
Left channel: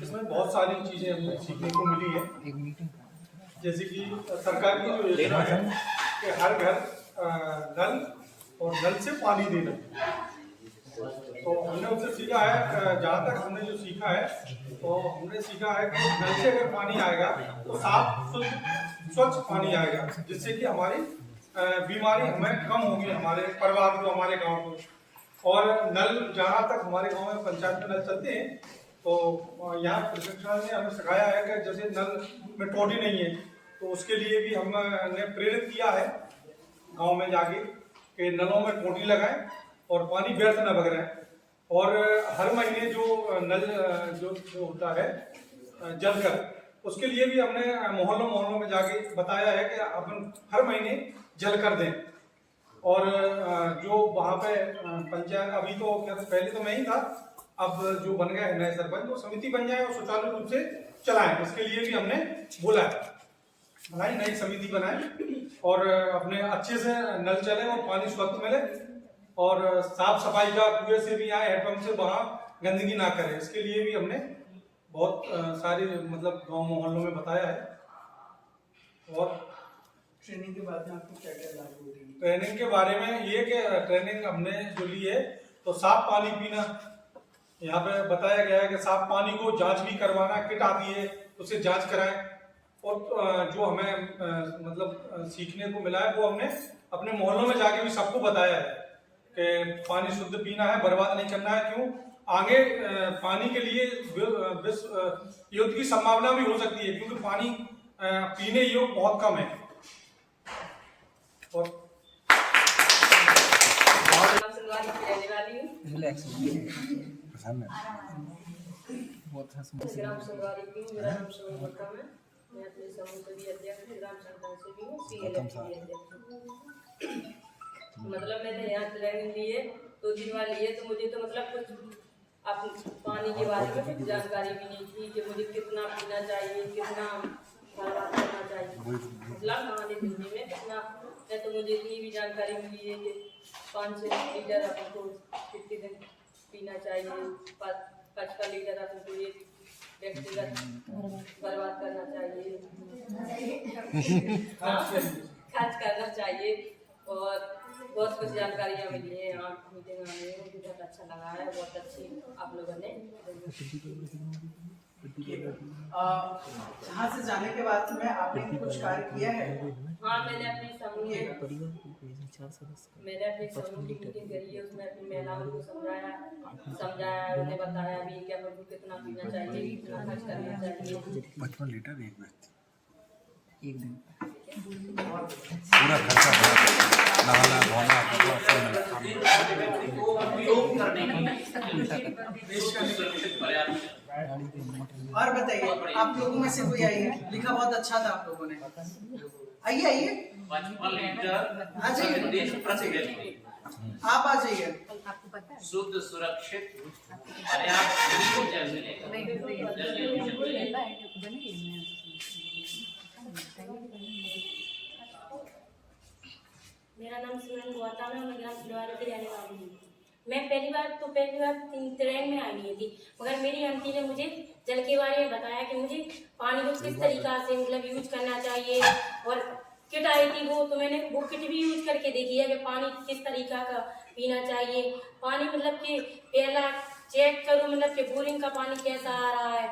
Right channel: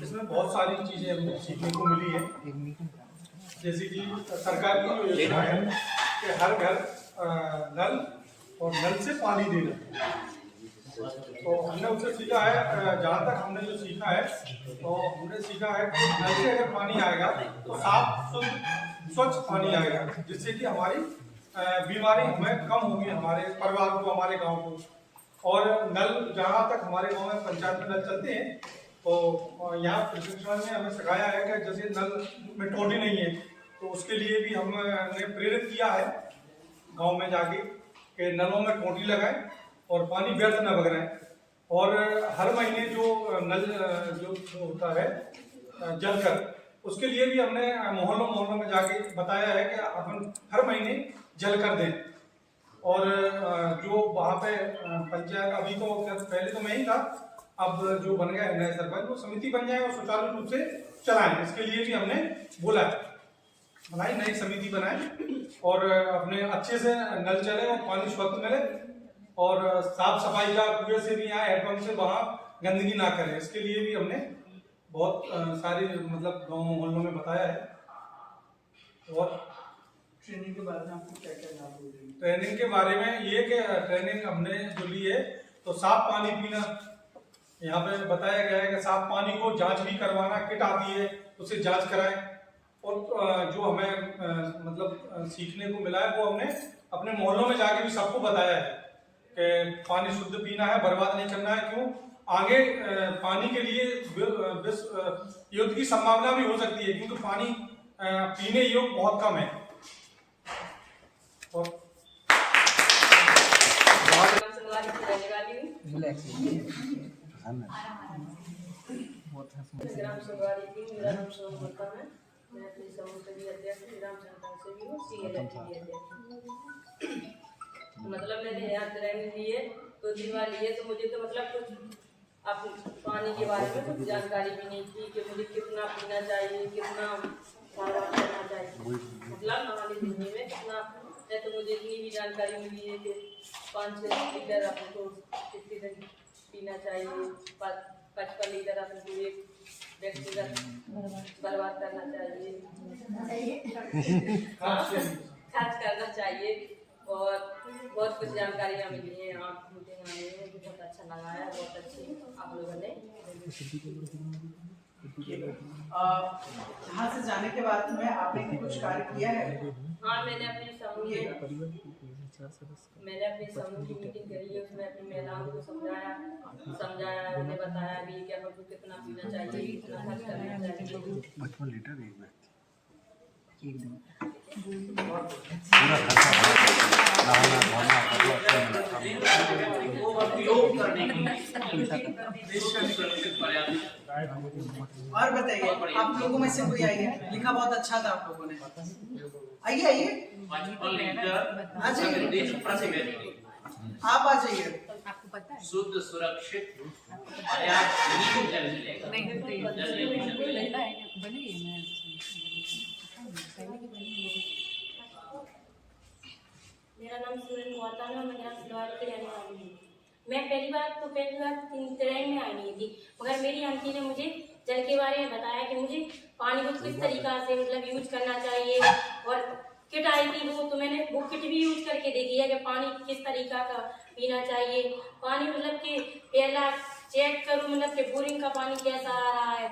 इसमें बहुत सारी चीज़ें हमें सीखने को मिली है। जैसे कि सरकार की जो योजना है कि हर घर नल और नल से पानी देना, तो हमने उससे सीखा है, जहाँ तक हमने जो सीखा है, तो हमने सीखा है कि नल से अगर पानी आएगा तो साफ शुद्ध स्वच्छ पानी आएगा, जिससे कि हमारी बीमारी हमें कम होगी, हमारे परिवार को, हमारे गांव को। और नल, जहाँ तक हमारे गांव में पंचायत में नल चलते हैं, तो यहाँ प्रशिक्षण में हमें सिखाया है कि जैसे नल में टोटी नहीं है, तो उसके लिए भी हमने प्रेरित किया है गांव में जाके कि नलों में टोटी लगाएं और पानी व्यर्थ न बग रहे। और हर महीने जो नल जो होता है जल कर, उसके लिए भी हमने मोहल्लों में जाके बताया है कि अपन हर महीने जल कर दें। और जो वहाँ पे पंचायत, अभी तो पहले तो मैं ही था, अब जो बन गया है नए सरपंच, वो समिति बन जाए और सुचारू रूप से चलाएं, इसके लिए भी हमने बोला है, नई समिति बनाए और अपने अच्छे से नल चले और पानी स्वच्छ मिले, और साफ सफाई का कुएं से भी आए, हैंडपंप से वहाँ गंदगी ना करें। इसके लिए भी हमने बहुत सारी मतलब गाँव मोहल्लों में बताया है। और ट्रेनिंग के बाद में आपको क्या क्या लाभ हुए? ट्रेनिंग के बारे में ये कि ट्रेनिंग हमने जो ली है, तो साफ पानी पीना, यहाँ पे बताया गया है कि साफ पानी को जांच भी करवाना, किट आती है उससे जांच कराएं। और जो हमें मतलब सीखने को मिला है, वो हमने अपने मोहल्लों में जाके भी सबको बताया है कि पानी शुद्ध पीना है, बर्बाद नहीं करना है। क्यों, आगे पानी के लिए युद्ध की संभावना भी हो सकती है, क्योंकि पानी पीने योग्य बहुत कम है। और ग्राम संगवारी की मेरा नाम सोनम गुप्ता है। मैं अपने समूह से भी अध्यक्ष हूँ, ग्राम संगठन से भी हूँ, CLF की भी अध्यक्ष हूँ। मतलब मैंने यहाँ ट्रेनिंग ली है, 2 दिन वाली लिए, तो मुझे तो मतलब कुछ आप पानी के बारे में कुछ जानकारी भी नहीं थी कि मुझे कितना पीना चाहिए, कितना बर्बाद करना चाहिए, मतलब नहाने धोने में कितना। मैं तो मुझे इतनी भी जानकारी मिली है कि 5-6 लीटर आपको कितने दिन पीना चाहिए, 55 लीटर आपको एक व्यक्तिगत बर्बाद करना चाहिए, खर्च करना चाहिए। और बहुत कुछ जानकारियाँ मिली है यहाँ मीटिंग में, मुझे बहुत अच्छा लगा है। बहुत अच्छी आप लोगों ने यहाँ से जाने के बाद में आपने कुछ कार्य किया है? हाँ, मैंने अपने समूह की मीटिंग करी है, उसमें अपनी महिलाओं को समझाया, उन्हें बताया भी क्या को कितना पीना चाहिए, कितना खर्च करना चाहिए। 55 लीटर एक व्यक्ति एक दिन उपयोग करने की सुरक्षित पर्याप्त। और बताइए, आप लोगों में से कोई आइए, लिखा बहुत अच्छा था आप लोगों ने। आइए आइए, 55 लीटर आ जाइए। प्रतिदिन प्रति व्यक्ति आप आ जाइए। शुद्ध सुरक्षित पर्याप्त जल मिलेगा। जल निष्ठ मिलेगा। मेरा नाम सिमरन गौतम है, मैं ग्राम सिलवारी की रहने वाली हूँ। मैं पहली बार ट्रेन में आई नहीं थी, मगर मेरी आंटी ने मुझे जल के बारे में बताया कि मुझे पानी को किस तरीका से मतलब यूज करना चाहिए। और किट आई थी तो मैंने वो किट भी यूज करके देखी है कि पानी किस तरीका का पीना चाहिए। पानी मतलब कि पहला चेक करूँ मतलब कि बोरिंग का पानी कैसा आ रहा है।